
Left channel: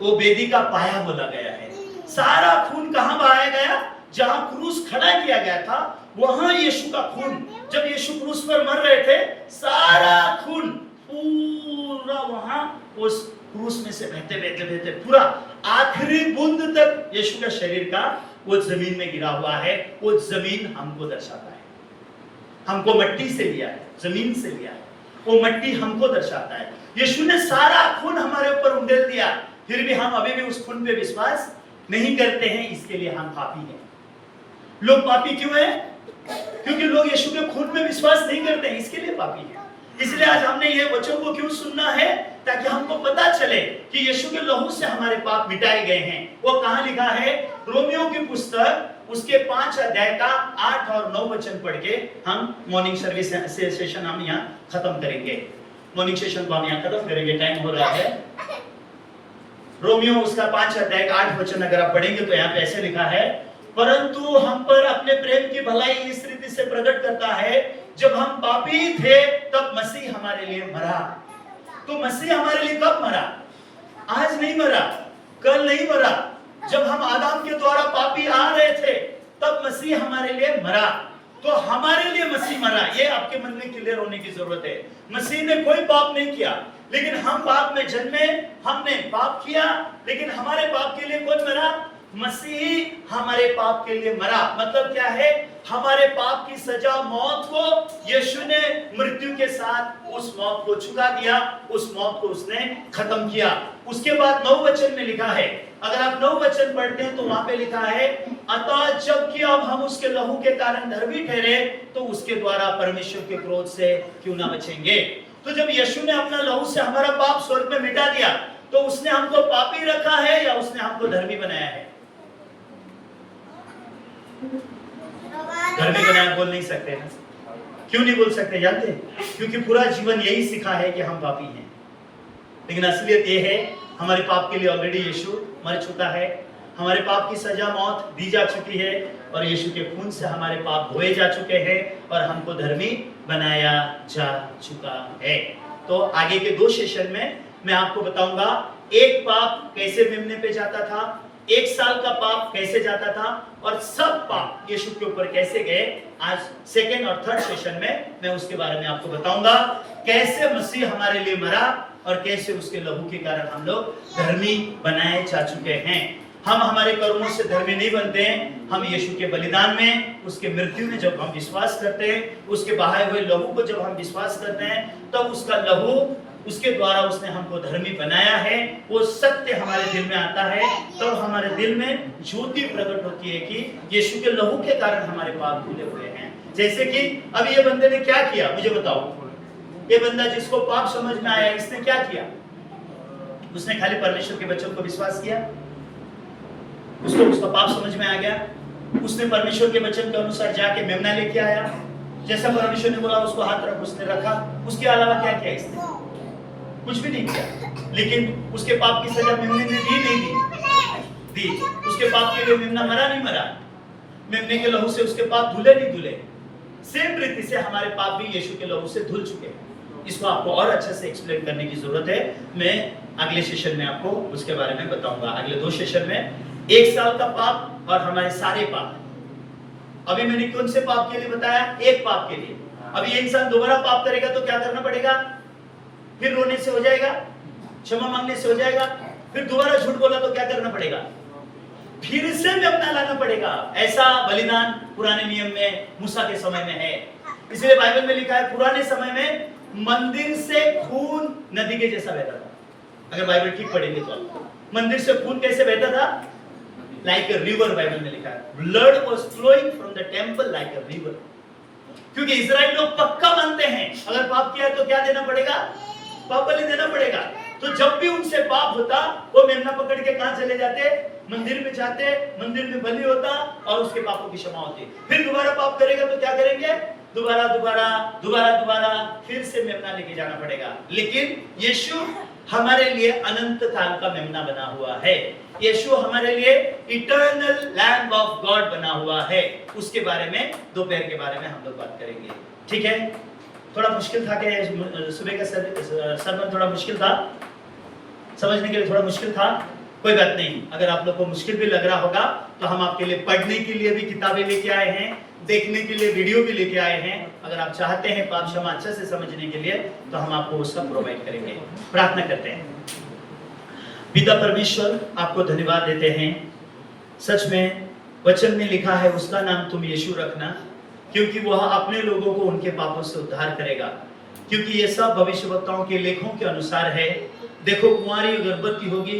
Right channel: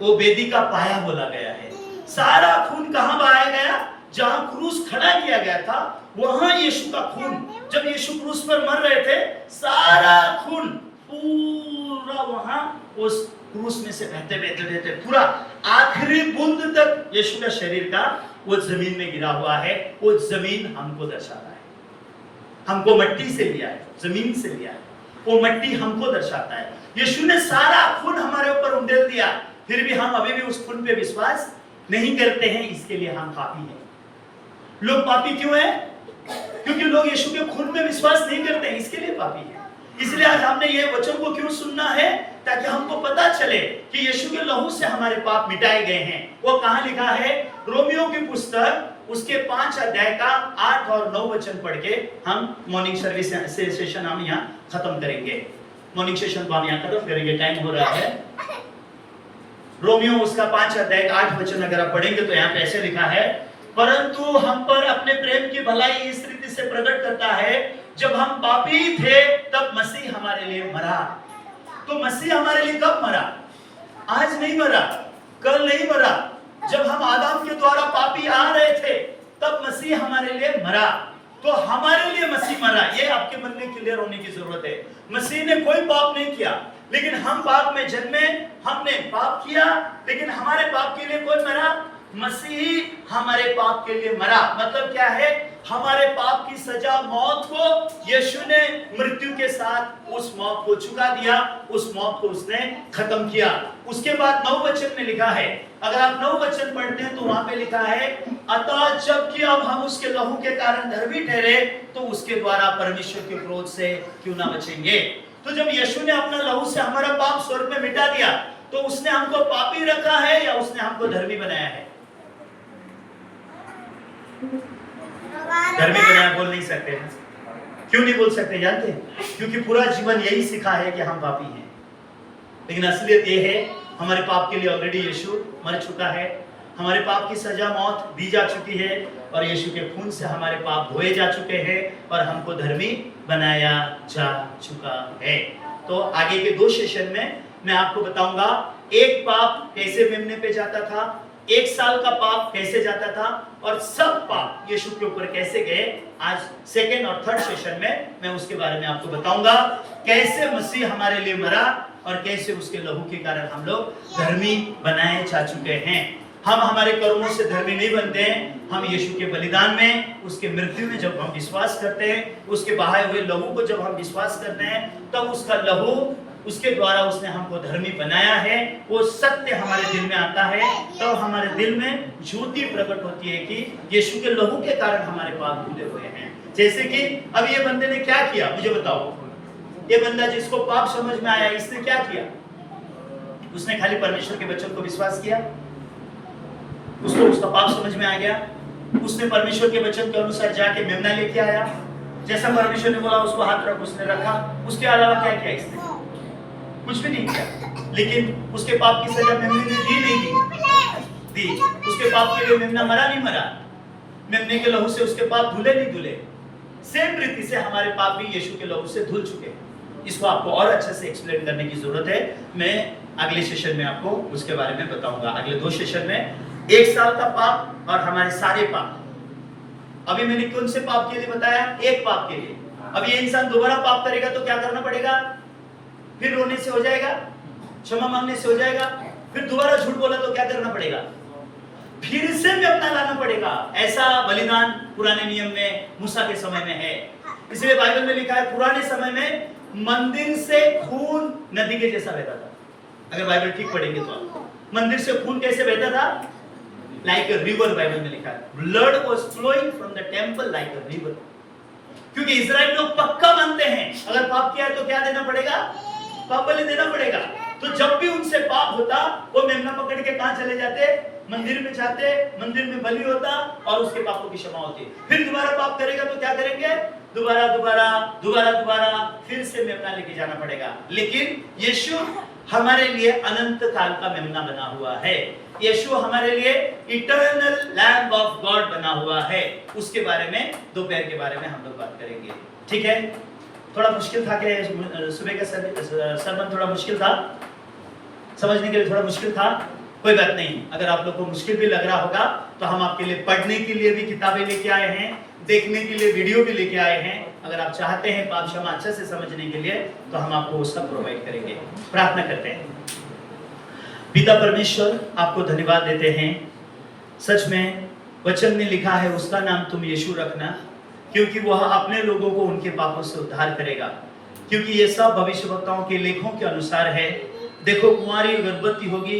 वो वेदी का पाया बोला गया है। सारा खून कहां बहाया गया? जहां क्रूस खड़ा किया गया था, वहां यीशु का खून, जब यीशु क्रूस पर मर रहे थे, सारा खून पूरा वहां उस क्रूस में से बहते पूरा आखिरी बूंद तक यीशु का शरीर का वो जमीन में गिरा हुआ है। वो जमीन हमको दर्शाता है, हमको मट्टी से लिया है, जमीन से लिया है, वो मट्टी हमको दर्शाता है। यीशु ने सारा खून हमारे ऊपर उंडेल दिया, फिर भी हम अभी भी उस खून पे विश्वास नहीं करते हैं। इसके लिए हम पापी हैं। लोग पापी क्यों हैं? क्योंकि लोग यीशु के खून पे विश्वास नहीं करते हैं, इसके लिए पापी हैं। इसलिए आज हमने ये वचन को क्यों सुनना है? ताकि हमको पता चले कि यीशु के लहू से हमारे पाप मिटाए गए हैं। वो कहां लिखा है? रोमियो की पुस्तक, उसके 5 अध्याय का 8 और 9 वचन पढ़ के हम मॉर्निंग सर्विस सेशन हम यहाँ खत्म करेंगे। मॉर्निंग सेशन को हम यहाँ खत्म करेंगे, टाइम हो रहा है। रोमियो उसका 5 अध्याय का 8 वचन अगर आप पढ़ेंगे तो यहाँ पे ऐसे लिखा है, परंतु हम पर अपने प्रेम की भलाई इस रीति से प्रकट करता है, जब हम पापी थे तब मसीह हमारे लिए मरा। तो मसीह हमारे लिए कब मरा? आज नहीं मरा, कल नहीं मरा। जब हम आदम के द्वारा पापी आ रहे थे तब मसीह हमारे लिए मरा। तो हमारे लिए मसीह मरा, ये आपके मन में क्लियर होने की जरूरत है। मसीह ने कोई पाप नहीं किया, लेकिन हम पाप में जन्मे, हमने पाप किया, लेकिन हमारे पाप के लिए कौन मरा? मसीह हमारे पाप के लिए मरा। मतलब क्या है? हमारे पाप की सजा मौत को यीशु ने मृत्यु के साथ उस मौत को चुका दिया, उस मौत को उसने खत्म किया। उसके बाद 9 वचन में लिखा है, अगर आप 9 वचन पढ़ते हैं तो वहां पे लिखा है, अतः जबकि अब हम उसके लहू के कारण धर्मी ठहरे, तो उसके द्वारा परमेश्वर के क्रोध से क्यों ना बचेंगे। तो जब यीशु ने अपना लहू से हमारा पाप स्वर्ग में मिटा दिया, तो उसने हमको पापी रखा है या उसने हमको धर्मी बनाया है? धर्मी बनाया बोल नहीं सकते। क्यों नहीं बोल सकते जानते? क्योंकि पूरा जीवन यही सिखा है कि हम पापी हैं। लेकिन असलियत ये है, हमारे पाप के लिए ऑलरेडी यीशु मर चुका है, हमारे पाप की सजा मौत दी जा चुकी है और यीशु के खून से हमारे पाप धोए जा चुके हैं और हमको धर्मी बनाया जा चुका है। तो आगे के 2 सेशन में मैं आपको बताऊंगा एक पाप कैसे मेमने पे जाता था, 1 साल का पाप कैसे जाता था और सब पाप यीशु के ऊपर कैसे गए। आज 2nd और 3rd सेशन में मैं उसके बारे में आपको बताऊंगा कैसे मसीह हमारे लिए मरा और कैसे उसके लहू के कारण हम लोग धर्मी बनाए जा चुके हैं। हम हमारे कर्मों से धर्मी नहीं बनते हैं, हम यीशु के बलिदान में, उसके मृत्यु में जब हम विश्वास करते हैं, उसके बहाए हुए लहू को जब हम विश्वास करते हैं, तब उसका लहू, उसके द्वारा उसने हमको धर्मी बनाया है, वो सत्य हमारे दिल में आता है। तब हमारे दिल में ज्योति प्रकट होती है कि यीशु के लहू के कारण हमारे पाप धुले हुए हैं। जैसे कि अब ये बंदे ने क्या किया, मुझे बताओ। ये बंदा जिसको पाप समझ में आया, इसने क्या किया? उसने खाली परमेश्वर के वचन को विश्वास किया, उसको उसका पाप समझ में आ गया, उसने परमेश्वर के वचन के अनुसार जाके मेमना लेके आया, जैसा परमेश्वर ने बोला उसको हाथ रख, उसने रखा। उसके अलावा क्या किया इसने? कुछ भी नहीं किया। लेकिन उसके पाप की सजा मेमने ने दी नहीं दी। उसके पाप के लिए मेमना मरा नहीं मरा, मेमने के लहू से उसके पाप धुले नहीं धुले। सेम रीति से हमारे पाप भी यीशु के लहू से धुल चुके हैं। इसको आपको और अच्छे से एक्सप्लेन करने की जरूरत है। मैं अगले सेशन में आपको उसके बारे में बताऊंगा। अगले 2 सेशन में 1 साल का पाप और हमारे सारे पाप। अभी मैंने कौन से पाप के लिए बताया? एक पाप के लिए। अब ये इंसान दोबारा पाप करेगा तो क्या करना पड़ेगा? फिर रोने से हो जाएगा, क्षमा मांगने से हो जाएगा। फिर दोबारा झूठ बोला तो क्या करना पड़ेगा? फिर से मेमना लाना पड़ेगा। ऐसा बलिदान पुराने नियम में मूसा के समय में है। इसलिए बाइबल में लिखा है पुराने समय में मंदिर से खून नदी के जैसा बहता था। अगर बाइबल ठीक पढ़ेंगे तो मंदिर से खून कैसे बहता था? लाइक अ रिवर, बाइबल में लिखा है blood was flowing from the temple like a river. क्योंकि इजराइल लोग पक्का मानते हैं अगर पाप किया है तो क्या देना पड़ेगा? पाप बलि देना पड़ेगा। तो जब भी उनसे पाप होता वो मेमना पकड़ के कहां चले जाते? मंदिर में जाते, मंदिर में बलि होता और उसके पापों की क्षमा होती। फिर दोबारा पाप करेगा तो क्या करेंगे? दोबारा फिर से मेमना लेके जाना पड़ेगा। लेकिन यीशु हमारे लिए अनंत काल का मेमना बना हुआ है। यीशु हमारे लिए इटर्नल लैम्ब ऑफ गॉड बना हुआ है। उसके बारे में दोपहर के बारे में हम लोग बात करेंगे। ठीक है? थोड़ा मुश्किल था कि सुबह का सरमन थोड़ा मुश्किल था, समझने के लिए थोड़ा मुश्किल था। कोई बात नहीं, अगर आप लोग को मुश्किल भी लग रहा होगा तो हम आपके लिए पढ़ने के लिए भी किताबें लेके आए हैं, देखने के लिए वीडियो भी लेके आए हैं। अगर आप चाहते हैं पाप क्षमा अच्छे से समझने के लिए तो हम आपको वो सब प्रोवाइड करेंगे। प्रार्थना करते हैं। पिता परमेश्वर, आपको धन्यवाद देते हैं। सच में वचन में लिखा है उसका नाम तुम यीशु रखना, क्योंकि वह अपने लोगों को उनके पापों से उद्धार करेगा। क्योंकि ये सब भविष्यवक्ताओं के लेखों के अनुसार है। देखो, कुमारी गर्भवती होगी,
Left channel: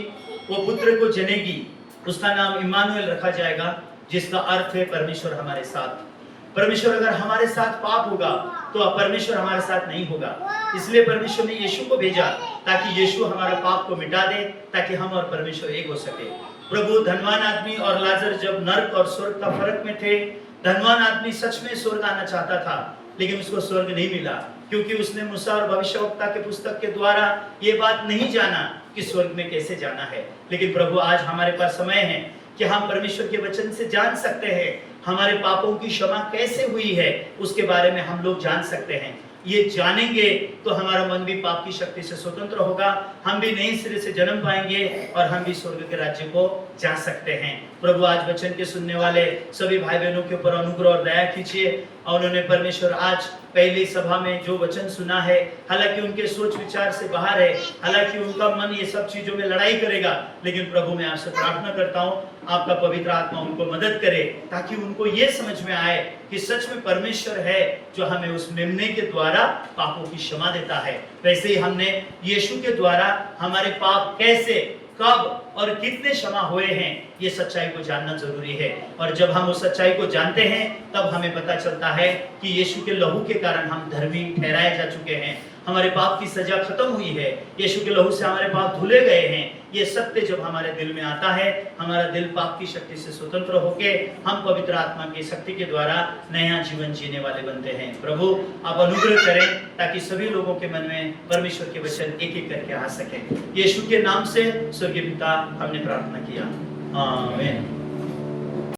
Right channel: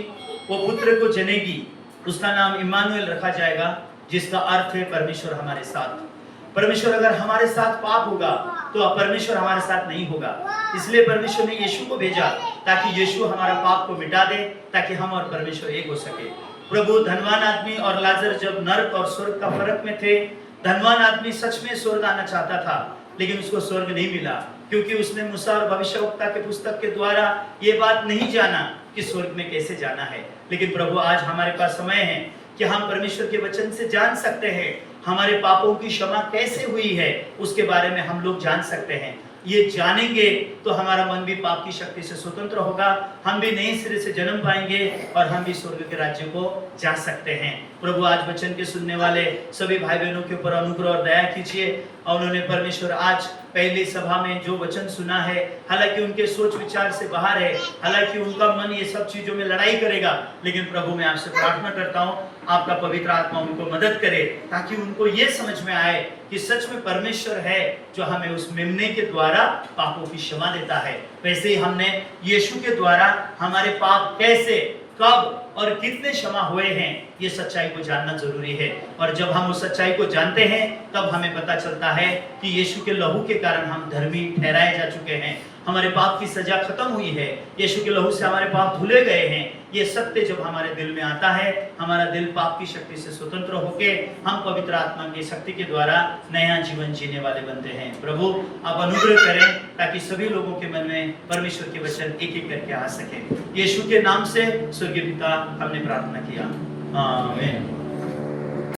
वो पुत्र को जनेगी, उसका नाम इम्मानुएल रखा जाएगा, जिसका अर्थ है परमेश्वर हमारे साथ। परमेश्वर अगर हमारे साथ पाप होगा तो परमेश्वर हमारे साथ नहीं होगा। इसलिए परमेश्वर ने यीशु को भेजा ताकि यीशु हमारा पाप को मिटा दे, ताकि हम और परमेश्वर एक हो सके। प्रभु, धनवान आदमी और लाजर जब नर्क और स्वर्ग का फर्क में थे, धनवान आदमी सच में स्वर्ग आना चाहता था, लेकिन उसको स्वर्ग नहीं मिला, क्योंकि उसने मूसा और भविष्यवक्ता के पुस्तक के द्वारा ये बात नहीं जाना कि स्वर्ग में कैसे जाना है। लेकिन प्रभु, आज हमारे पास समय है कि हम परमेश्वर के वचन से जान सकते हैं हमारे पापों की क्षमा कैसे हुई है, उसके बारे में हम लोग जान सकते हैं। ये जानेंगे तो हमारा मन भी पाप की शक्ति से स्वतंत्र होगा, हम भी नए सिरे से जन्म पाएंगे और हम भी स्वर्ग के राज्य को जा सकते हैं। प्रभु, आज वचन के सुनने वाले सभी भाई बहनों के ऊपर अनुग्रह और दया कीजिए। और उन्होंने परमेश्वर आज पहली सभा में जो वचन सुना है, हालांकि उनके सोच विचार से बाहर है, हालांकि उनका मन ये सब चीजों में लड़ाई करेगा, लेकिन प्रभु मैं आपसे प्रार्थना करता हूँ आपका पवित्र आत्मा उनको मदद करे, ताकि उनको ये समझ में आए कि सच में परमेश्वर है जो हमें उस मेमने के द्वारा पापों की क्षमा देता है। वैसे ही हमने यीशु के द्वारा हमारे पाप कैसे, कब और कितने क्षमा हुए हैं, ये सच्चाई को जानना जरूरी है। और जब हम उस सच्चाई को जानते हैं तब हमें पता चलता है कि यीशु के लहू के कारण हम धर्मी ठहराए जा चुके हैं, हमारे पाप की सजा खत्म हुई है, यीशु के लहू से हमारे पाप धुले गए हैं। ये सत्य जब हमारे दिल में आता है, हमारा दिल पाप की शक्ति से स्वतंत्र होके हम पवित्र आत्मा की शक्ति के द्वारा नया जीवन जीने वाले बनते हैं। प्रभु, आप अनुग्रह करें ताकि सभी लोगों के मन में परमेश्वर के वचन एक एक करके आ सके। यीशु के नाम से स्वर्गीय पिता, हमने प्रार्थना किया। आमेन।